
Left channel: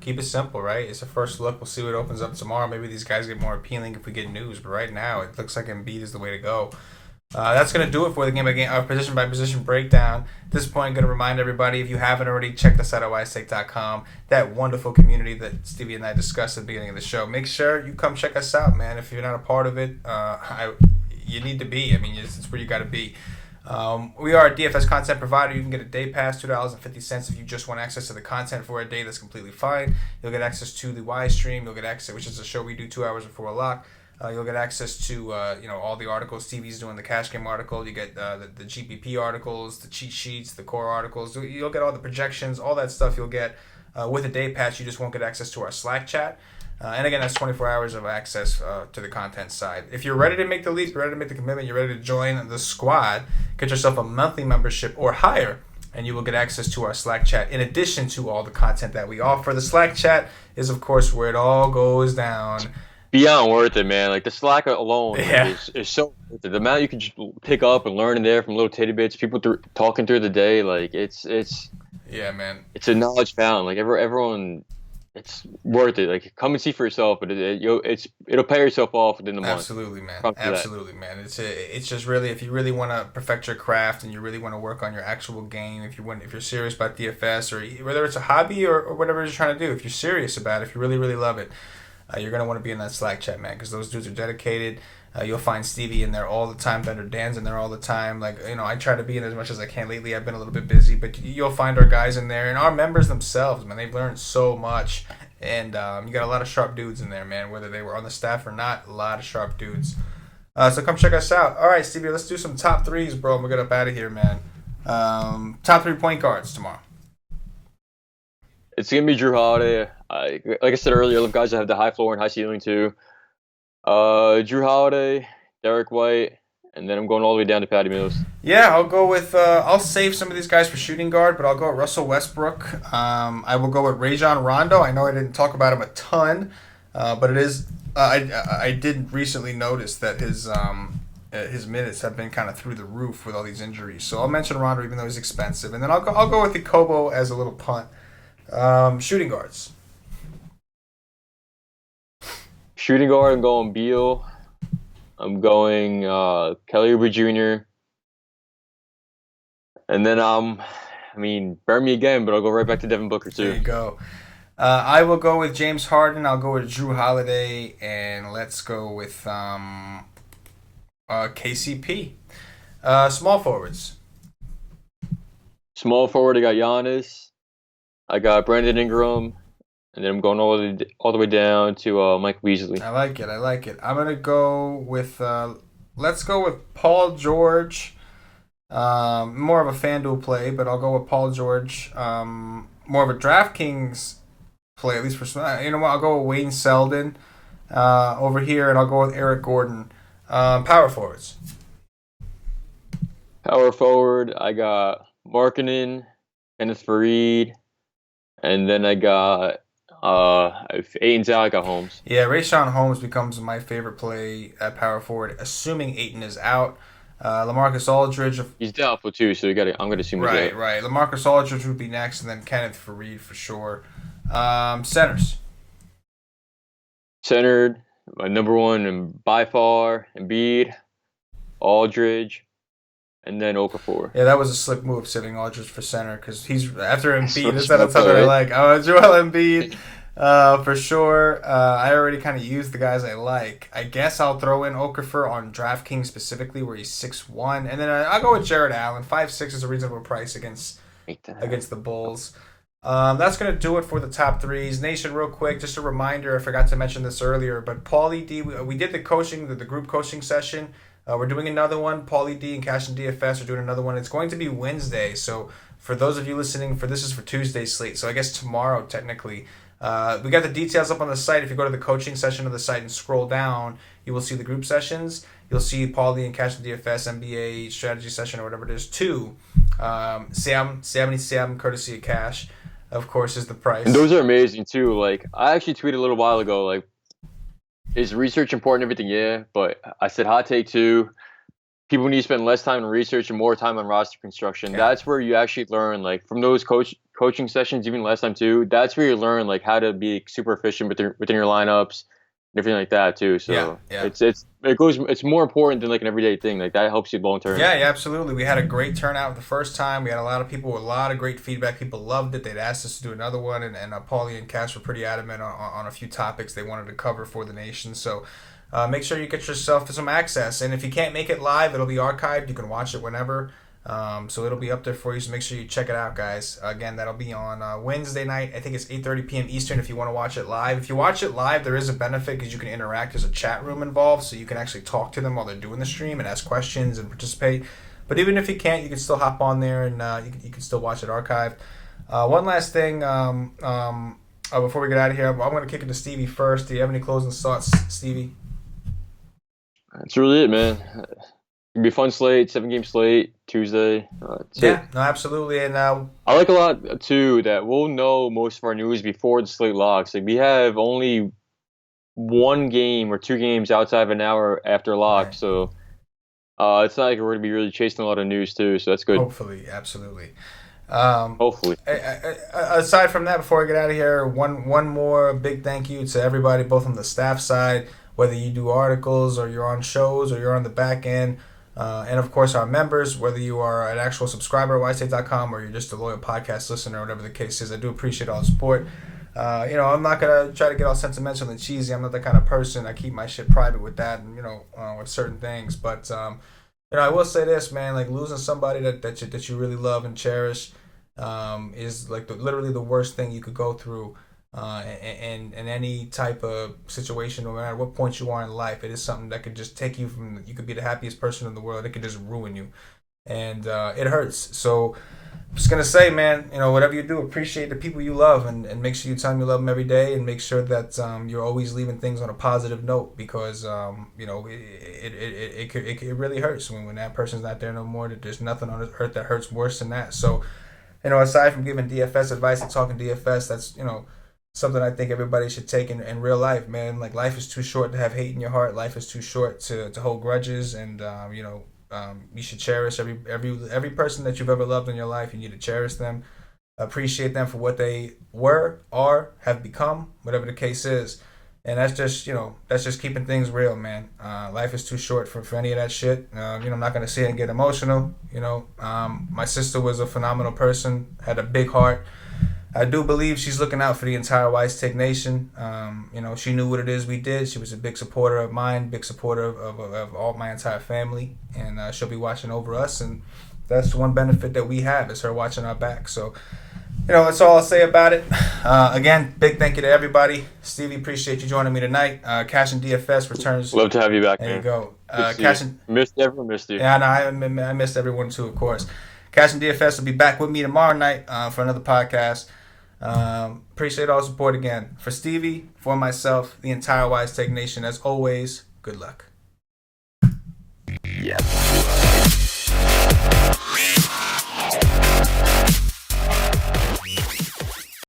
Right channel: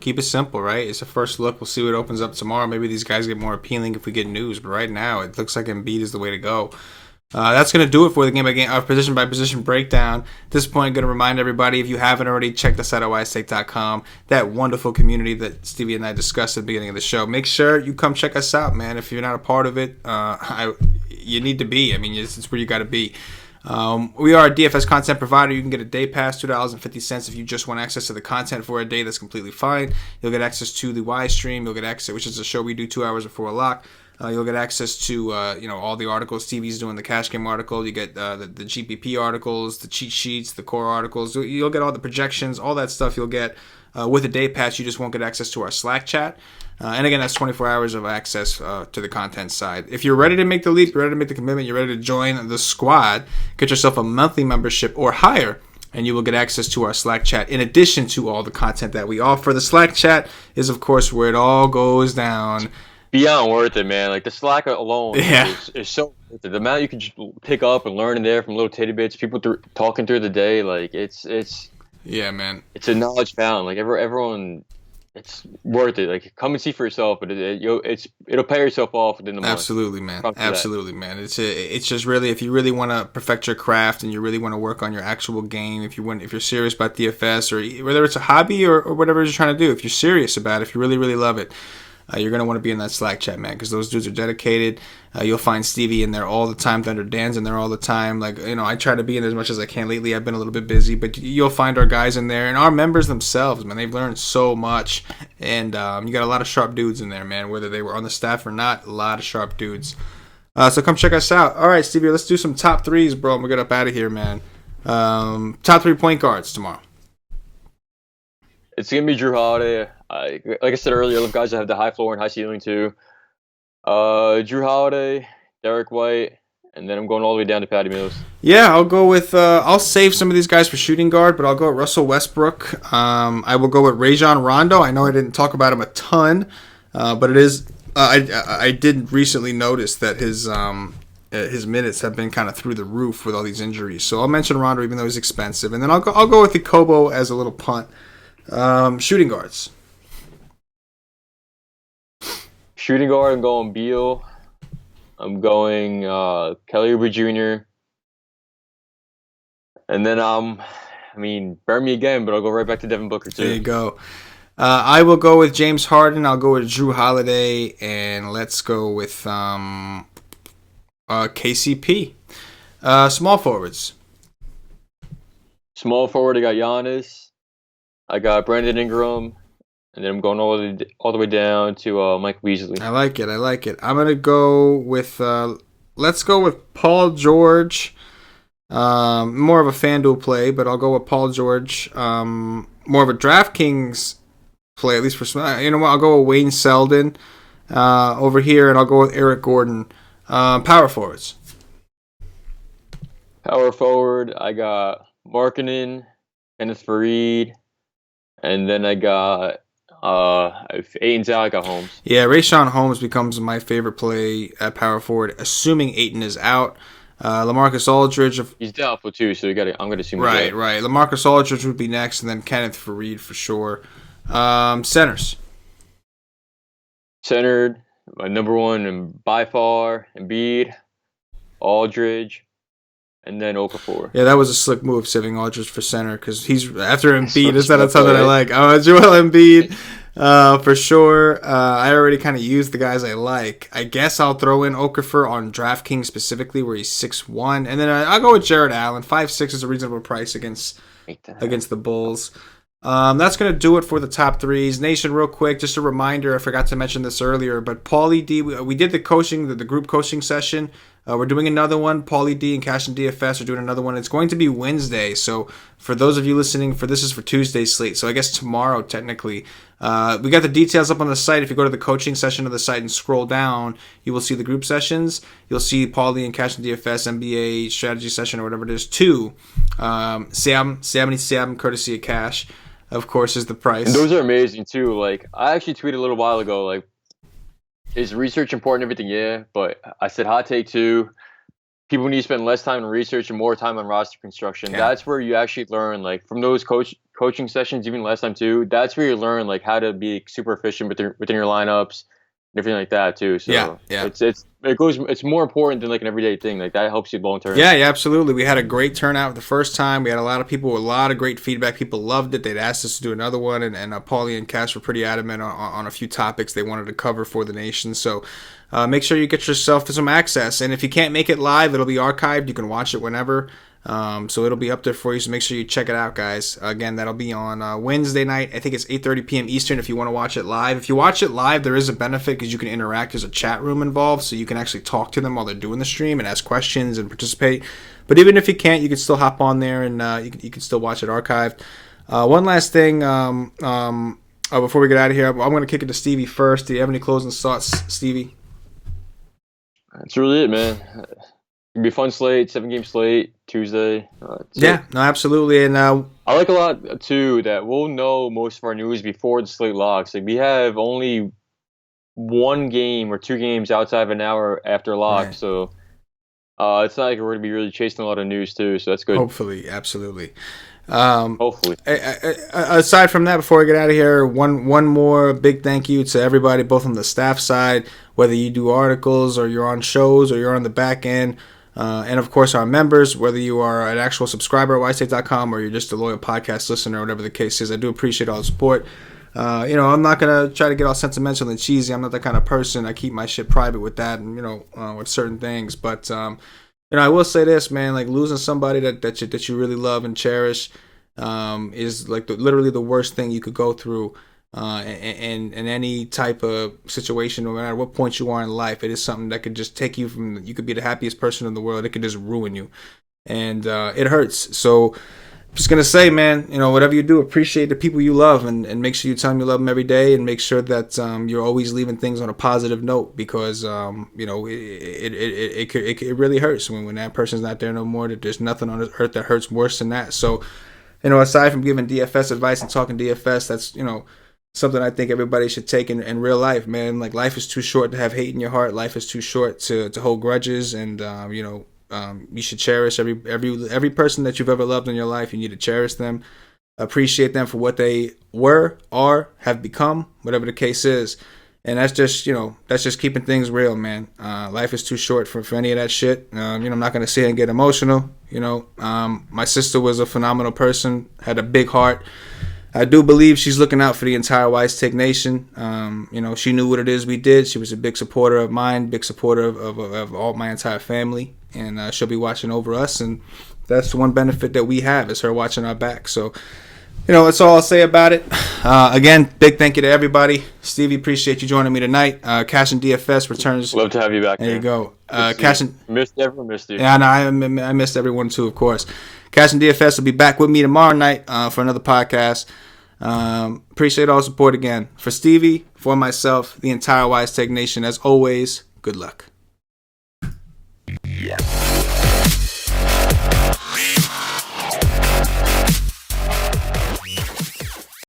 keep it simple, right? It's a first look. We'll see what opens up tomorrow. Maybe these guys get more appealing if we get news, but right now it looks like Embiid is the way to go. That's going to do it for the game by game, position by position breakdown. At this point, I'm going to remind everybody, if you haven't already, check us out at wisestake.com, that wonderful community that Stevie and I discussed at the beginning of the show. Make sure you come check us out, man. If you're not a part of it, you need to be. I mean, it's where you got to be. We are a DFS content provider. You can get a day pass, $2.50 if you just want access to the content for a day. That's completely fine. You'll get access to the Y stream. You'll get access, which is a show we do 2 hours before lock. You'll get access to all the articles. Stevie's doing the cash game article. You get the GPP articles, the cheat sheets, the core articles. You'll get all the projections, all that stuff. You'll get with a day pass. You just won't get access to our Slack chat. And again, that's 24 hours of access to the content side. If you're ready to make the leap, you're ready to make the commitment, you're ready to join the squad, get yourself a monthly membership or higher, and you will get access to our Slack chat in addition to all the content that we offer. The Slack chat is, of course, where it all goes down. Beyond worth it, man. Like, the Slack alone is so worth it. The amount you can just pick up and learn in there from little tidbits, people talking through the day, like, it's yeah, man. It's a knowledge fountain. Like, everyone, it's worth it. Like, come and see for yourself, but it'll pay yourself off within the month. Absolutely, man. Absolutely, man. It's just really, if you really want to perfect your craft and you really want to work on your actual game, if you're serious about DFS, or whether it's a hobby or whatever you're trying to do, if you're serious about it, if you really, really love it, you're going to want to be in that Slack chat, man, because those dudes are dedicated. You'll find Stevie in there all the time. Thunder Dan's in there all the time. Like, I try to be in there as much as I can. Lately, I've been a little bit busy, but you'll find our guys in there. And our members themselves, man, they've learned so much. And you got a lot of sharp dudes in there, man, whether they were on the staff or not, a lot of sharp dudes. So come check us out. All right, Stevie, let's do some top threes, bro. We'll get up out of here, man. Top 3 point guards tomorrow. It's gonna be Drew Holiday. Like I said earlier, I love guys that have the high floor and high ceiling too. Drew Holiday, Derek White, and then I'm going all the way down to Patty Mills. Yeah, I'll go with. I'll save some of these guys for shooting guard, but I'll go with Russell Westbrook. I will go with Rajon Rondo. I know I didn't talk about him a ton, but it is. I did recently notice that his minutes have been kind of through the roof with all these injuries. So I'll mention Rondo, even though he's expensive, and then I'll go with the Kobo as a little punt. Shooting guards. Shooting guard, I'm going Beal. I'm going Kelly Oubre Jr. And then burn me again, but I'll go right back to Devin Booker too. There you go. I will go with James Harden. I'll go with Drew Holiday, and let's go with KCP. Small forwards. Small forward, I got Giannis. I got Brandon Ingram, and then I'm going all the way down to Mike Beasley. I like it. I'm gonna go with let's go with Paul George. More of a FanDuel play, but I'll go with Paul George. More of a DraftKings play, at least for some. You know what? I'll go with Wayne Selden over here, and I'll go with Eric Gordon. Power forwards. Power forward, I got Markkanen, Kenneth Faried, and then I got Ayton's out. I got Holmes. Yeah, Rayshawn Holmes becomes my favorite play at power forward, assuming Ayton is out. LaMarcus Aldridge. He's doubtful too, so I'm going to assume he's out. Right. LaMarcus Aldridge would be next, and then Kenneth Faried for sure. Centers. Centered, my number one and by far, Embiid, Aldridge, and then Okafor. Yeah, that was a slick move, saving Aldridge for center, because he's after Embiid. Is that a ton that I like? Joel Embiid, for sure. I already kind of used the guys I like. I guess I'll throw in Okafor on DraftKings specifically, where he's 6'1", and then I'll go with Jared Allen. 5'6" is a reasonable price against the Bulls. That's going to do it for the top threes. Nation, real quick, just a reminder, I forgot to mention this earlier, but Paulie D, we did the group coaching session. We're doing another one. Paulie D and Cash and DFS are doing another one. It's going to be Wednesday. So for those of you listening, this is for Tuesday's slate. So I guess tomorrow, technically. We got the details up on the site. If you go to the coaching session of the site and scroll down, you will see the group sessions. You'll see Paulie and Cash and DFS NBA strategy session or whatever it is. 2. Sam, courtesy of Cash, of course, is the price. And those are amazing too. Like, I actually tweeted a little while ago, like, is research important? Everything, yeah. But I said hot take 2. People need to spend less time on research and more time on roster construction. Yeah. That's where you actually learn, like, from those coaching sessions, even last time too. That's where you learn, like, how to be super efficient within your lineups, and everything like that too. So yeah. It's more important than like an everyday thing. Like, that helps you long term. Yeah, absolutely. We had a great turnout the first time. We had a lot of people with a lot of great feedback. People loved it. They'd asked us to do another one, and Paulie and Cash were pretty adamant on a few topics they wanted to cover for the nation. So make sure you get yourself some access. And if you can't make it live, it'll be archived. You can watch it whenever. So it'll be up there for you. So make sure you check it out, guys. Again, that'll be on Wednesday night. I think it's 8:30 p.m. Eastern if you want to watch it live. If you watch it live, there is a benefit because you can interact. There's a chat room involved, so you can actually talk to them while they're doing the stream and ask questions and participate. But even if you can't, you can still hop on there and you can still watch it archived. One last thing before we get out of here, I'm going to kick it to Stevie first. Do you have any closing thoughts, Stevie? That's really it, man. It'll be a fun slate, 7-game slate, Tuesday. No, absolutely. And I like a lot, too, that we'll know most of our news before the slate locks. Like, we have only 1 game or 2 games outside of an hour after lock, right. So it's not like we're going to be really chasing a lot of news, too, so that's good. Hopefully, absolutely. Hopefully. Aside from that, before I get out of here, one more big thank you to everybody, both on the staff side, whether you do articles or you're on shows or you're on the back end. And, of course, our members, whether you are an actual subscriber at ystate.com or you're just a loyal podcast listener or whatever the case is, I do appreciate all the support. I'm not going to try to get all sentimental and cheesy. I'm not that kind of person. I keep my shit private with that and, with certain things. But, I will say this, man, like losing somebody that you really love and cherish is like literally the worst thing you could go through. in any type of situation, no matter what point you are in life. It is something that could just take you from, you could be the happiest person in the world. It could just ruin you. And it hurts. So I'm just going to say, man, whatever you do, appreciate the people you love, and make sure you tell them you love them every day, and make sure that you're always leaving things on a positive note, because, it really hurts when that person's not there no more. That there's nothing on earth that hurts worse than that. So, aside from giving DFS advice and talking DFS, that's, something I think everybody should take in real life, man. Like, life is too short to have hate in your heart. Life is too short to hold grudges, and, you should cherish every person that you've ever loved in your life. You need to cherish them, appreciate them for what they were, are, have become, whatever the case is. And that's just keeping things real, man. Life is too short for any of that shit. I'm not gonna sit and get emotional. My sister was a phenomenal person, had a big heart. I do believe she's looking out for the entire Wise Take Nation. She knew what it is we did. She was a big supporter of mine, big supporter of all my entire family, and she'll be watching over us. And that's the one benefit that we have, is her watching our back. So, that's all I'll say about it. Again, big thank you to everybody. Stevie, appreciate you joining me tonight. Cash and DFS returns. Love to have you back. There you go. Cash and everyone missed you. Yeah, no, I missed everyone too, of course. Cash and DFS will be back with me tomorrow night for another podcast. Appreciate all the support again. For Stevie, for myself, the entire Wise Take Nation, as always, good luck. Yeah.